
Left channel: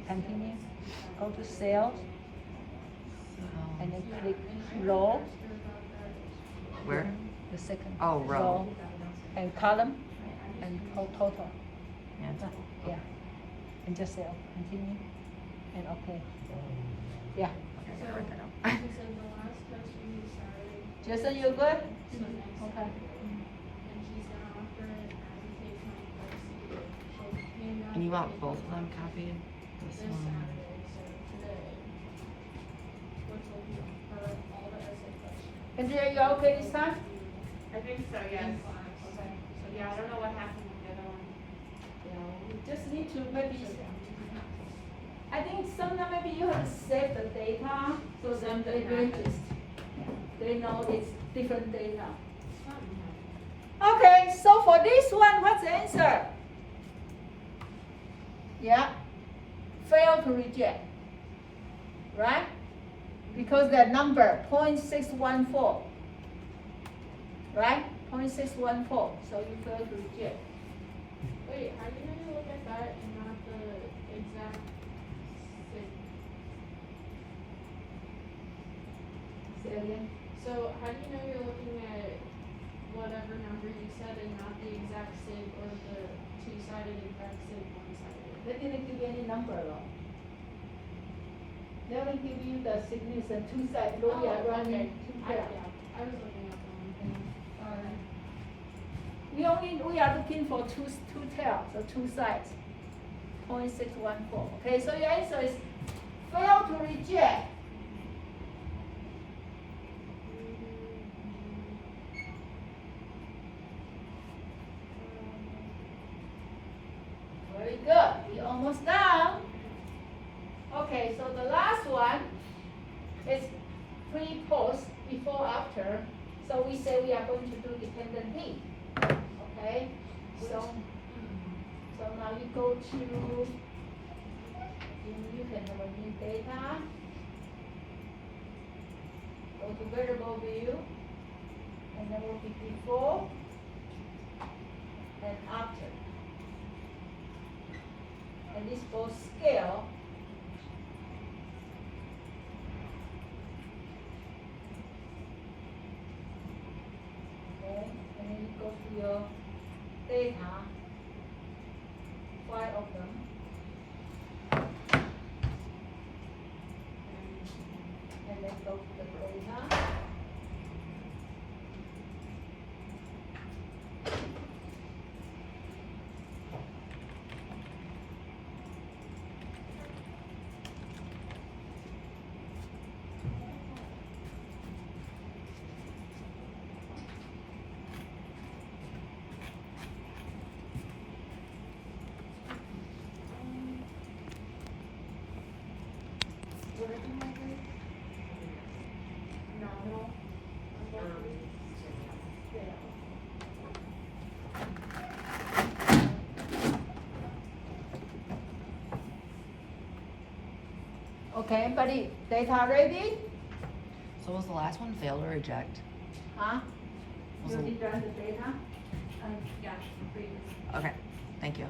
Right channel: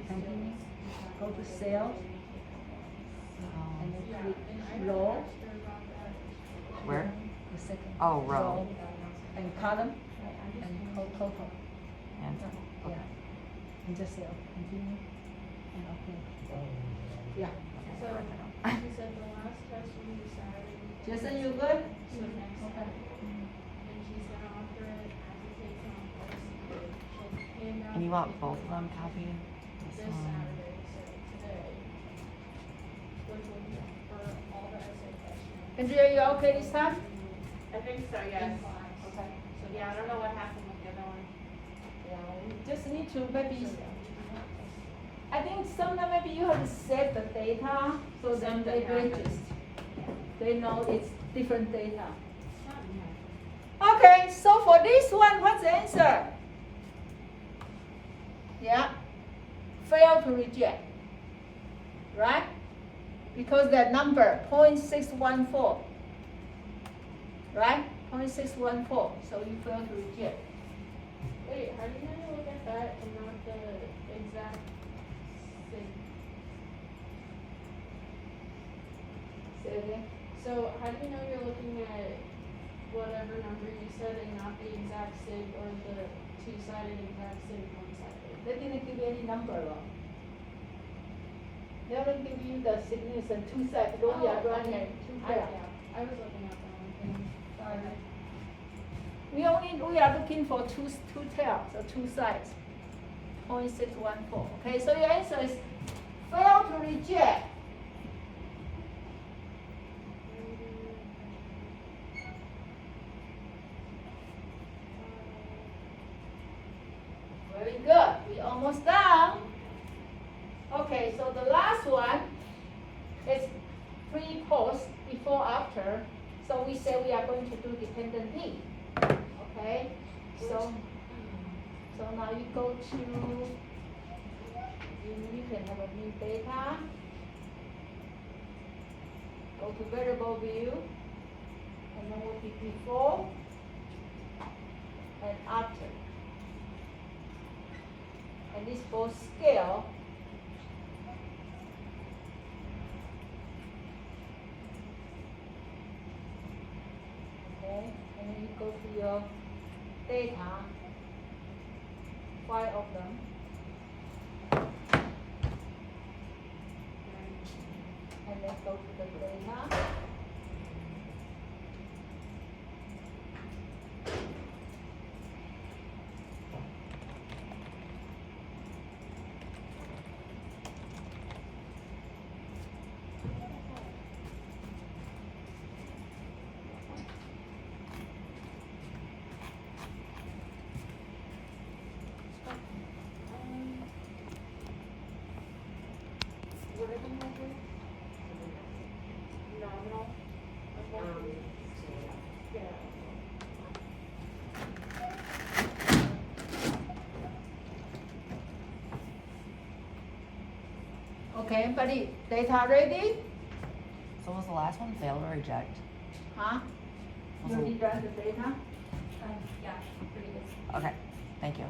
continue, go to cell, and then click row, Where? the second. Oh, row. And column, and total. And Yeah. And just cell, continue, and okay. Yeah. okay, So, I'll write that down. you said the last test we decided, Jason, you good? so next Okay. and she said after an application request, she'll hand out And you the want paper both of them copied? this This one. Saturday, so today. We're looking for all the essay questions. Andrea, you okay this time? I think so, yes. Yeah, I don't know what happened with the other one. You just need to maybe, I think sometimes maybe you have to save the data, so then they register. They know it's different data. Okay, so for this one, what's the answer? Yeah, fail to reject, right? Because the number 0.614, right? 0.614, so you fail to reject. Wait, how do you guys look at that and not the exact thing? Say again. So how do you know you're looking at whatever number you said and not the exact sig or the two-sided exact sig one-sided? They didn't give you any number though. They haven't give you the significant two sides, though we are running two pairs. I was looking at the wrong thing. We are looking for two tails, so two sides. 0.614. Okay, so your answer is fail to reject. Very good. We almost done. Okay, so the last one is pre, post, before, after. So we say we are going to do dependent D. Okay, so now you go to, you can have a new data. Go to variable view, and then will be before and after. And this both scale. Okay, and then you go to your data, 5 of them. And then go to the data. Okay, everybody, data ready? So was the last one fail or reject? Huh? Was You the- already run the data? Yeah, previous. Okay, thank you.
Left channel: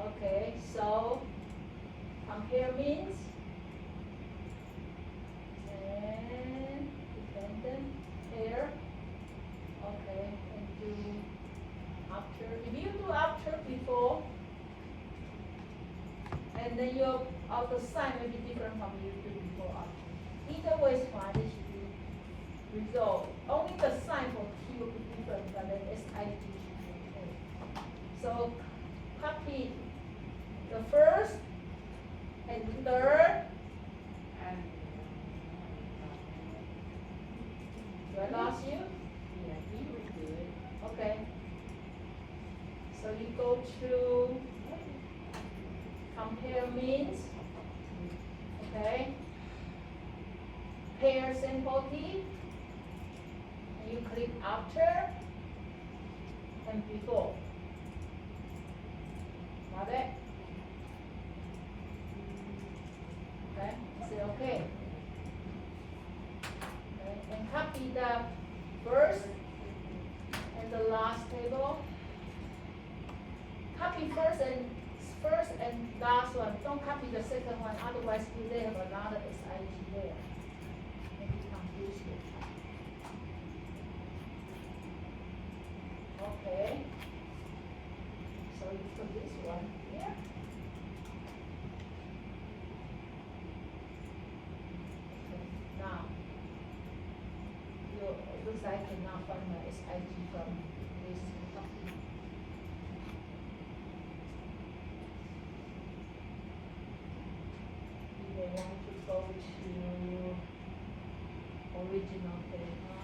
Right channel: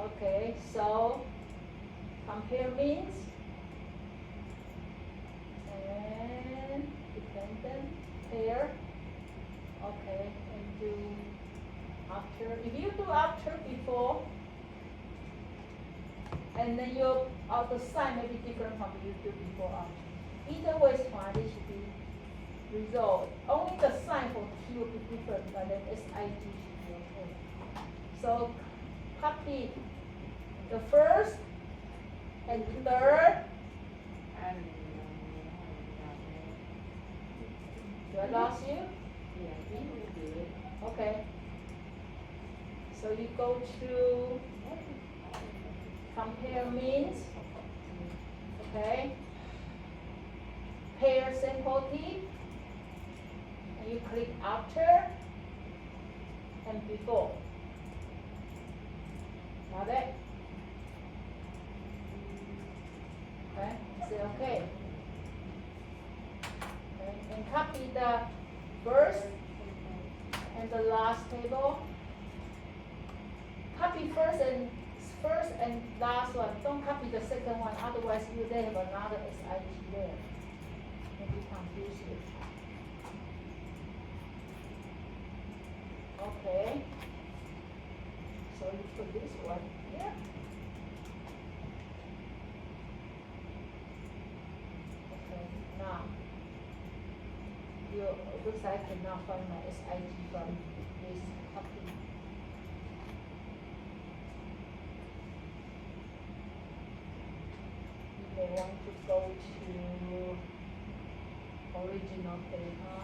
Okay, so compare means and dependent pair. Okay, and do after. If you do after before, and then your the sign may be different from you do before after. Either way is fine. It should be resolved. Only the sign for T will be different, but then SIG should be okay. So copy the first and third. Do I lost you? Okay. So you go to compare means. Okay. Pair sample T. And you click after and before. Got it? Okay, say okay. Okay, and copy the first and the last table. Copy first and last one. Don't copy the second one, otherwise you may have another SIG there. Maybe confuse you. Okay. So you put this one here. Okay, now it looks like I cannot find my SIG from this copy. You may want to go to original data.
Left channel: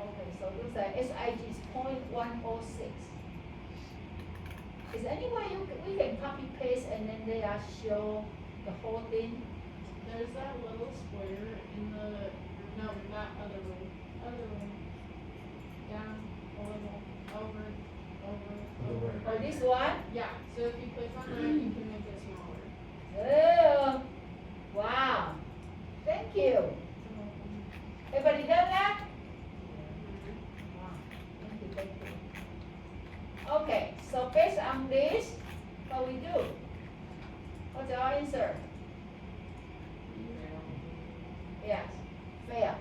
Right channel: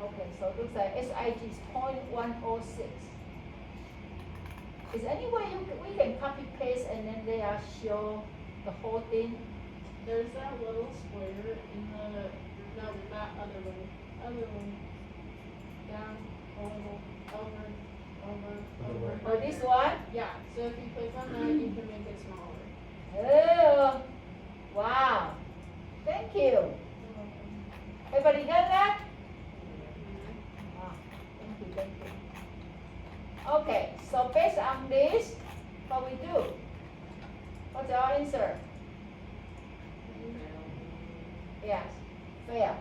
Okay, so it looks like SIG is 0.106. Is there any way we can copy paste and then they are show the whole thing? There's that little square in the, no, not other one. Down, over. Or this one? Yeah, so if you click on that, you can make it smaller. Oh, wow. Thank you. Everybody done that? Wow, thank you. Okay, so based on this, what we do? What's our answer? Yes, fail.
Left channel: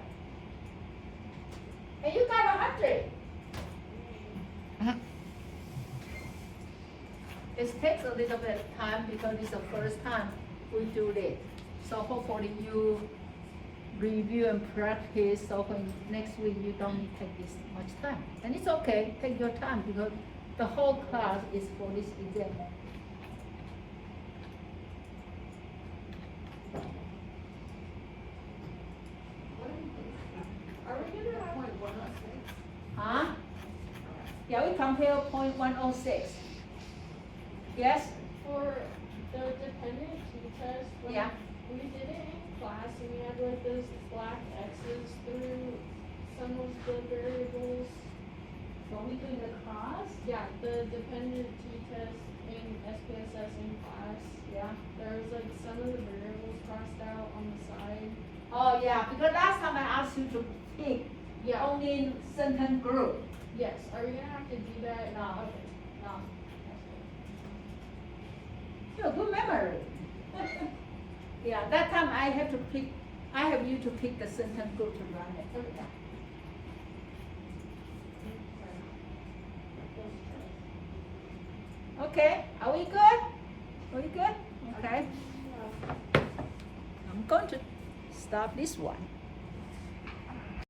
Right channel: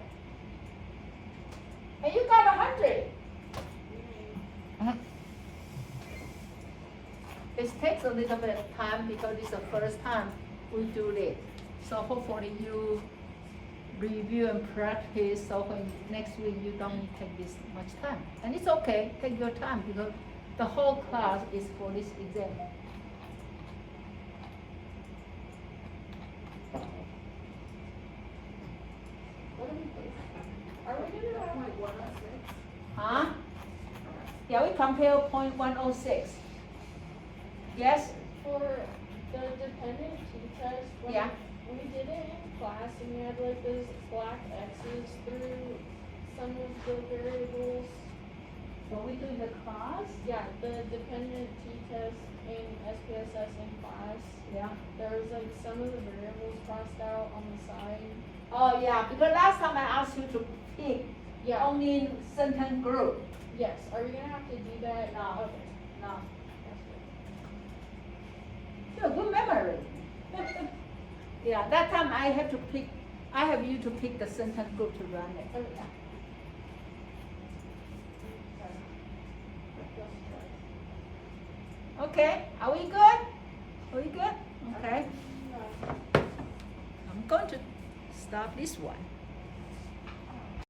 And you got 100. It takes a little bit of time because it's the first time we do this. So hopefully you review and practice, so when next week you don't need to take this much time. And it's okay, take your time because the whole class is for this exam. Are we gonna have like 106? Huh? Yeah, we compare .106. Yes? For the dependent t-test, when Yeah. we did it in class and we had like those black X's through some of the variables. What we do in the class? Yeah, the dependent t-test in SPSS in class, Yeah. there was like some of the variables crossed out on the side. Oh, yeah, because last time I asked you to pick Yeah, only certain group. yes, are we gonna have to do that? No. Okay. No. You have good memory. Yeah, that time I have you to pick the certain group to run it. Okay. Okay, are we good? Are we good? Okay. I'm going to stop this one.